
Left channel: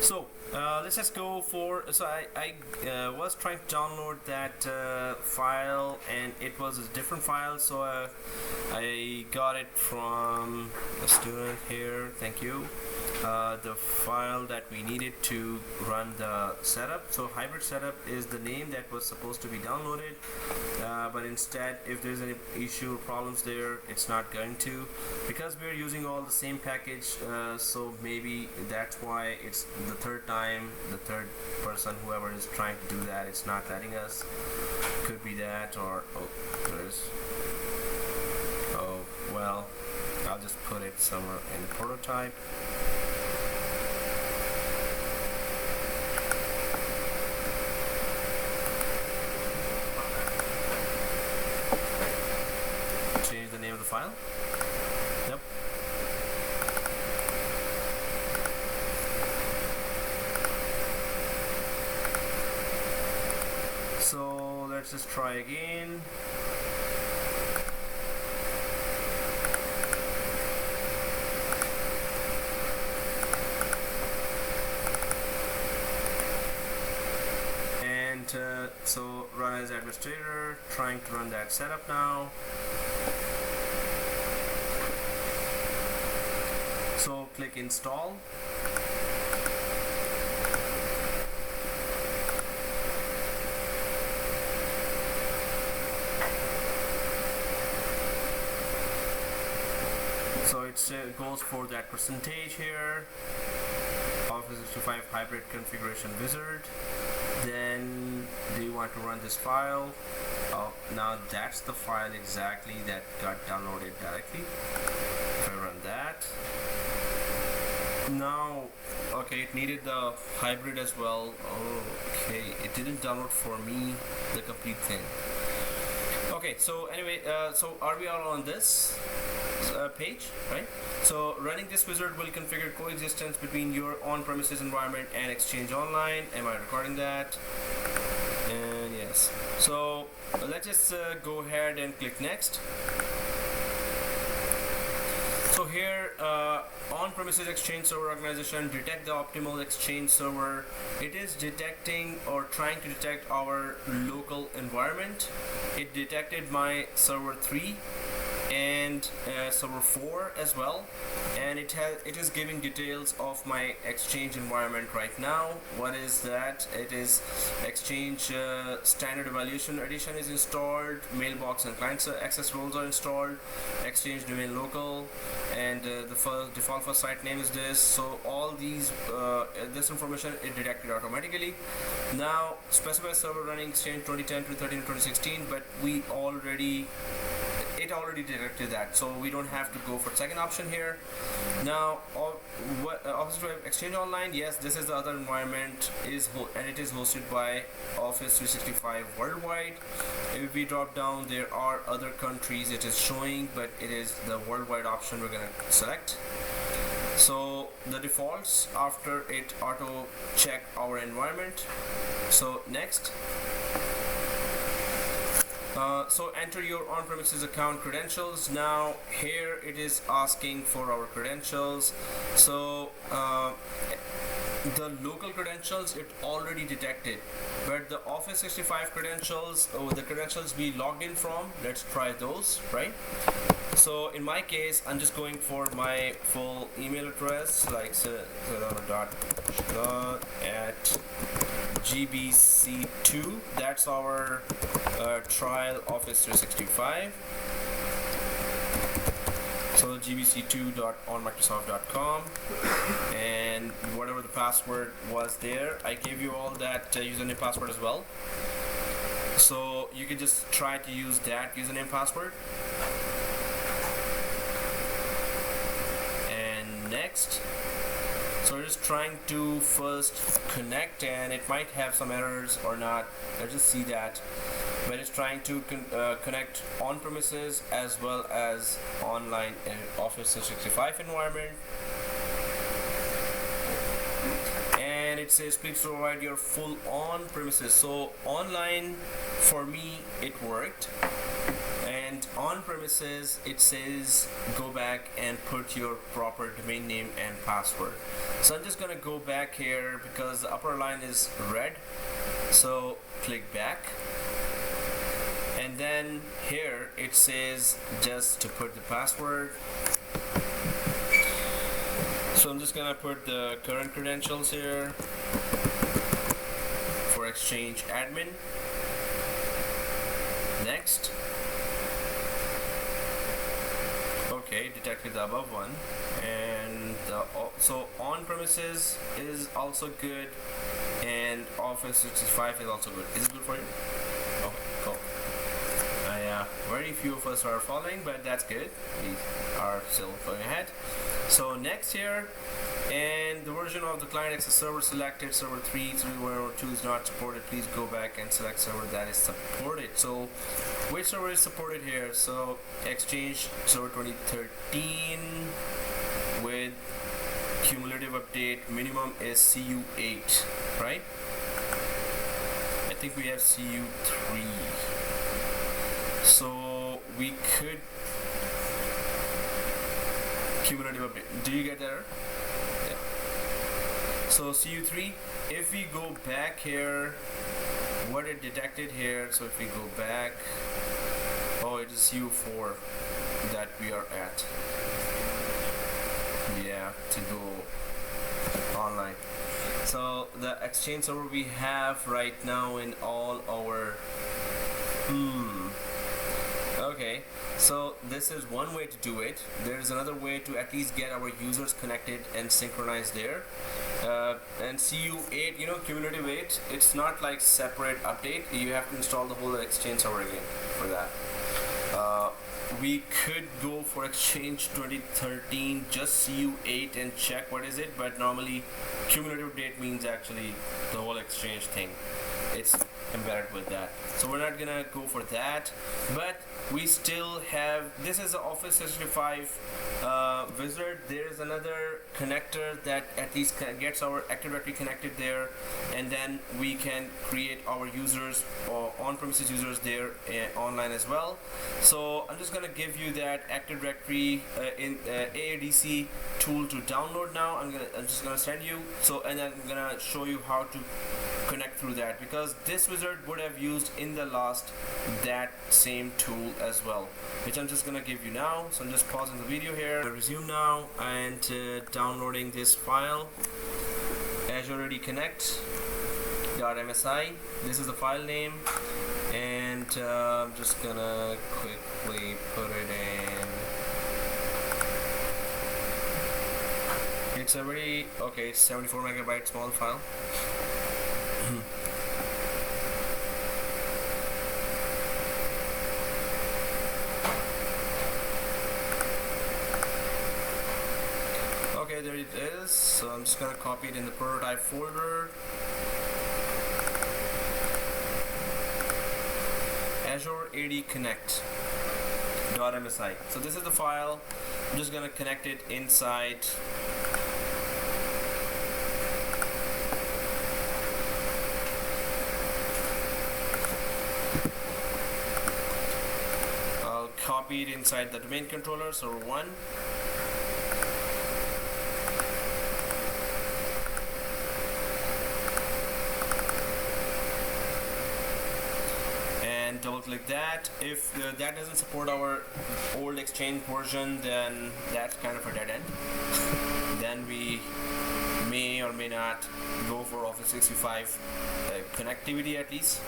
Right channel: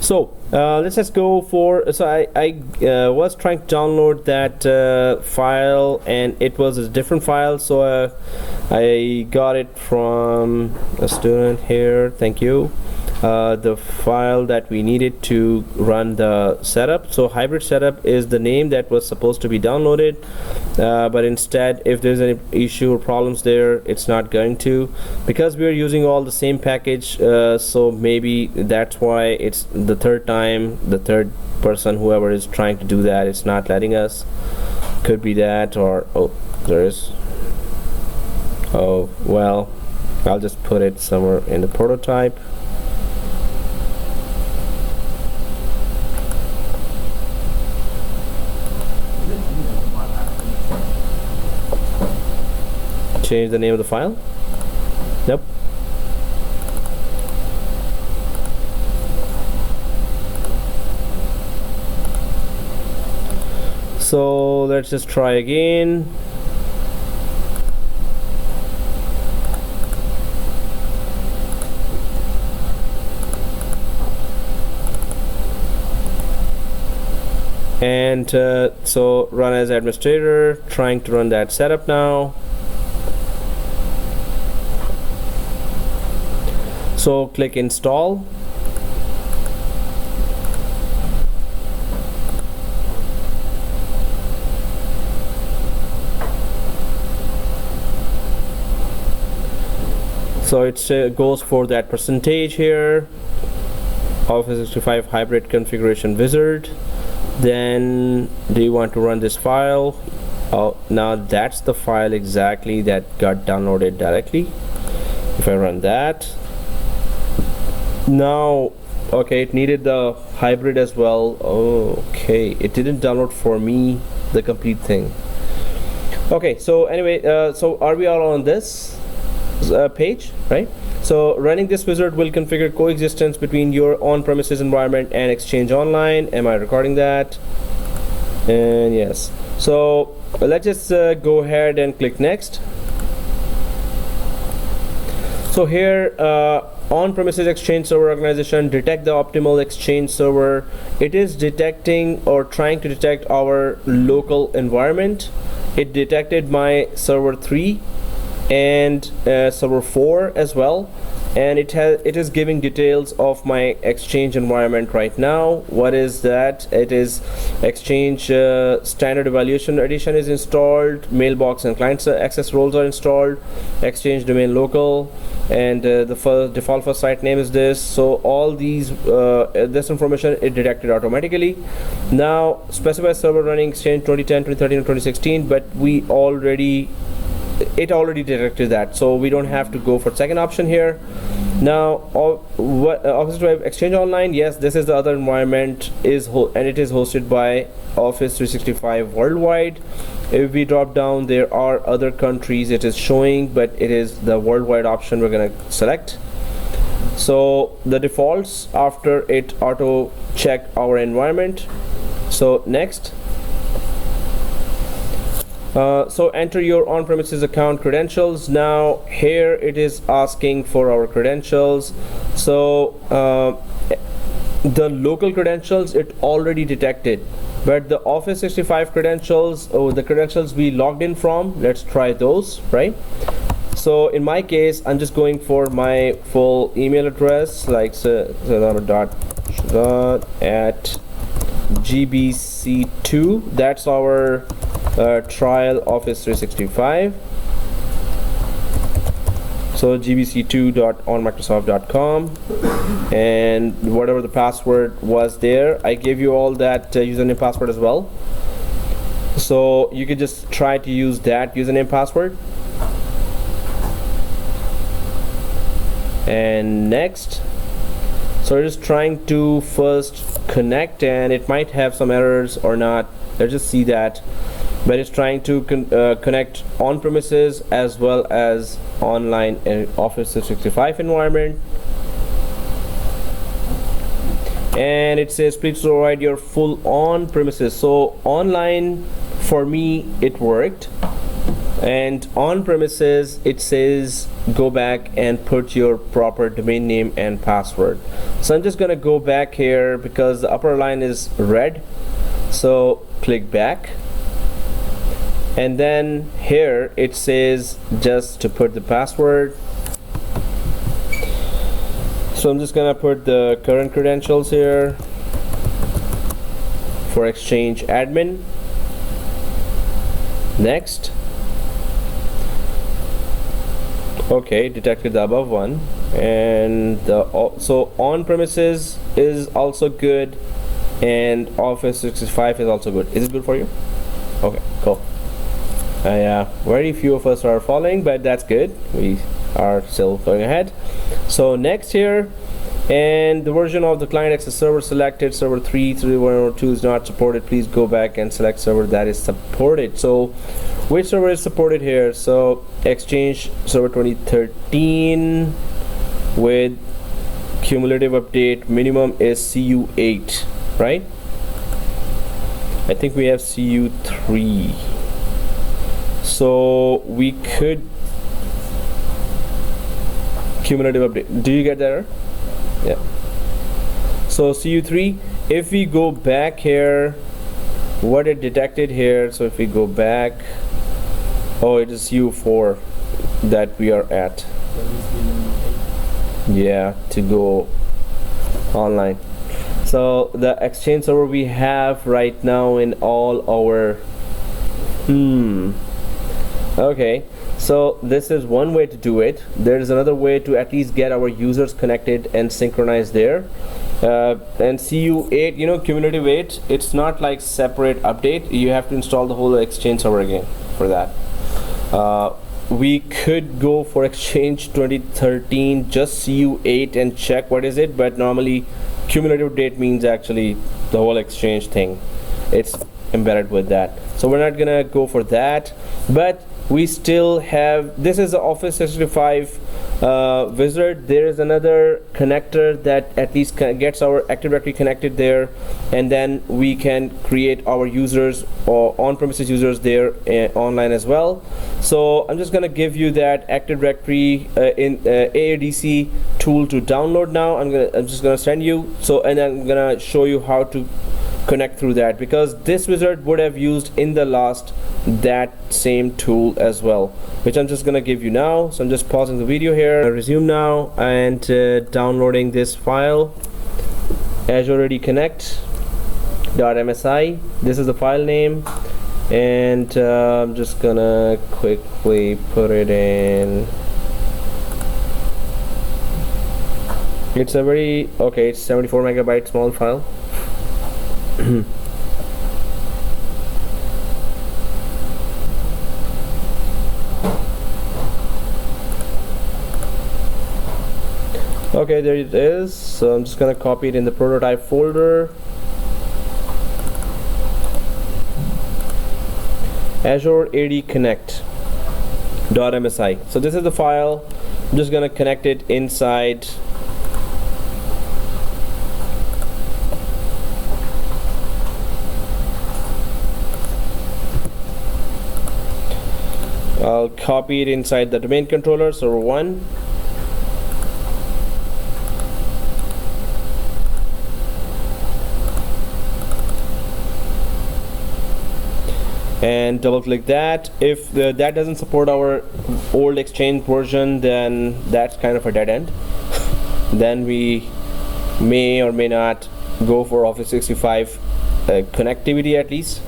So let's just go for, so I was trying to download that file and it was a different file, so I got it from a student here, thank you. the file that we needed to run the setup. So hybrid setup is the name that was supposed to be downloaded, but instead if there's any issue or problems there, it's not going to, because we are using all the same package. So maybe that's why it's the third time, the third person, whoever is trying to do that, it's not letting us. Could be that, or oh, there is. Oh well, I'll just put it somewhere in the prototype. Change the name of the file? Nope. So let's just try again. And so run as administrator, trying to run that setup now. So click install. So it goes for that percentage here, Office 365 hybrid configuration wizard. Then do you want to run this file? Oh, now that's the file exactly that got downloaded directly. If I run that now, okay, it needed the hybrid as well. Okay, it didn't download for me the complete thing. Okay, so anyway, so are we all on this page, right? So running this wizard will configure coexistence between your on-premises environment and Exchange Online. Am I recording that? And yes. So let's just go ahead and click next. So here, on-premises Exchange server organization, detect the optimal Exchange server. It is detecting or trying to detect our local environment. It detected my server 3 and server 4 as well, and it is giving details of my Exchange environment right now. What is that? It is Exchange Standard Evaluation Edition is installed, mailbox and client access roles are installed, Exchange domain local, and the default first site name is this. So all these this information it detected automatically. Now specify server running Exchange 2010, 2013, and 2016, but it already detected that, so we don't have to go for second option here. Now Office 365 Exchange Online, yes, this is the other environment, and it is hosted by Office 365 worldwide. If we drop down, there are other countries it is showing, but it is the worldwide option we're going to select. So the defaults after it auto check our environment. So next. So enter your on-premises account credentials. Now here it is asking for our credentials. So the local credentials it already detected, but the Office 365 credentials, the credentials we logged in from, let's try those, right? So in my case, I'm just going for my full email address, like at gbc2. That's our trial Office 365. So gbc2.onmicrosoft.com, and whatever the password was there, I gave you all that username password as well. So you could just try to use that username password. And next. So we're just trying to first connect, and it might have some errors or not. Let's just see that. But it's trying to connect on-premises as well as online and Office 365 environment. And it says please provide your full on-premises. So online for me it worked, and on-premises it says go back and put your proper domain name and password. So I'm just gonna go back here because the upper line is red. So click back, and then here it says just to put the password. So I'm just gonna put the current credentials here for Exchange admin. Next. Okay, detected the above one, and so on premises is also good, and Office 365 is also good. Is it good for you? Okay, cool. Very few of us are following, but that's good. We are still going ahead. So next here, and the version of the client access server selected, server 3, 3.1.2 is not supported. Please go back and select server that is supported. So which server is supported here? So Exchange Server 2013 with cumulative update minimum is CU8, right? I think we have CU3. So we could cumulative update. Do you get that error? Yeah. So CU3, if we go back here, what it detected here, so if we go back, oh, it is CU4 that we are at. Yeah, to go online. So the Exchange server we have right now in all our okay, so this is one way to do it. There is another way to at least get our users connected and synchronized there. And CU8, you know, cumulative 8, it's not like separate update. You have to install the whole Exchange server again for that. We could go for Exchange 2013 just CU8 and check what is it, but normally cumulative date means actually the whole Exchange thing. It's embedded with that, so we're not gonna go for that, but we still have, this is the Office 365 wizard. There is another connector that at least gets our Active Directory connected there, and then we can create our users or on-premises users there online as well. So I'm just gonna give you that Active Directory in AADC tool to download now. I'm just gonna send you, so, and I'm gonna show you how to connect through that, because this wizard would have used in the last that same tool as well, which I'm just gonna give you now. So I'm just pausing the video here. I resume now and downloading this file, Azure Ready Connect.msi. This is the file name, and I'm just gonna quickly put it in. It's a very okay, it's 74 megabyte small file. Okay, there it is. So I'm just gonna copy it in the prototype folder. Azure AD Connect.msi. So this is the file. I'm just gonna connect it inside. I'll copy it inside the domain controller, server 1. And double click that. If that doesn't support our old Exchange version, then that's kind of a dead end. Then we may or may not go for Office 365 connectivity at least.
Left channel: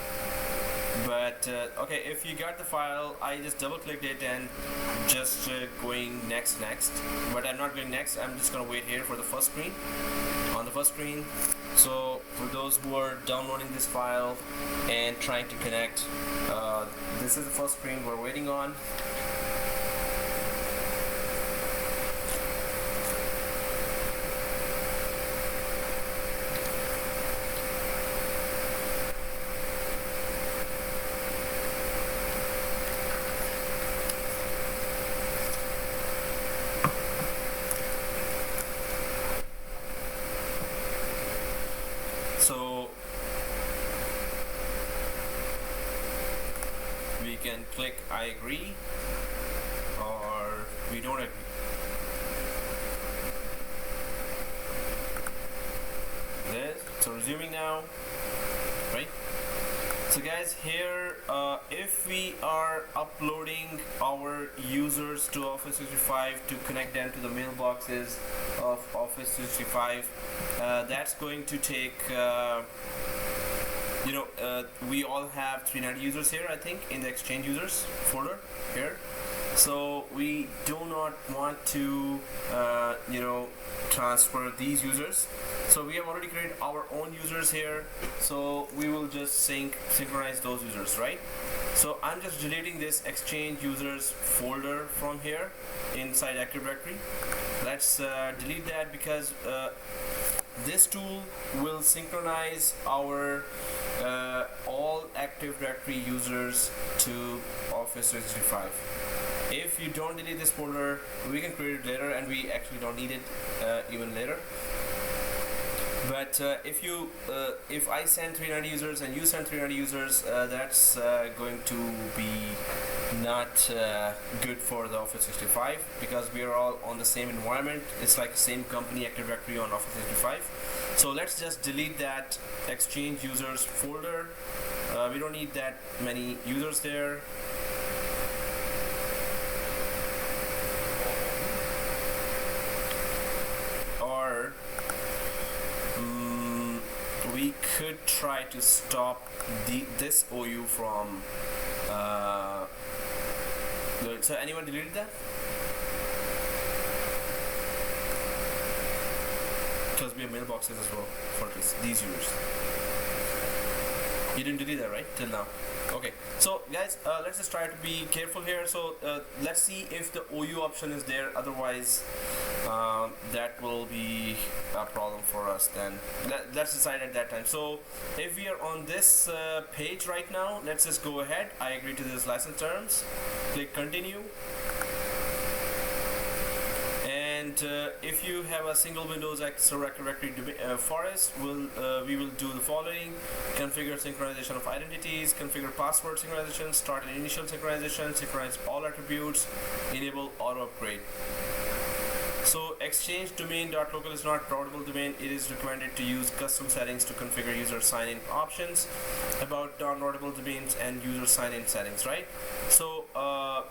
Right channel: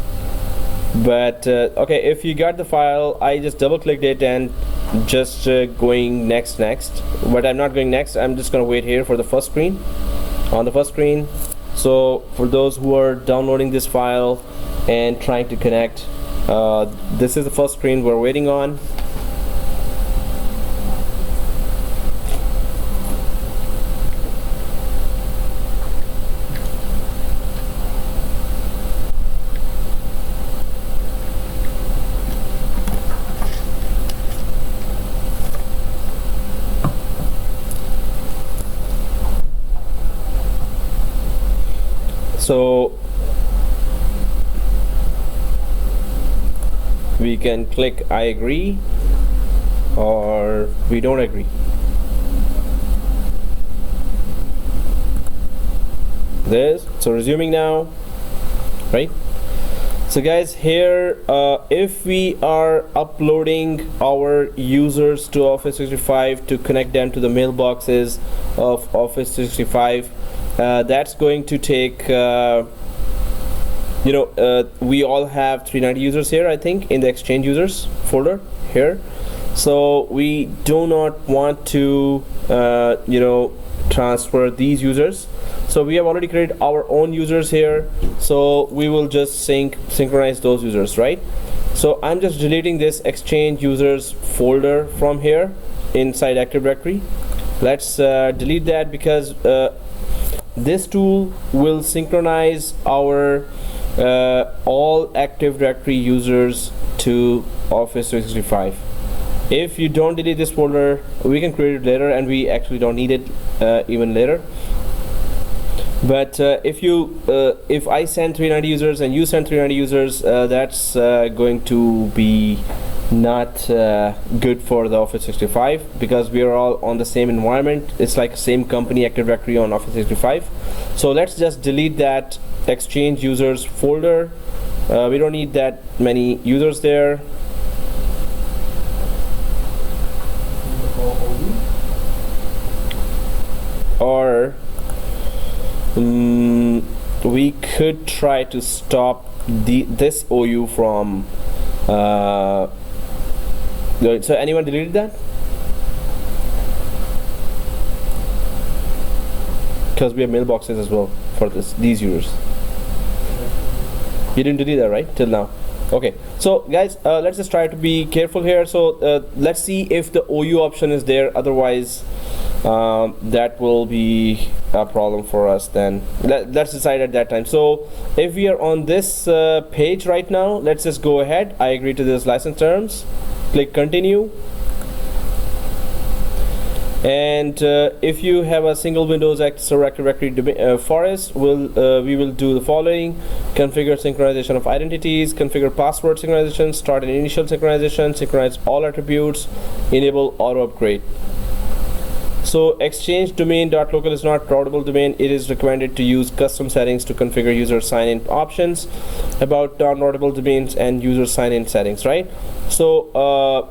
But okay, if you got the file, I just double clicked it and just going next, but I'm not going next. I'm just gonna wait here for the first screen, on the first screen. So for those who are downloading this file and trying to connect, this is the first screen we're waiting on. So we can click I agree or we don't agree. This, so resuming now, right? So guys, here if we are uploading our users to Office 365 to connect them to the mailboxes of Office 365, that's going to take we all have 390 users here, I think, in the Exchange users folder here. So we do not want to transfer these users. So we have already created our own users here, so we will just synchronize those users, right? So I'm just deleting this Exchange users folder from here inside Active Directory. Let's delete that, because this tool will synchronize our all Active Directory users to Office 365. If you don't delete this folder, we can create it later, and we actually don't need it even later. But if I send 390 users and you send 390 users, that's going to be not good for the Office 365, because we are all on the same environment. It's like same company Active Directory on Office 365. So let's just delete that Exchange users folder. We don't need that many users there. Or we could try to stop this OU from so anyone deleted that? Because we have mailboxes as well for these users. You didn't delete that, right, till now? Okay, so guys, let's just try to be careful here. So let's see if the OU option is there. Otherwise that will be a problem for us. Then let's decide at that time. So if we are on this page right now, let's just go ahead. I agree to this license terms, click continue. And if you have a single Windows Server Active Directory forest, we will do the following: configure synchronization of identities, configure password synchronization, start an initial synchronization, synchronize all attributes, enable auto upgrade. So exchange domain.local is not routable domain. It is recommended to use custom settings to configure user sign-in options about non-routable domains and user sign-in settings, right? So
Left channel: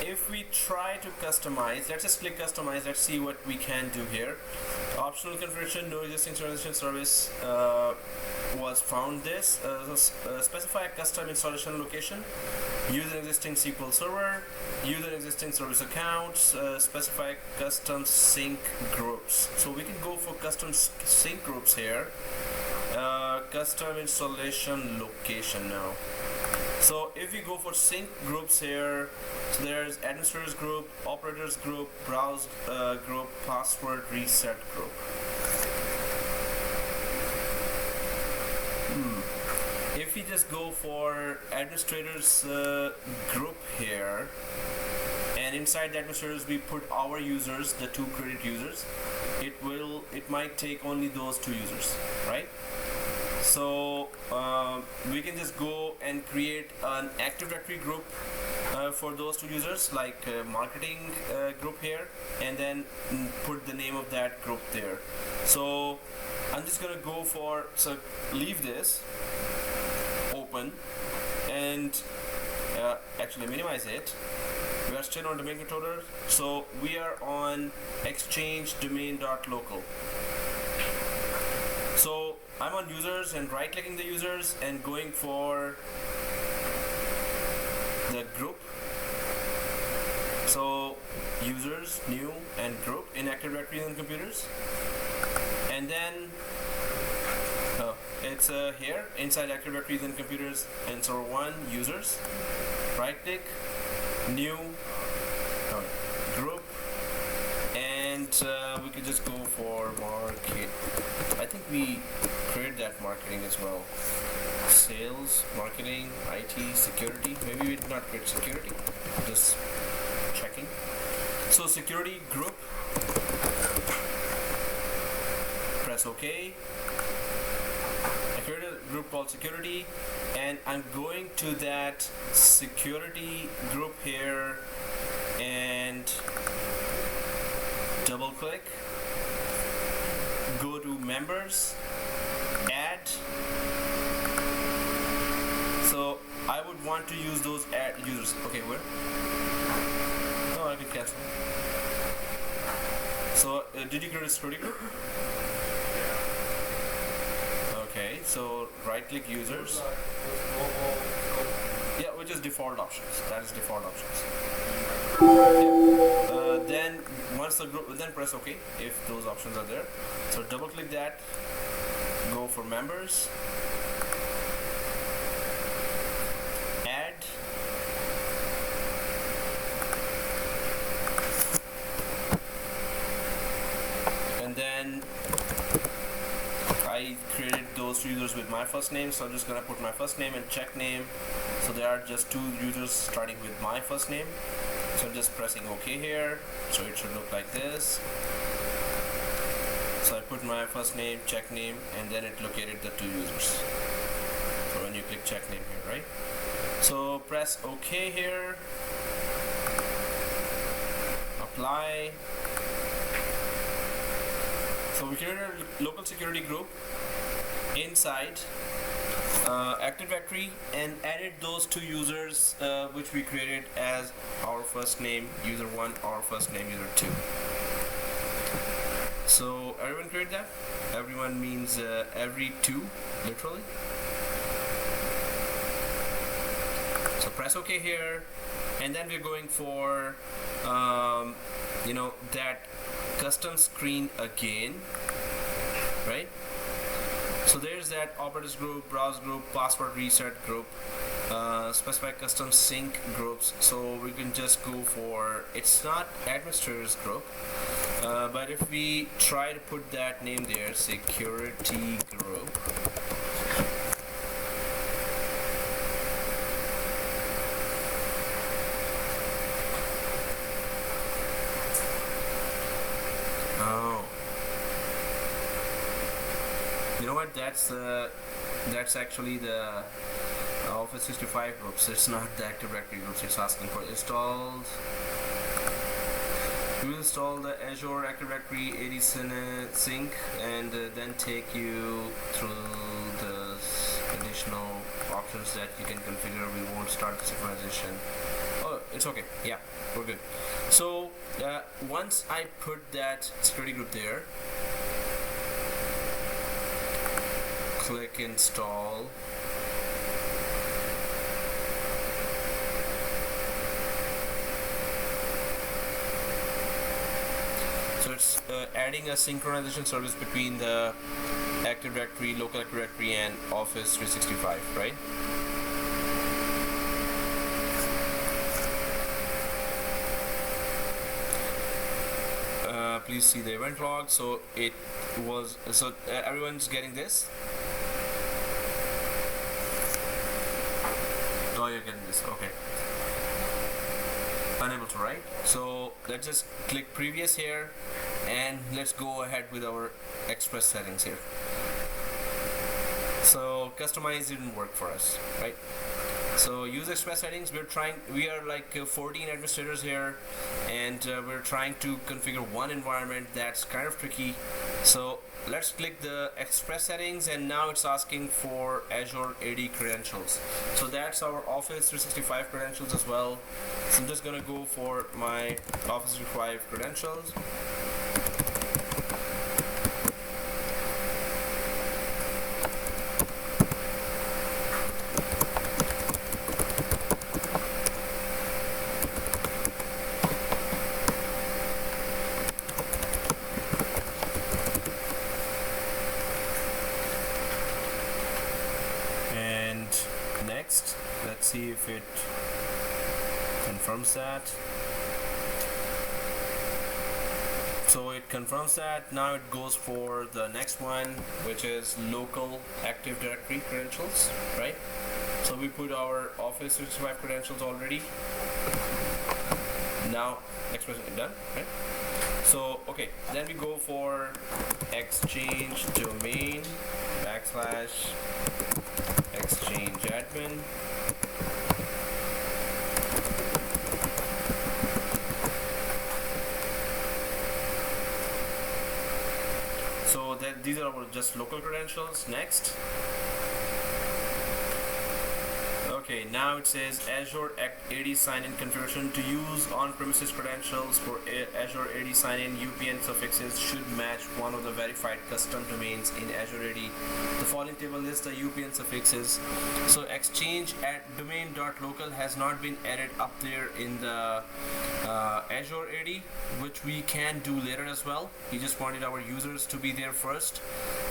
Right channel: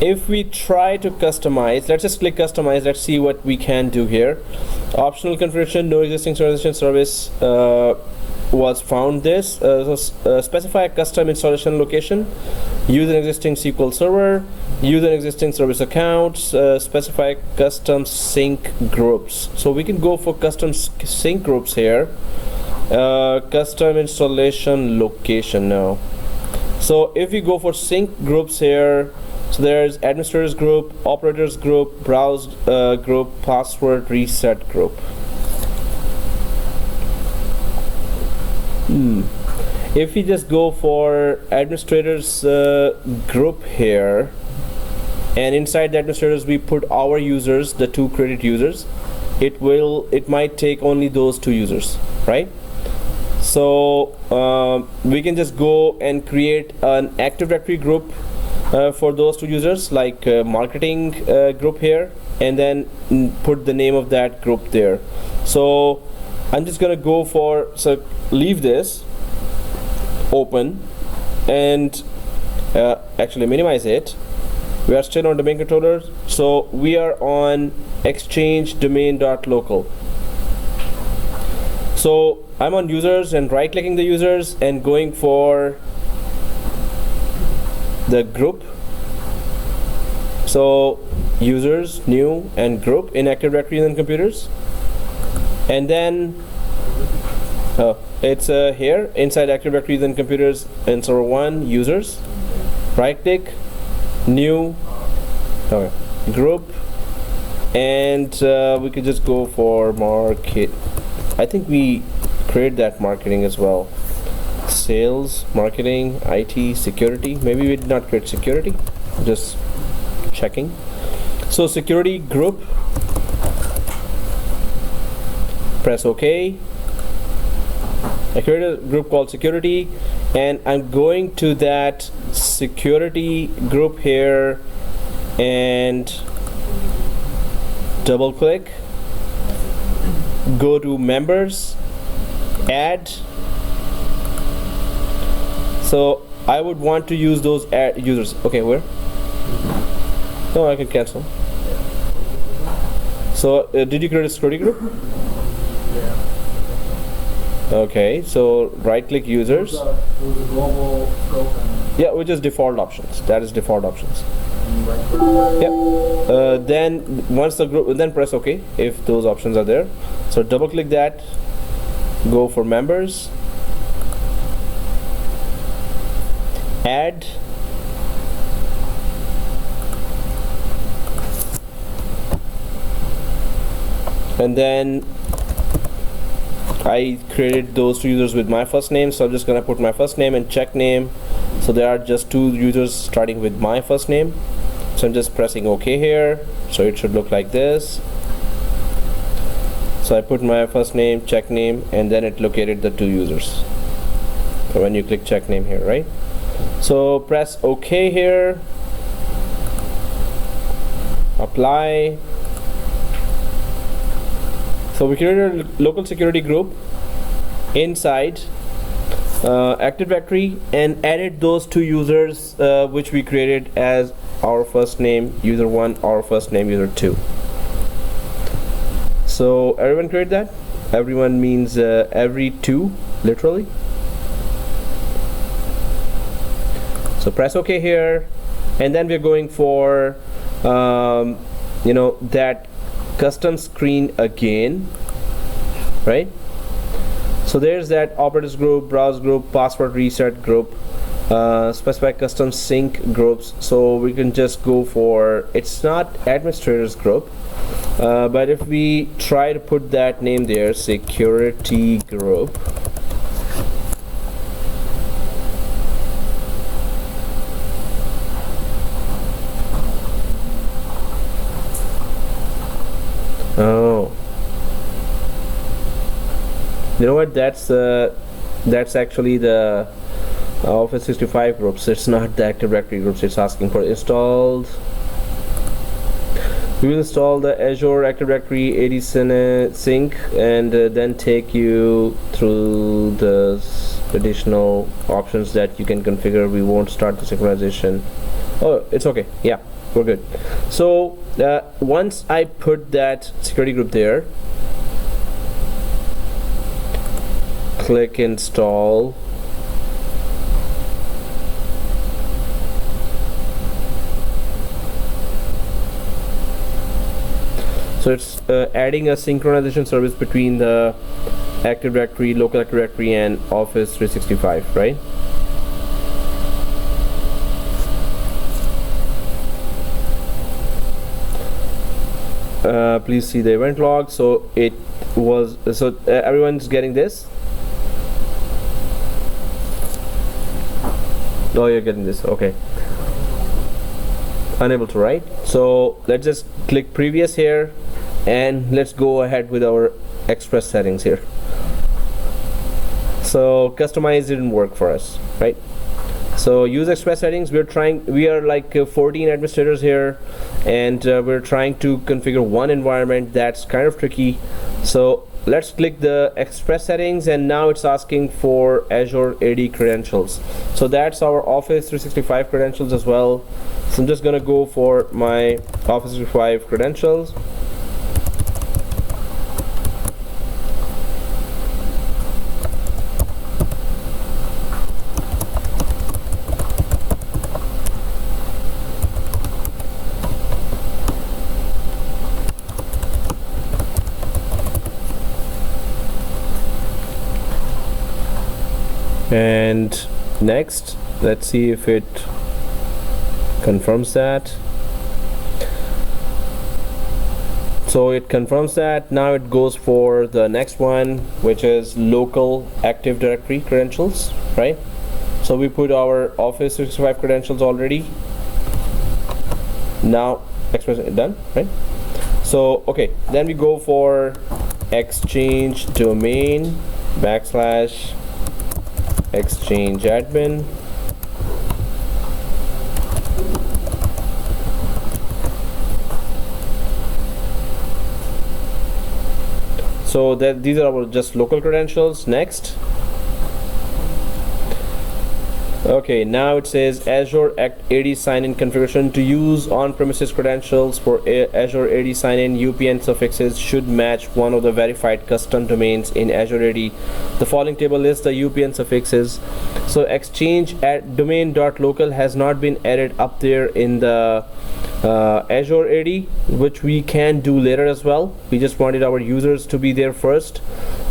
if we try to customize, let's just click customize. Let's see what we can do here. Optional configuration, no existing synchronization service was found. This specify a custom installation location, use an existing SQL server, use an existing service accounts, specify custom sync groups. So we can go for custom sync groups here. Custom installation location now. So if we go for sync groups here, so there's administrators group, operators group, browse group, password reset group. If we just go for administrators group here, and inside the administrators we put our users, the 2 created users, it might take only those 2 users, right? So we can just go and create an Active Directory group for those 2 users, like marketing group here, and then put the name of that group there. So I'm just gonna go for, so leave this open and actually minimize it. We are still on domain controller, so we are on exchange domain.local. So I'm on users and right clicking the users and going for the group. So users, new, and group in Active Directory and computers, and then it's here inside Active Directory and computers and server 1 users. Right click, new, group, and we could just go for market. I think we create that marketing as well. Sales, marketing, IT, security. Maybe we did not create security. Just checking. So security group. Press OK. I created a group called security, and I'm going to that security group here and double click, go to members, add, So I would want to use those users. Okay, where? No, I can cancel. So did you create a security group? Yeah. Okay, so right click users. Those are global scope and Yeah, which is default options. That is default options. right. Yep. Then once the group, then press OK if those options are there. So double click that. Go for members. Add. And then I created those two users with my first name, so I'm just gonna put my first name and check name. So there are just two users starting with my first name. So I'm just pressing OK here. So it should look like this. So I put my first name, check name, and then it located the two users. So when you click check name here, right? So press OK here. Apply. So we created a local security group inside Active Directory and added those two users which we created as our first name user 1, our first name user 2. So everyone created that? Everyone means every two, literally. So press OK here, and then we're going for that custom screen again, right? So there's that operators group, browse group, password reset group, specify custom sync groups. So we can just go for, it's not administrators group, but if we try to put that name there, security group, oh, you know what? That's actually the Office 365 groups. It's not the Active Directory groups. It's asking for installed. We will install the Azure Active Directory AD sync and then take you through the additional options that you can configure. We won't start the synchronization. Oh, it's okay. Yeah, we're good. So once I put that security group there, click install. So it's adding a synchronization service between the Active Directory, local Active Directory, and Office 365, right? Please see the event log. So it was, so everyone's getting this. Oh, you're getting this. Okay. Unable to write. So let's just click previous here, and let's go ahead with our express settings here. So customize didn't work for us, right? So use express settings. We are like 14 administrators here, and we're trying to configure one environment. That's kind of tricky. So let's click the express settings, and now it's asking for Azure AD credentials. So that's our Office 365 credentials as well. So I'm just gonna go for my Office 365 credentials. And next, let's see if it confirms that. So it confirms that. Now it goes for the next one, which is local Active Directory credentials, right? So we put our Office 365 credentials already. Now express done, right? So okay, then we go for exchange domain / exchange admin. So that these are our just local credentials. Next, Okay, now it says Azure AD sign-in configuration. To use on-premises credentials for Azure AD sign-in, UPN suffixes should match one of the verified custom domains in Azure AD. The following table lists the UPN suffixes. So exchange at domain.local has not been added up there in the Azure AD, which we can do later as well. We just wanted our users to be there first.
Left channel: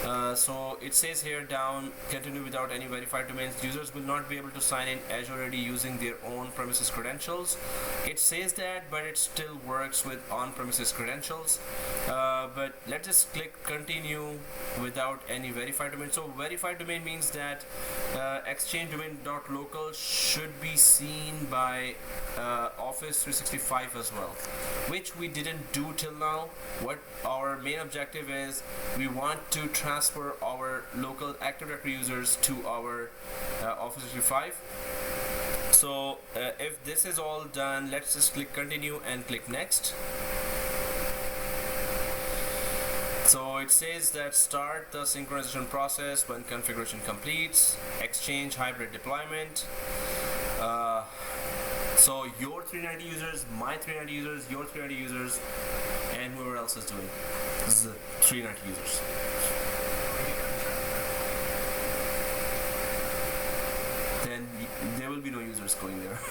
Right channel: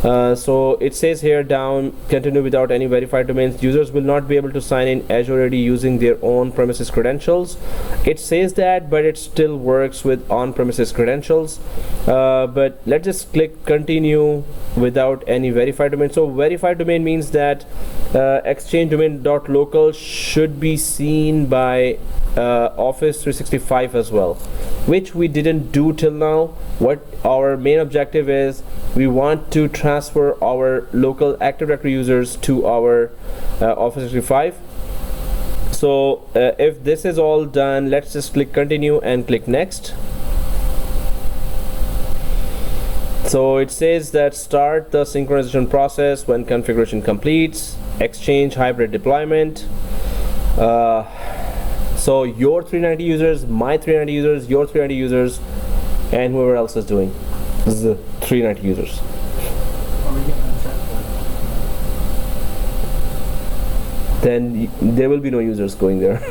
So it says here down, continue without any verified domains. Users will not be able to sign in Azure AD using their own premises credentials. It says that, but it still works with on-premises credentials. But let's just click continue without any verified domain. So verified domain means that exchange domain.local should be seen by Office 365 as well, which we didn't do till now. What our main objective is, we want to transfer our local Active Directory users to our Office 365. So if this is all done, let's just click continue and click next. So it says that start the synchronization process when configuration completes, exchange hybrid deployment. So your 390 users, my 390 users, your 390 users, and whoever else is doing. This is the 390 users. Then there will be no users going there.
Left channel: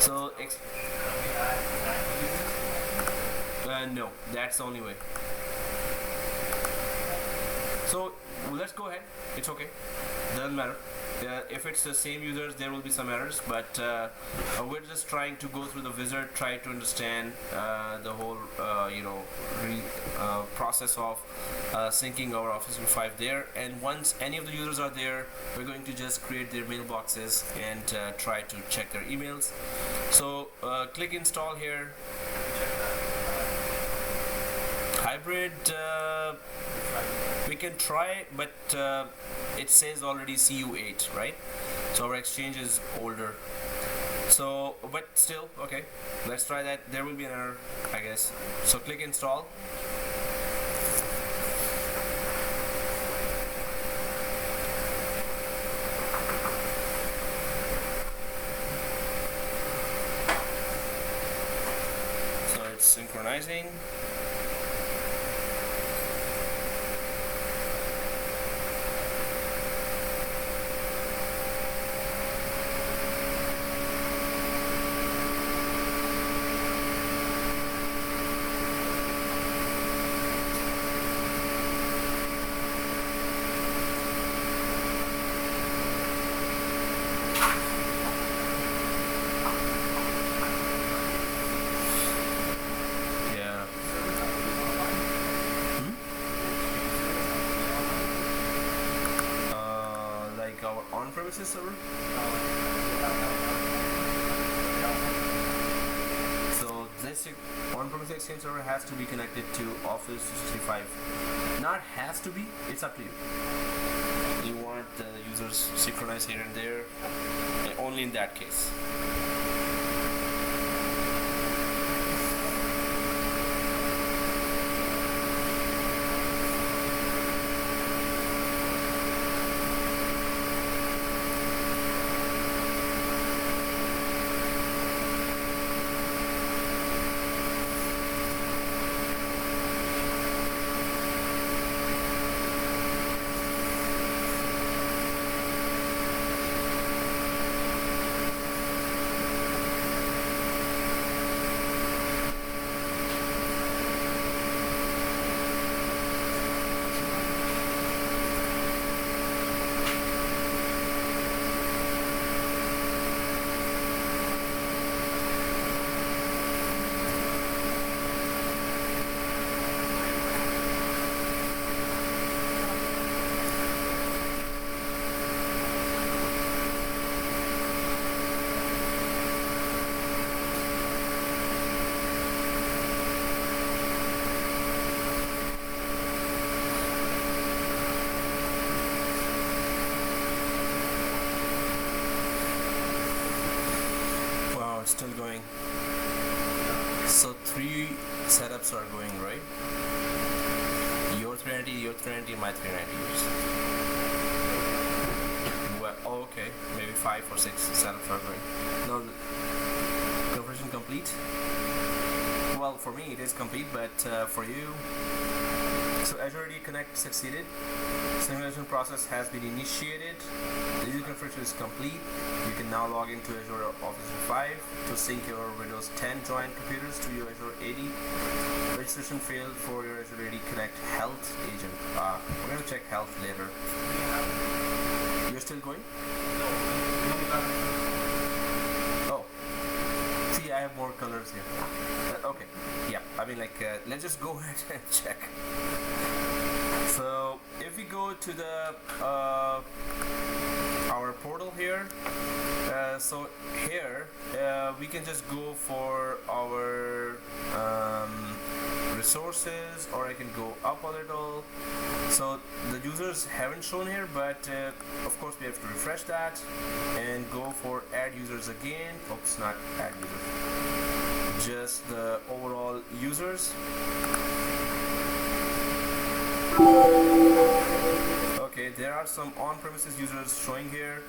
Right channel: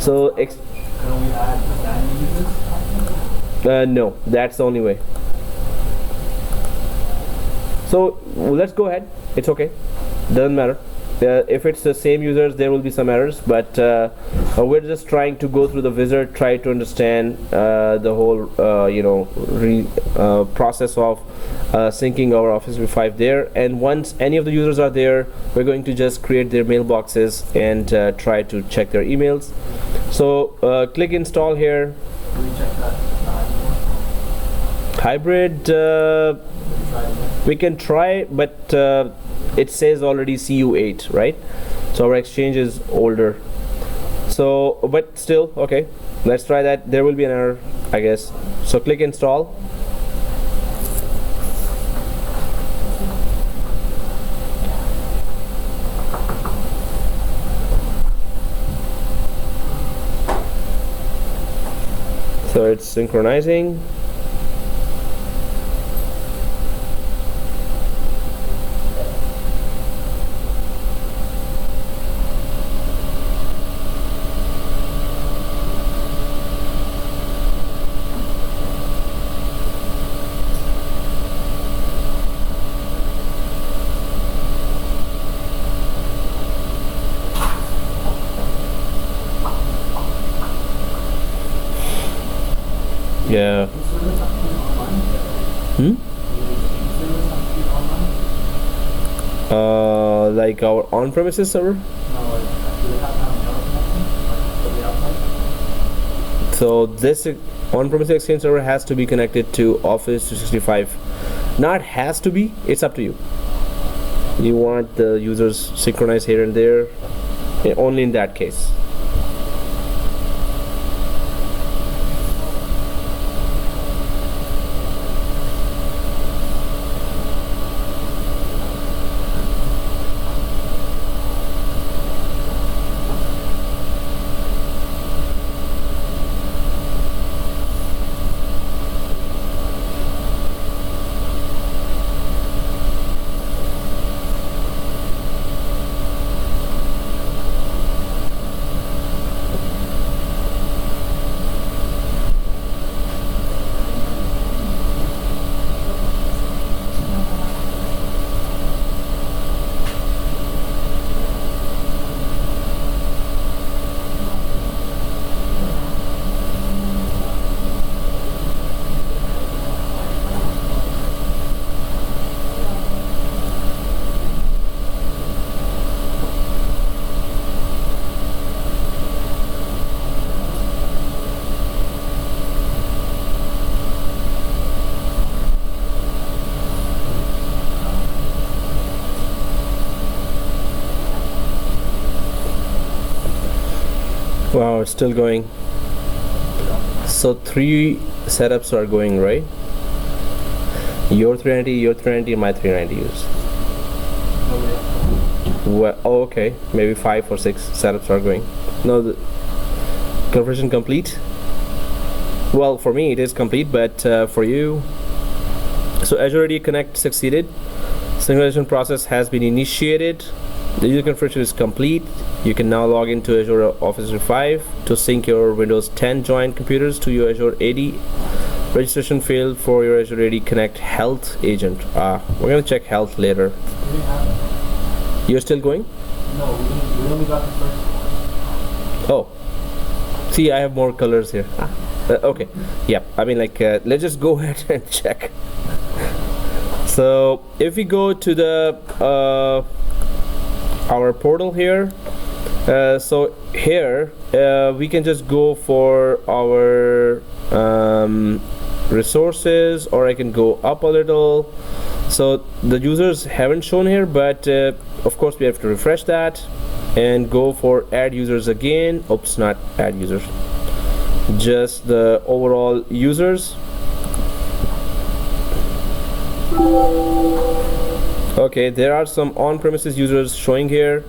So no, that's the only way. So let's go ahead. It's okay, doesn't matter. If it's the same users, there will be some errors, but we're just trying to go through the wizard, try to understand the whole process of syncing our Office 365 there. And once any of the users are there, we're going to just create their mailboxes and try to check their emails. So click install here. Hybrid, we can try, but it says already CU8, right? So our exchange is older. So, but still, okay, let's try that. There will be an error, I guess. So click install. So it's synchronizing. Yeah. Like our on-premises server? So this on-premises Exchange server has to be connected to Office 365. Not has to be, it's up to you. You want the users synchronized here and there, only in that case. Wow, it's still going. So 3 setups are going, right? Your 390, my 390 use. Well, oh, okay, maybe 5 or 6 setups are going. No, the configuration complete. Well, for me it is complete, but for you, so Azure AD Connect succeeded. Synchronization process has been initiated. The user configuration is complete. You can now log into Azure Office 365 to sync your Windows 10 joint computers to your Azure AD. Registration failed for your Azure AD Connect Health agent. We're gonna check health later. We have You're still going? no. We only got the first. Oh, see, I have more colors here. Okay, yeah. I mean, like, let's just go ahead and check. So, if we go to the our portal here, so here we can just go for our resources, or I can go up a little. So the users haven't shown here, but of course we have to refresh that and go for add users again. Oops, not add users, just the overall users. Okay, there are some on-premises users showing here,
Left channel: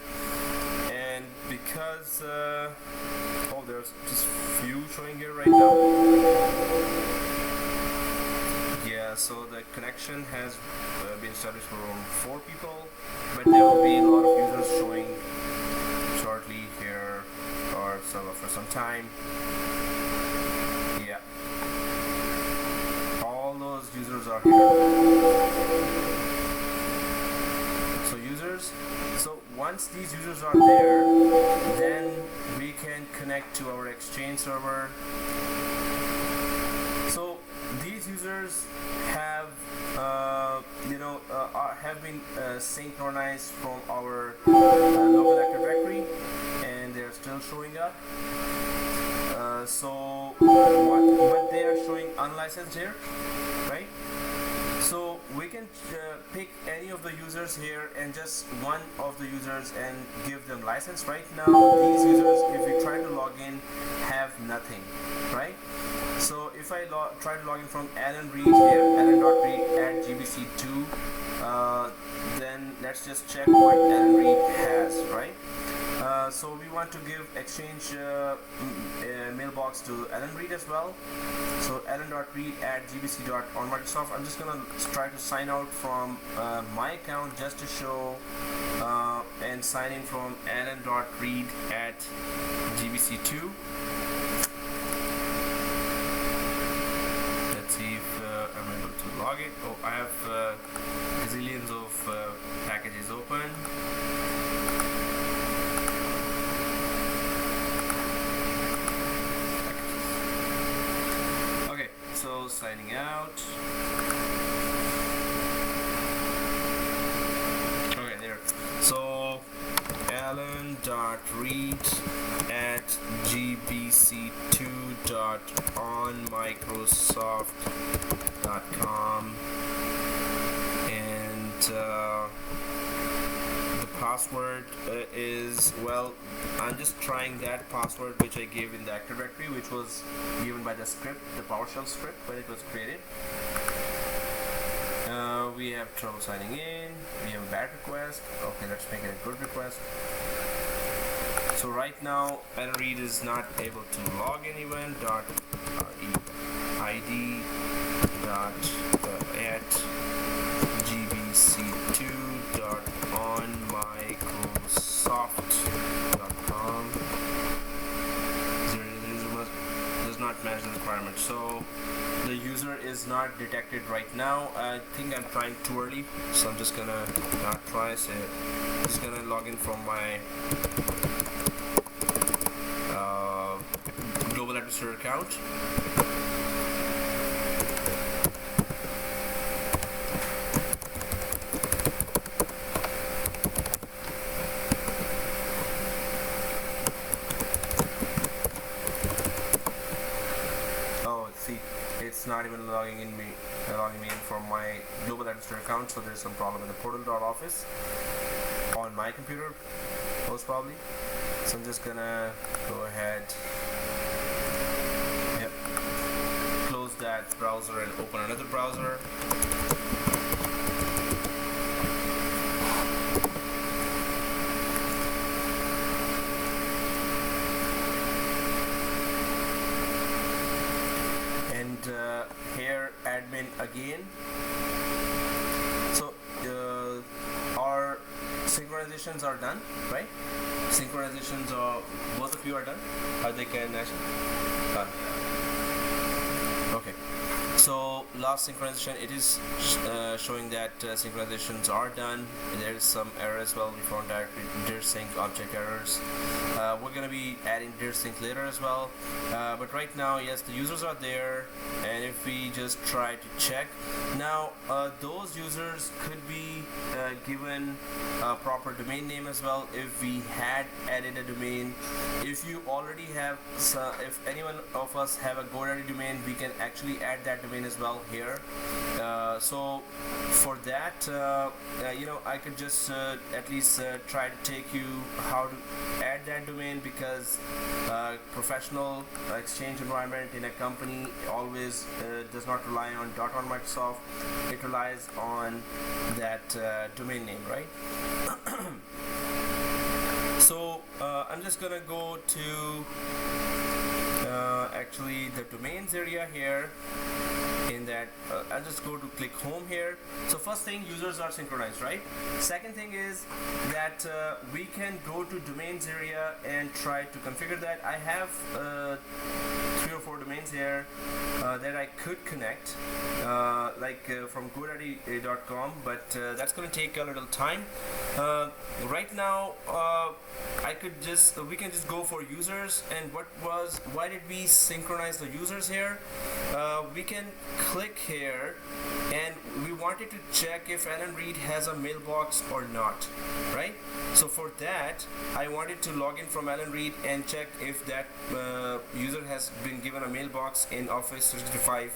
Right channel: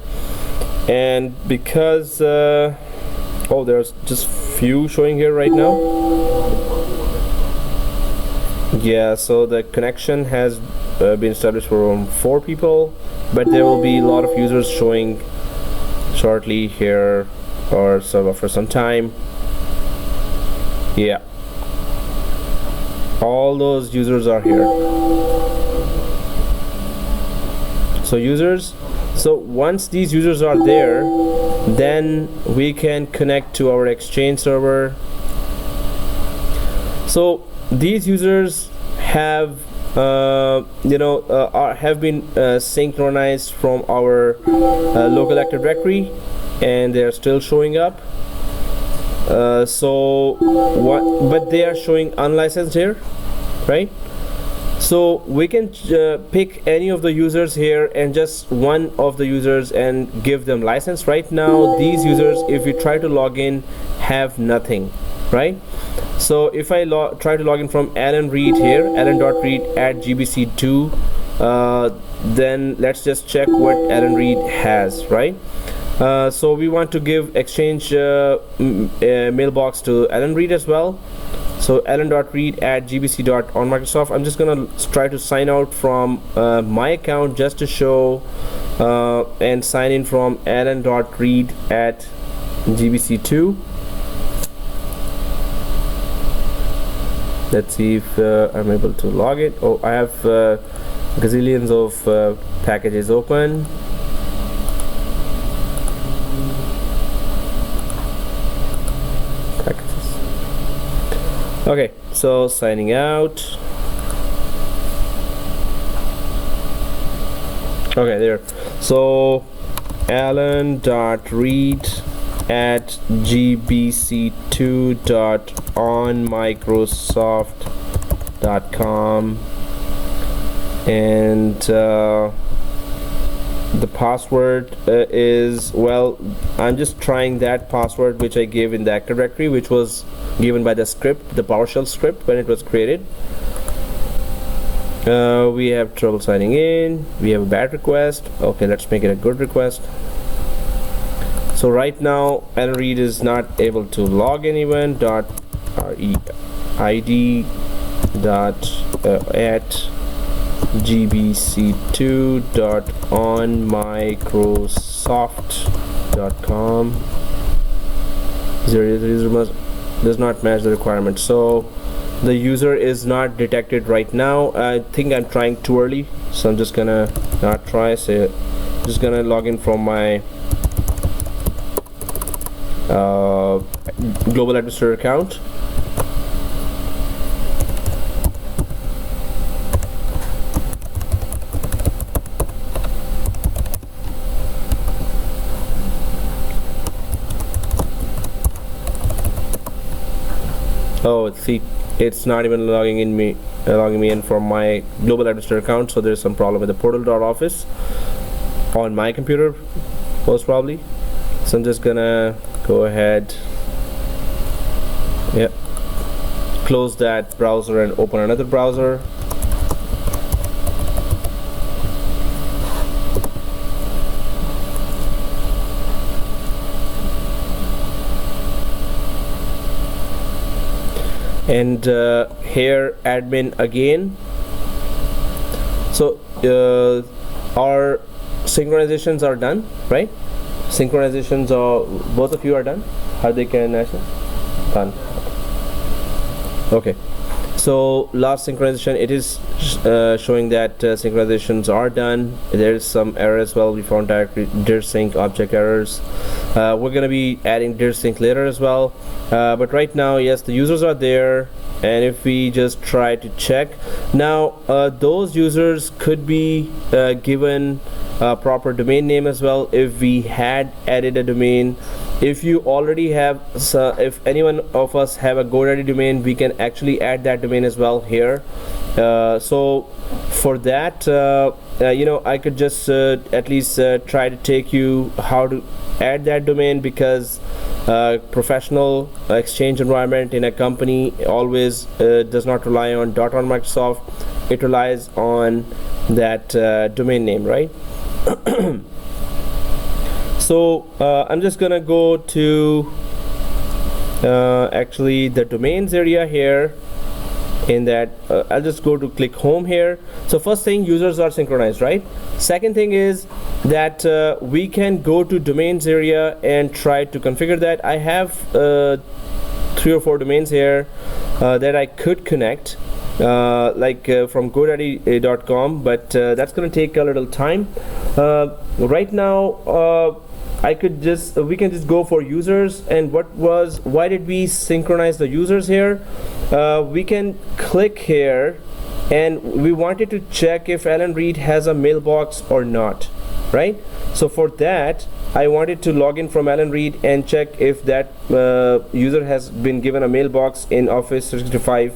and because oh, there's just few showing here right now. Yeah, so the connection has been established for 4 people, but there will be a lot of users showing shortly here, or so for some time. Yeah, all those users are here. So users, so once these users are there, then we can connect to our Exchange server. So these users have have been synchronized from our local Active Directory, and they are still showing up. But they are showing unlicensed here, right? So we can pick any of the users here and just one of the users and give them license. Right now these users, if we try to log in, have nothing, right? So if I try to log in from Alan Reed here, alan.reed at gbc2, then let's just check what Alan Reed has, right? So we want to give Exchange mailbox to Alan Reed as well. So alan.reed at gbc.onmicrosoft. I'm just gonna try to sign out from my account just to show and sign in from alan.reed at gbc2. Let's see if I'm able to log it. Oh, I have gazillions of packages open. Okay, so signing out. Okay, there. So alan.reed at gbc2.onmicrosoft.com, and the password is, well, I'm just trying that password which I gave in the Active Directory, which was given by the script, the PowerShell script, when it was created. We have trouble signing in. We have a bad request. Okay, let's make it a good request. So right now Alan Reed is not able to log anyone. .id at gbc2.onmicrosoft.com. Does not match the requirement, so the user is not detected right now. I think I'm trying too early, so I'm just gonna not try. So just gonna log in from my global administrator account. Oh, see, it's not even logging me in from my global administrator account, so there's some problem with the portal.office on my computer, most probably. So I'm just gonna go ahead, yep, close that browser and open another browser. and here admin again. So our synchronizations are done, right? Synchronizations are, both of you are done. How they can actually done. Okay, so last synchronization, it is showing that synchronizations are done. There is some error as well. We found directory dir sync object errors. We're gonna be adding dir sync later as well, but right now, yes, the users are there. And if we just try to check now, those users could be given a proper domain name as well if we had added a domain. If you already have, if anyone of us have a GoDaddy domain, we can actually add that domain as well here. So for that, you know, I could just at least try to take you how to add that domain, because professional exchange environment in a company always does not rely on .on Microsoft. It relies on that domain name, right? So I'm just gonna go to actually the domains area here. In that I'll just go to click home here. So first thing, users are synchronized, right? Second thing is that we can go to domains area and try to configure that. I have 3 or 4 domains here that I could connect like from GoDaddy.com, but that's going to take a little time. Right now I could just we can just go for users. And why did we synchronize the users here? We can click here, and we wanted to check if Alan Reed has a mailbox or not, right? So for that, I wanted to log in from Alan Reed and check if that user has been given a mailbox in Office 365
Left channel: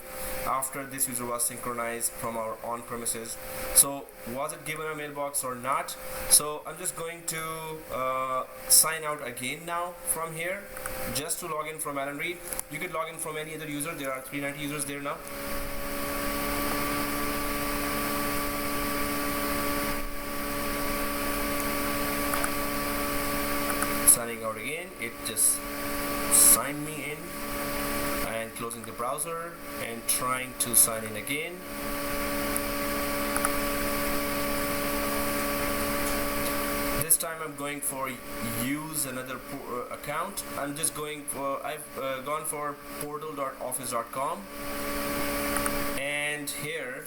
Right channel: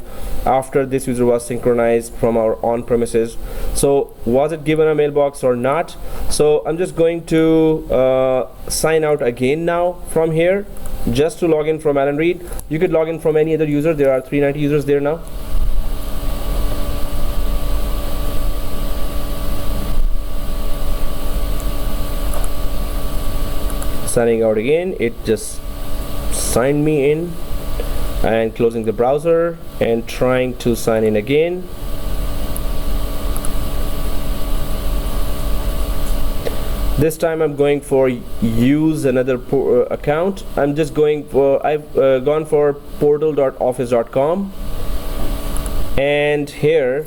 after this user was synchronized from our on-premises. So was it given a mailbox or not? So I'm just going to sign out again now from here, just to log in from Alan Reed. You could log in from any other user. There are 390 users there now. Signing out again, it just signed me in, and closing the browser and trying to sign in again. This time I'm going for use another account. I'm just going for, I've gone for portal.office.com, and here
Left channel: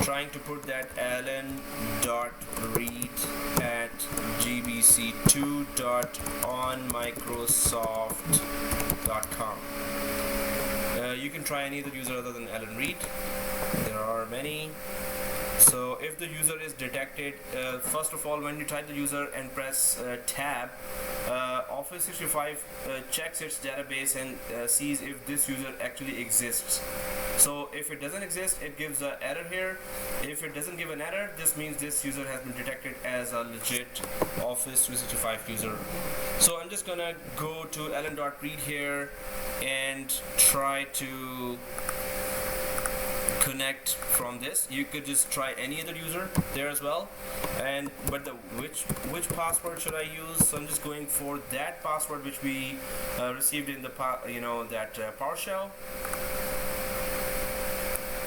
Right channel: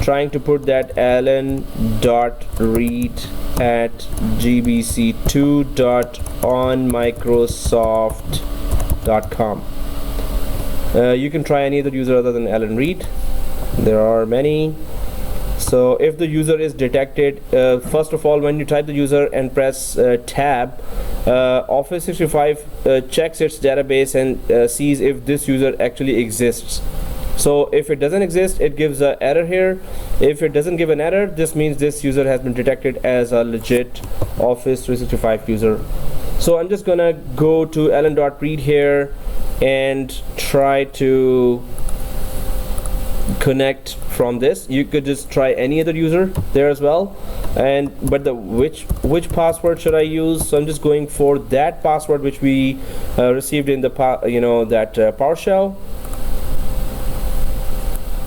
trying to put that alan.read@gbc2.onmicrosoft.com. You can try any other user other than Alan Reed. There are many. So if the user is detected, first of all, when you type the user and press tab, Office 365 checks its database and sees if this user actually exists. So if it doesn't exist, it gives an error here. If it doesn't give an error, this means this user has been detected as a legit Office 365 user. So I'm just gonna go to alan.read here and try to connect from this. You could just try any other user there as well, and but the which password should I use? So I'm just going for that password which we received in the PowerShell.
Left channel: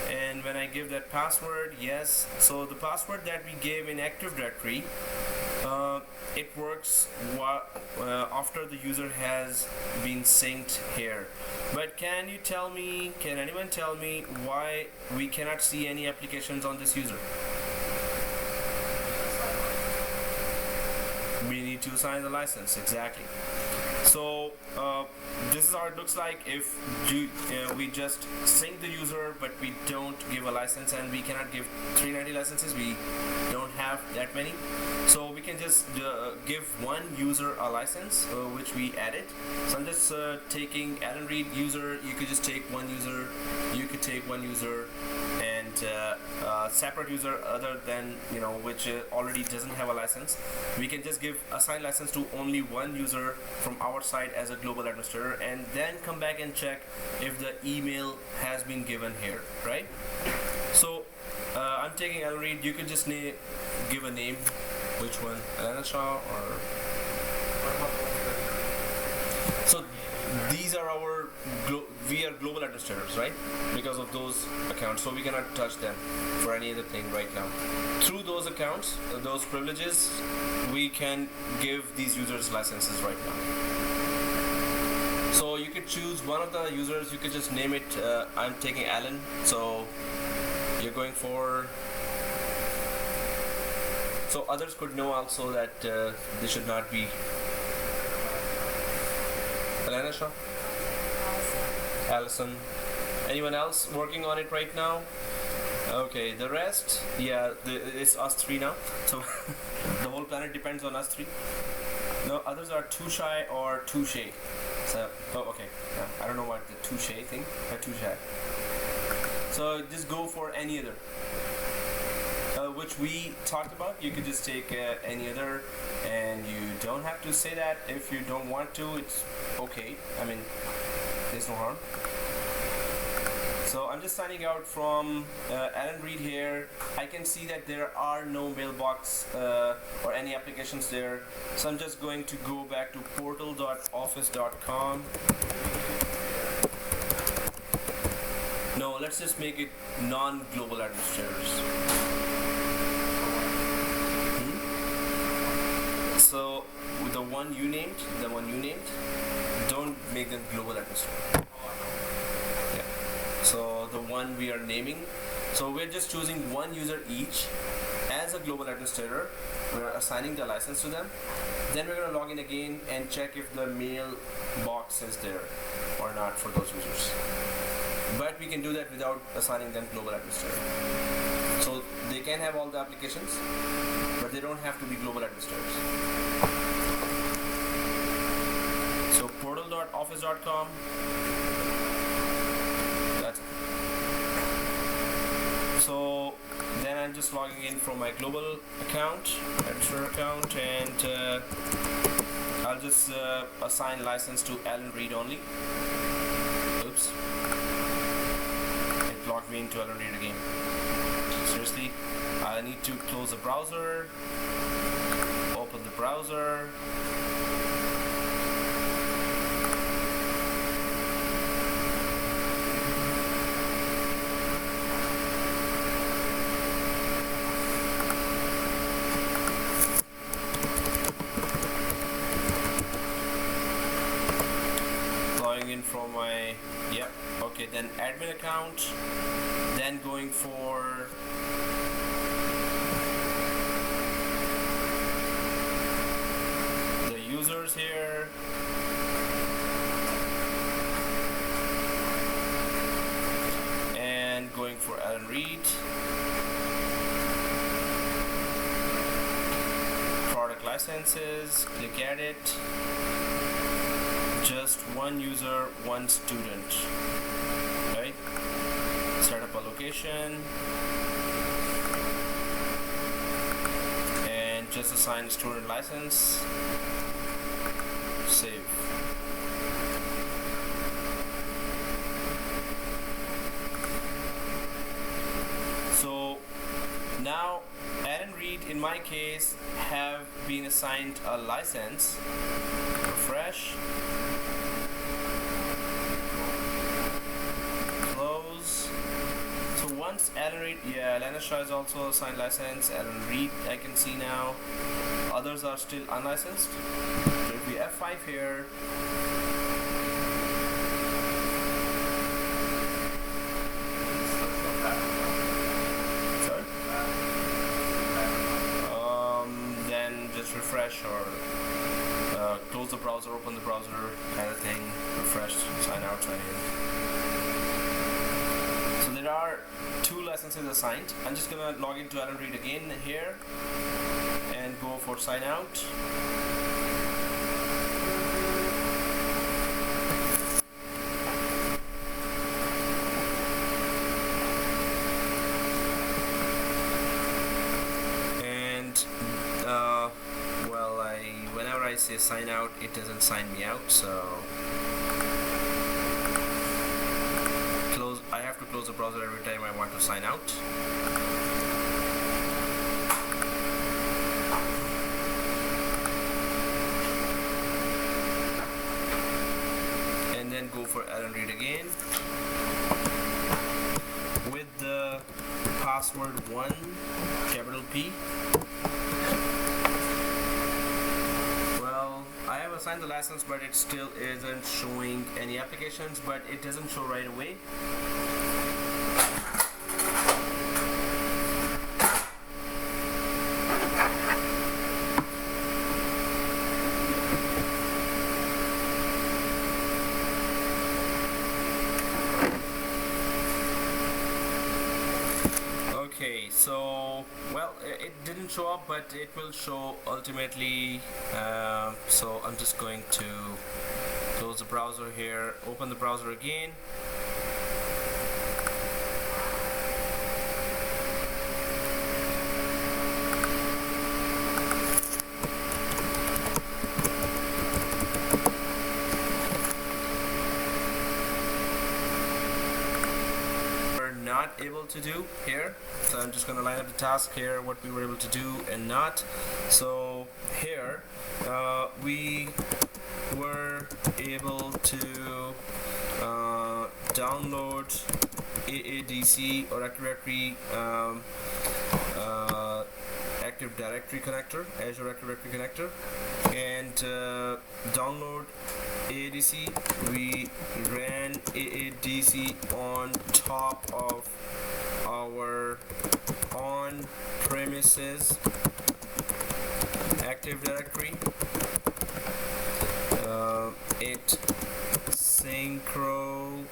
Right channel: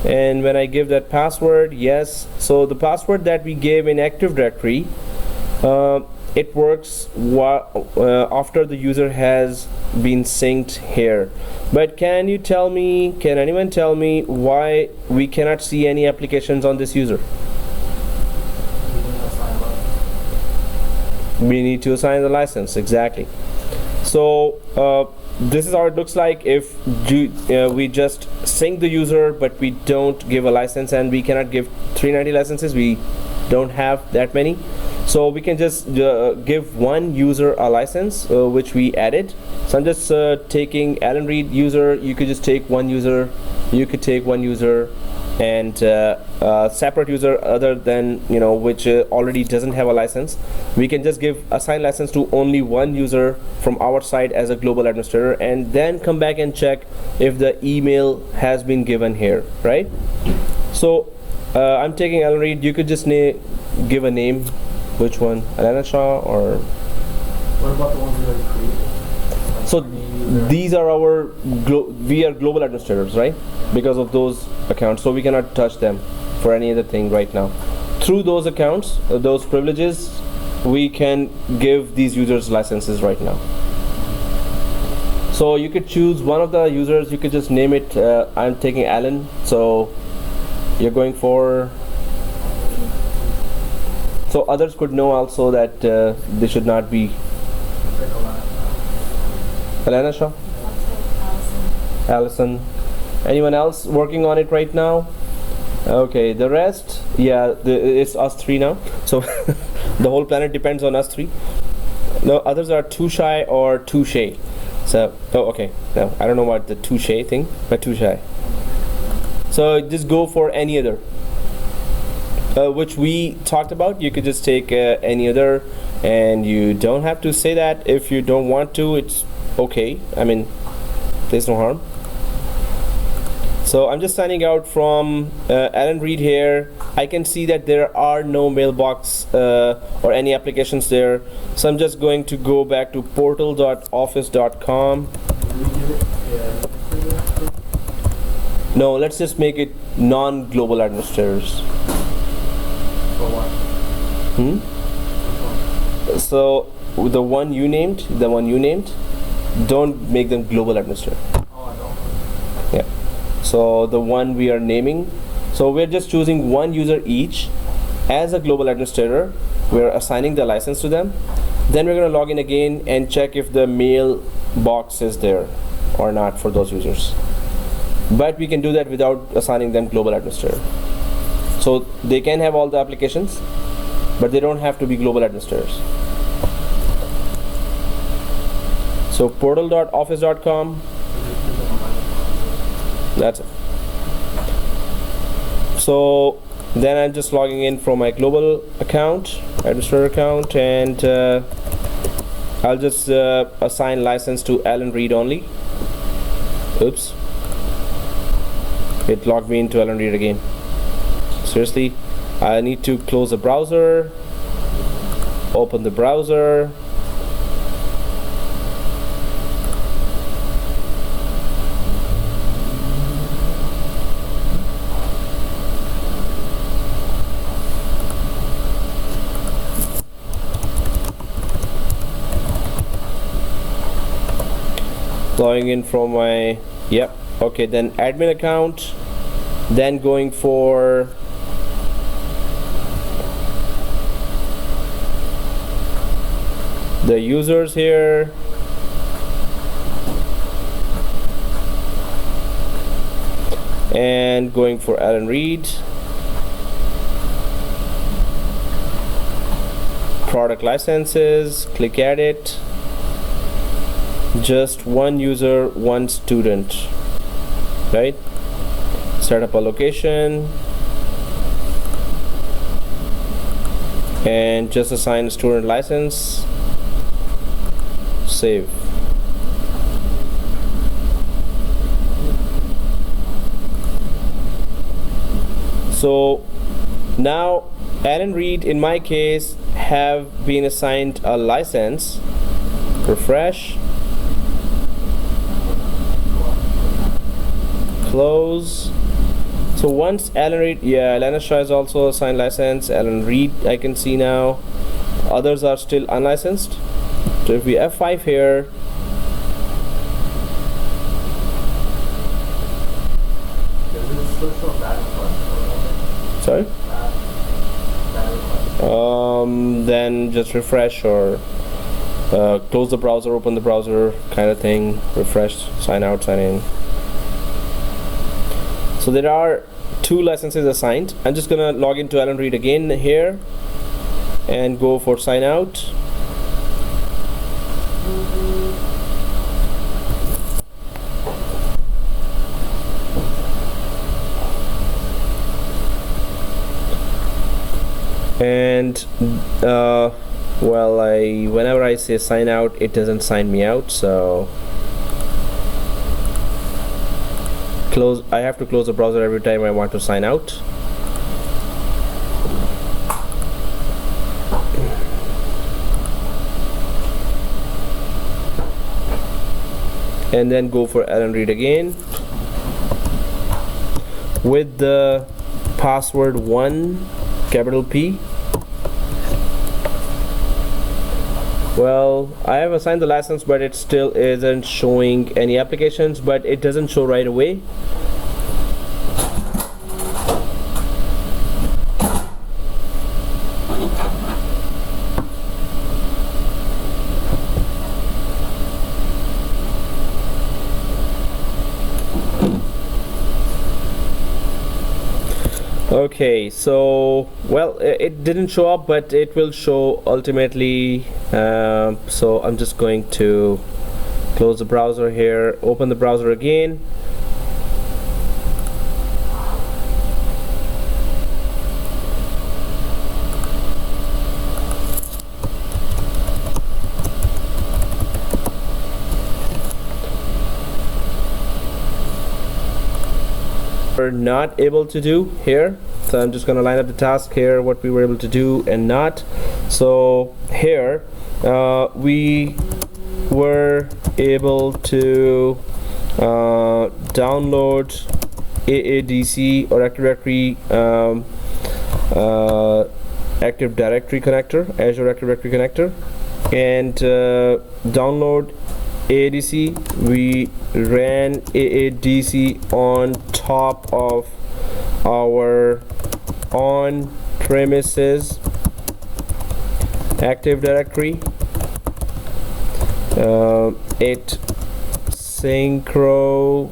And when I give that password, yes, so the password that we gave in Active Directory, it works after the user has been synced here. But can anyone tell me why we cannot see any applications on this user? We need to assign the license, exactly. So this is how it looks like if we just sync the user but we don't give a license, and we cannot give 390 licenses. We don't have that many. So we can just give one user a license, which we added. So I'm just taking Alan Reed user. You could just take one user. You could take one user and separate user other than which already doesn't have a license. We can just give assign license to only one user from our side as a global administrator, and then come back and check if the email has been given here, right? So I'm taking Alan Reed. You could just give a name. Which one? Alana Shah or? What about the ones you already created? So these are our we are global administrators, right? Because of those accounts, so we cannot touch them for any other thing right now. Through those accounts, those privileges, we can give these users licenses right now. So you could choose one of the users. You could just name it. I'm taking Alan. So you're going for. So others could know also that they should not be. Alana Shah? Allison. Anyone else working on it right now? Okay, the rest, yeah, it's us three now. So the whole planet depends on us three. No, others are too shy or too shy. So, oh, okay. No, I don't know what the too shy thing, but too shy. So just go for any other. Which we talked about. You could just take any other, and you don't have to say that. If you don't want to, it's okay. I mean, there's no harm. So I'm just signing out from Alan Reed here. I can see that there are no mailbox or any applications there. So I'm just going to go back to portal.office.com. No, let's just make it non-global administrators. So the one you named, don't make them global administrator. Yeah. So the one we are naming, so we're just choosing one user each as a global administrator. We're assigning the license to them. Then we're going to log in again and check if the mail box is there or not for those users. But we can do that without assigning them global administrator. So they can have all the applications, but they don't have to be global administrators. So portal.office.com. That's it. So then I'm just logging in from my global account, administrator account, and I'll just assign license to Alan Reed only. Oops. It logged me into Alan Reed again. Seriously, I need to close the browser, open the browser. Logging in from my, yep, okay, then admin account, then going for the users here, and going for Alan Reed, product licenses, click edit. Just one user, one student, right? Set up a location and just assign student license. Save. So now Alan Reed, in my case, have been assigned a license. Refresh. Close. So once Alan Reed, yeah, Alana Shah is also assigned license. Alan Reed, I can see now. Others are still unlicensed. So if we F5 here, sorry. Then just refresh or close the browser, open the browser, kind of thing. Refresh, sign out, sign in. So there are 2 licenses assigned. I'm just gonna log into Alan Reed again here and go for sign out. And well, whenever I say sign out, it doesn't sign me out, so I have to close the browser every time I want to sign out. and then go for Allen Read again with the password 1 capital P. Well, I have assigned the license, but it still isn't showing any applications, but it doesn't show right away. Okay, so well, it didn't show up, but it will show ultimately. So I'm just going to close the browser here, open the browser again. We're not able to do here, so I'm just going to line up the task here, what we were able to do and not. So here we were able to download AADC or Active Directory connector, Azure Active Directory connector, and download AADC. We ran AADC on top of our on-premises Active Directory. It synchronized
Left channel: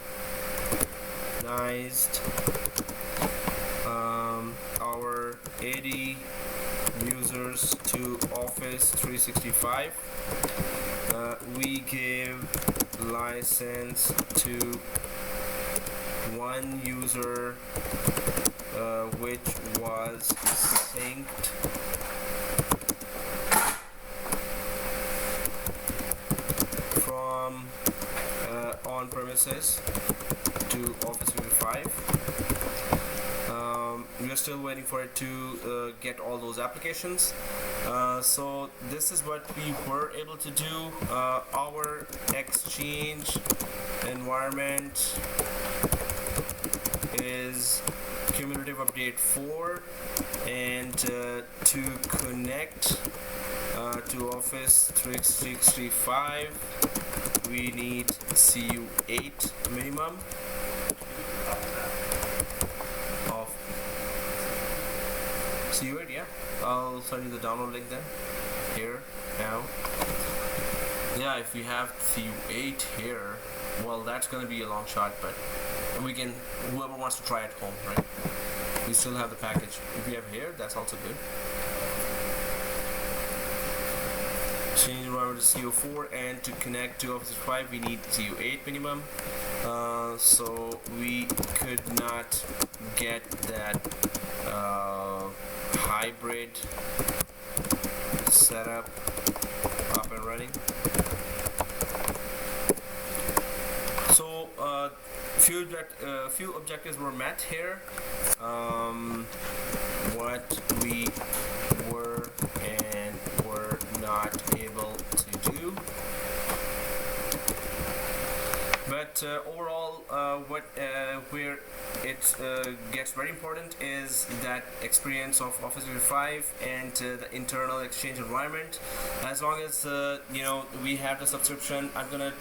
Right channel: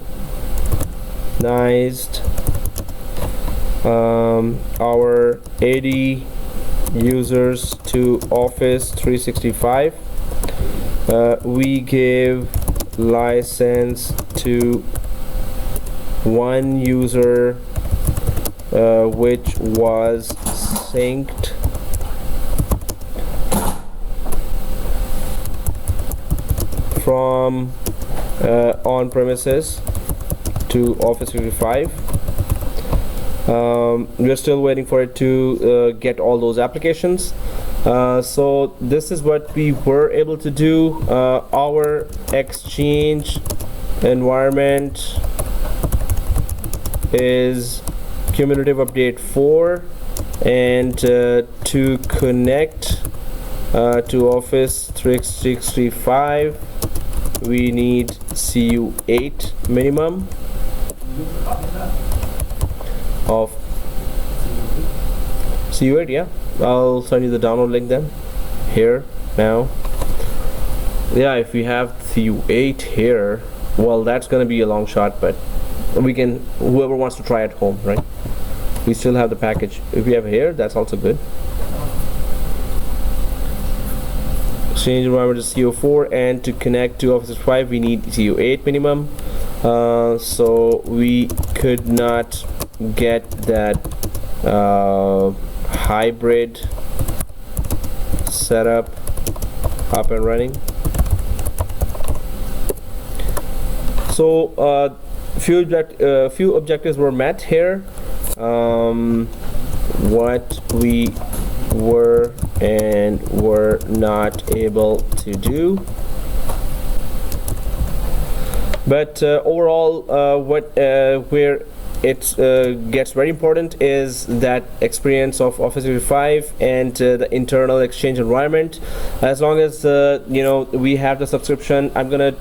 our AD users to Office 365. We gave license to one user which was synced from on-premises to Office 365. We're still waiting for it to get all those applications. So this is what we were able to do. Our Exchange environment is cumulative update 4, and to connect to Office 365 we need CU8 minimum of CU8. Yeah, I'll send you the download link then here now. Yeah, if we have CU8 here, well, that's gonna be a long shot, but we can, whoever wants to try at home, right? We still have the package. If we have here, that's also good. Change environment to CU4, and to connect to Office 365 we need CU8 minimum. So we could not get that hybrid setup up and running. So few objectives were met here. What we were and were not able to do, but overall where it gets very important is that experience of Office 365 and the internal Exchange environment. As long as you know, we have the subscription, I'm gonna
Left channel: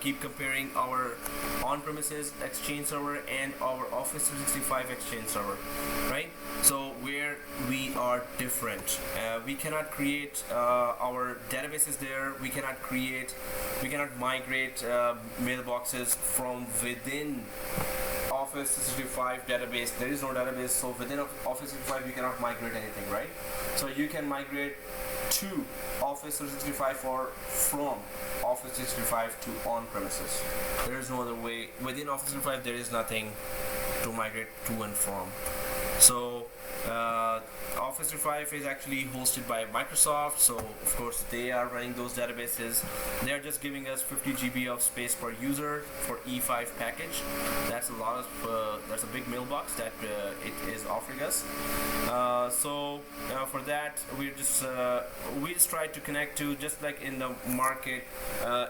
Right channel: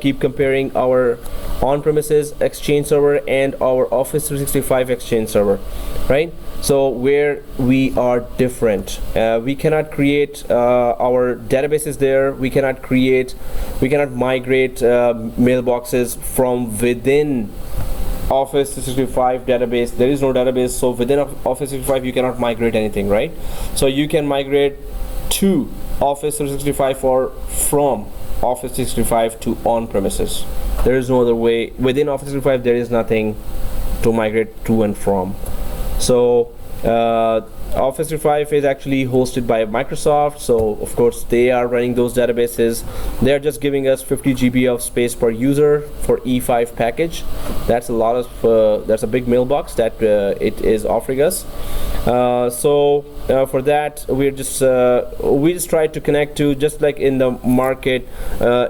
keep comparing our on-premises Exchange server and our Office 365 Exchange server, right? So where we are different, we cannot create our databases there. We cannot migrate mailboxes from within Office 365 database. There is no database, so within Office 365 you cannot migrate anything, right? So you can migrate to Office 365 or from Office 365 to on-premises. There is no other way. Within Office 365 there is nothing to migrate to and from. So Office 365 is actually hosted by Microsoft, so of course they are running those databases. They are just giving us 50 GB of space per user for E5 package. That's a lot of that's a big mailbox that it is offering us. For that we just try to connect to, just like in the market,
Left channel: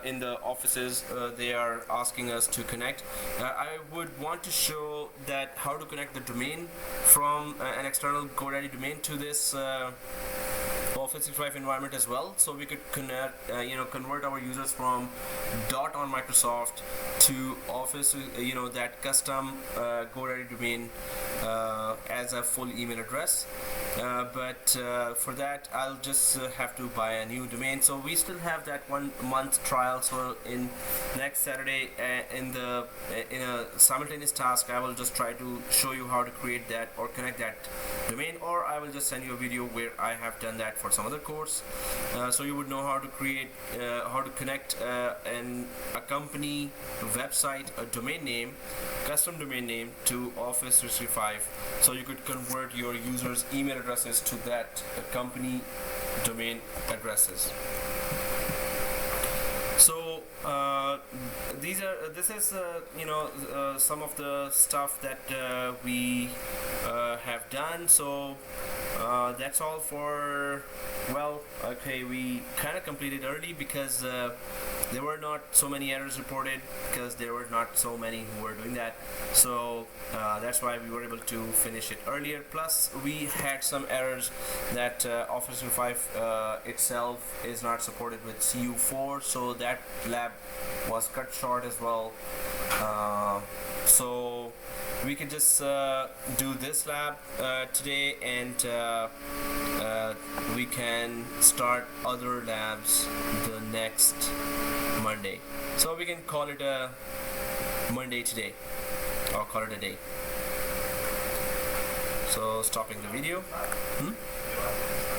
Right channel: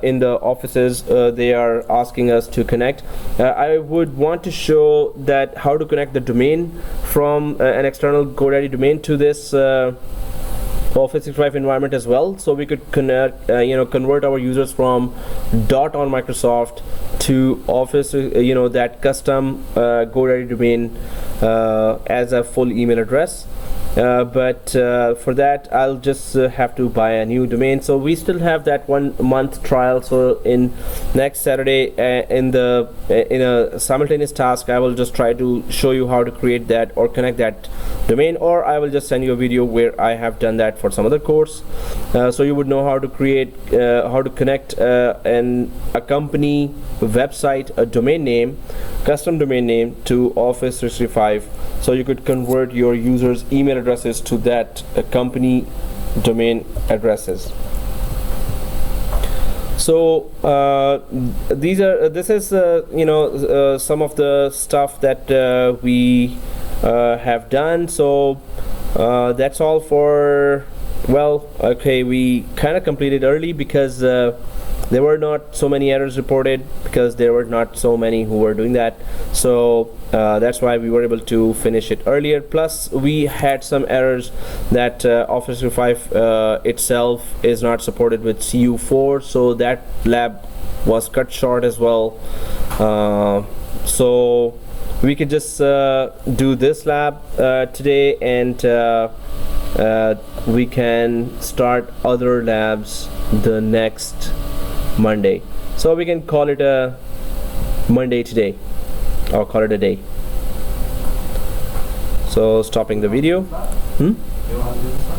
in the offices, they are asking us to connect. I would want to show that how to connect the domain from an external GoDaddy domain to this Office 365 environment as well, so we could connect, convert our users from .on Microsoft to Office, that custom GoDaddy domain as a full email address. But for that I'll just have to buy a new domain. So we still have that 1 month trial. So in next Saturday, in a simultaneous task, I will just try to show you how to create that or connect that domain, or I will just send you a video where I have done that for some other course, so you would know how to create, how to connect a company website, a domain name, custom domain name to Office 365, so you could convert your users' email addresses to that company domain addresses. So this is some of the stuff that we have done. So that's all for, we kind of completed early because there were not so many errors reported, because there were not so many who were doing that. So that's why we were able to finish it earlier. Plus we had some errors that Office 365 itself is not supported with CU4, so that lab was cut short as well. So we could just do this lab today, and we can start other labs the next Monday. So we can call it a Monday today, or call it a day. So stopping the video. You want to do this?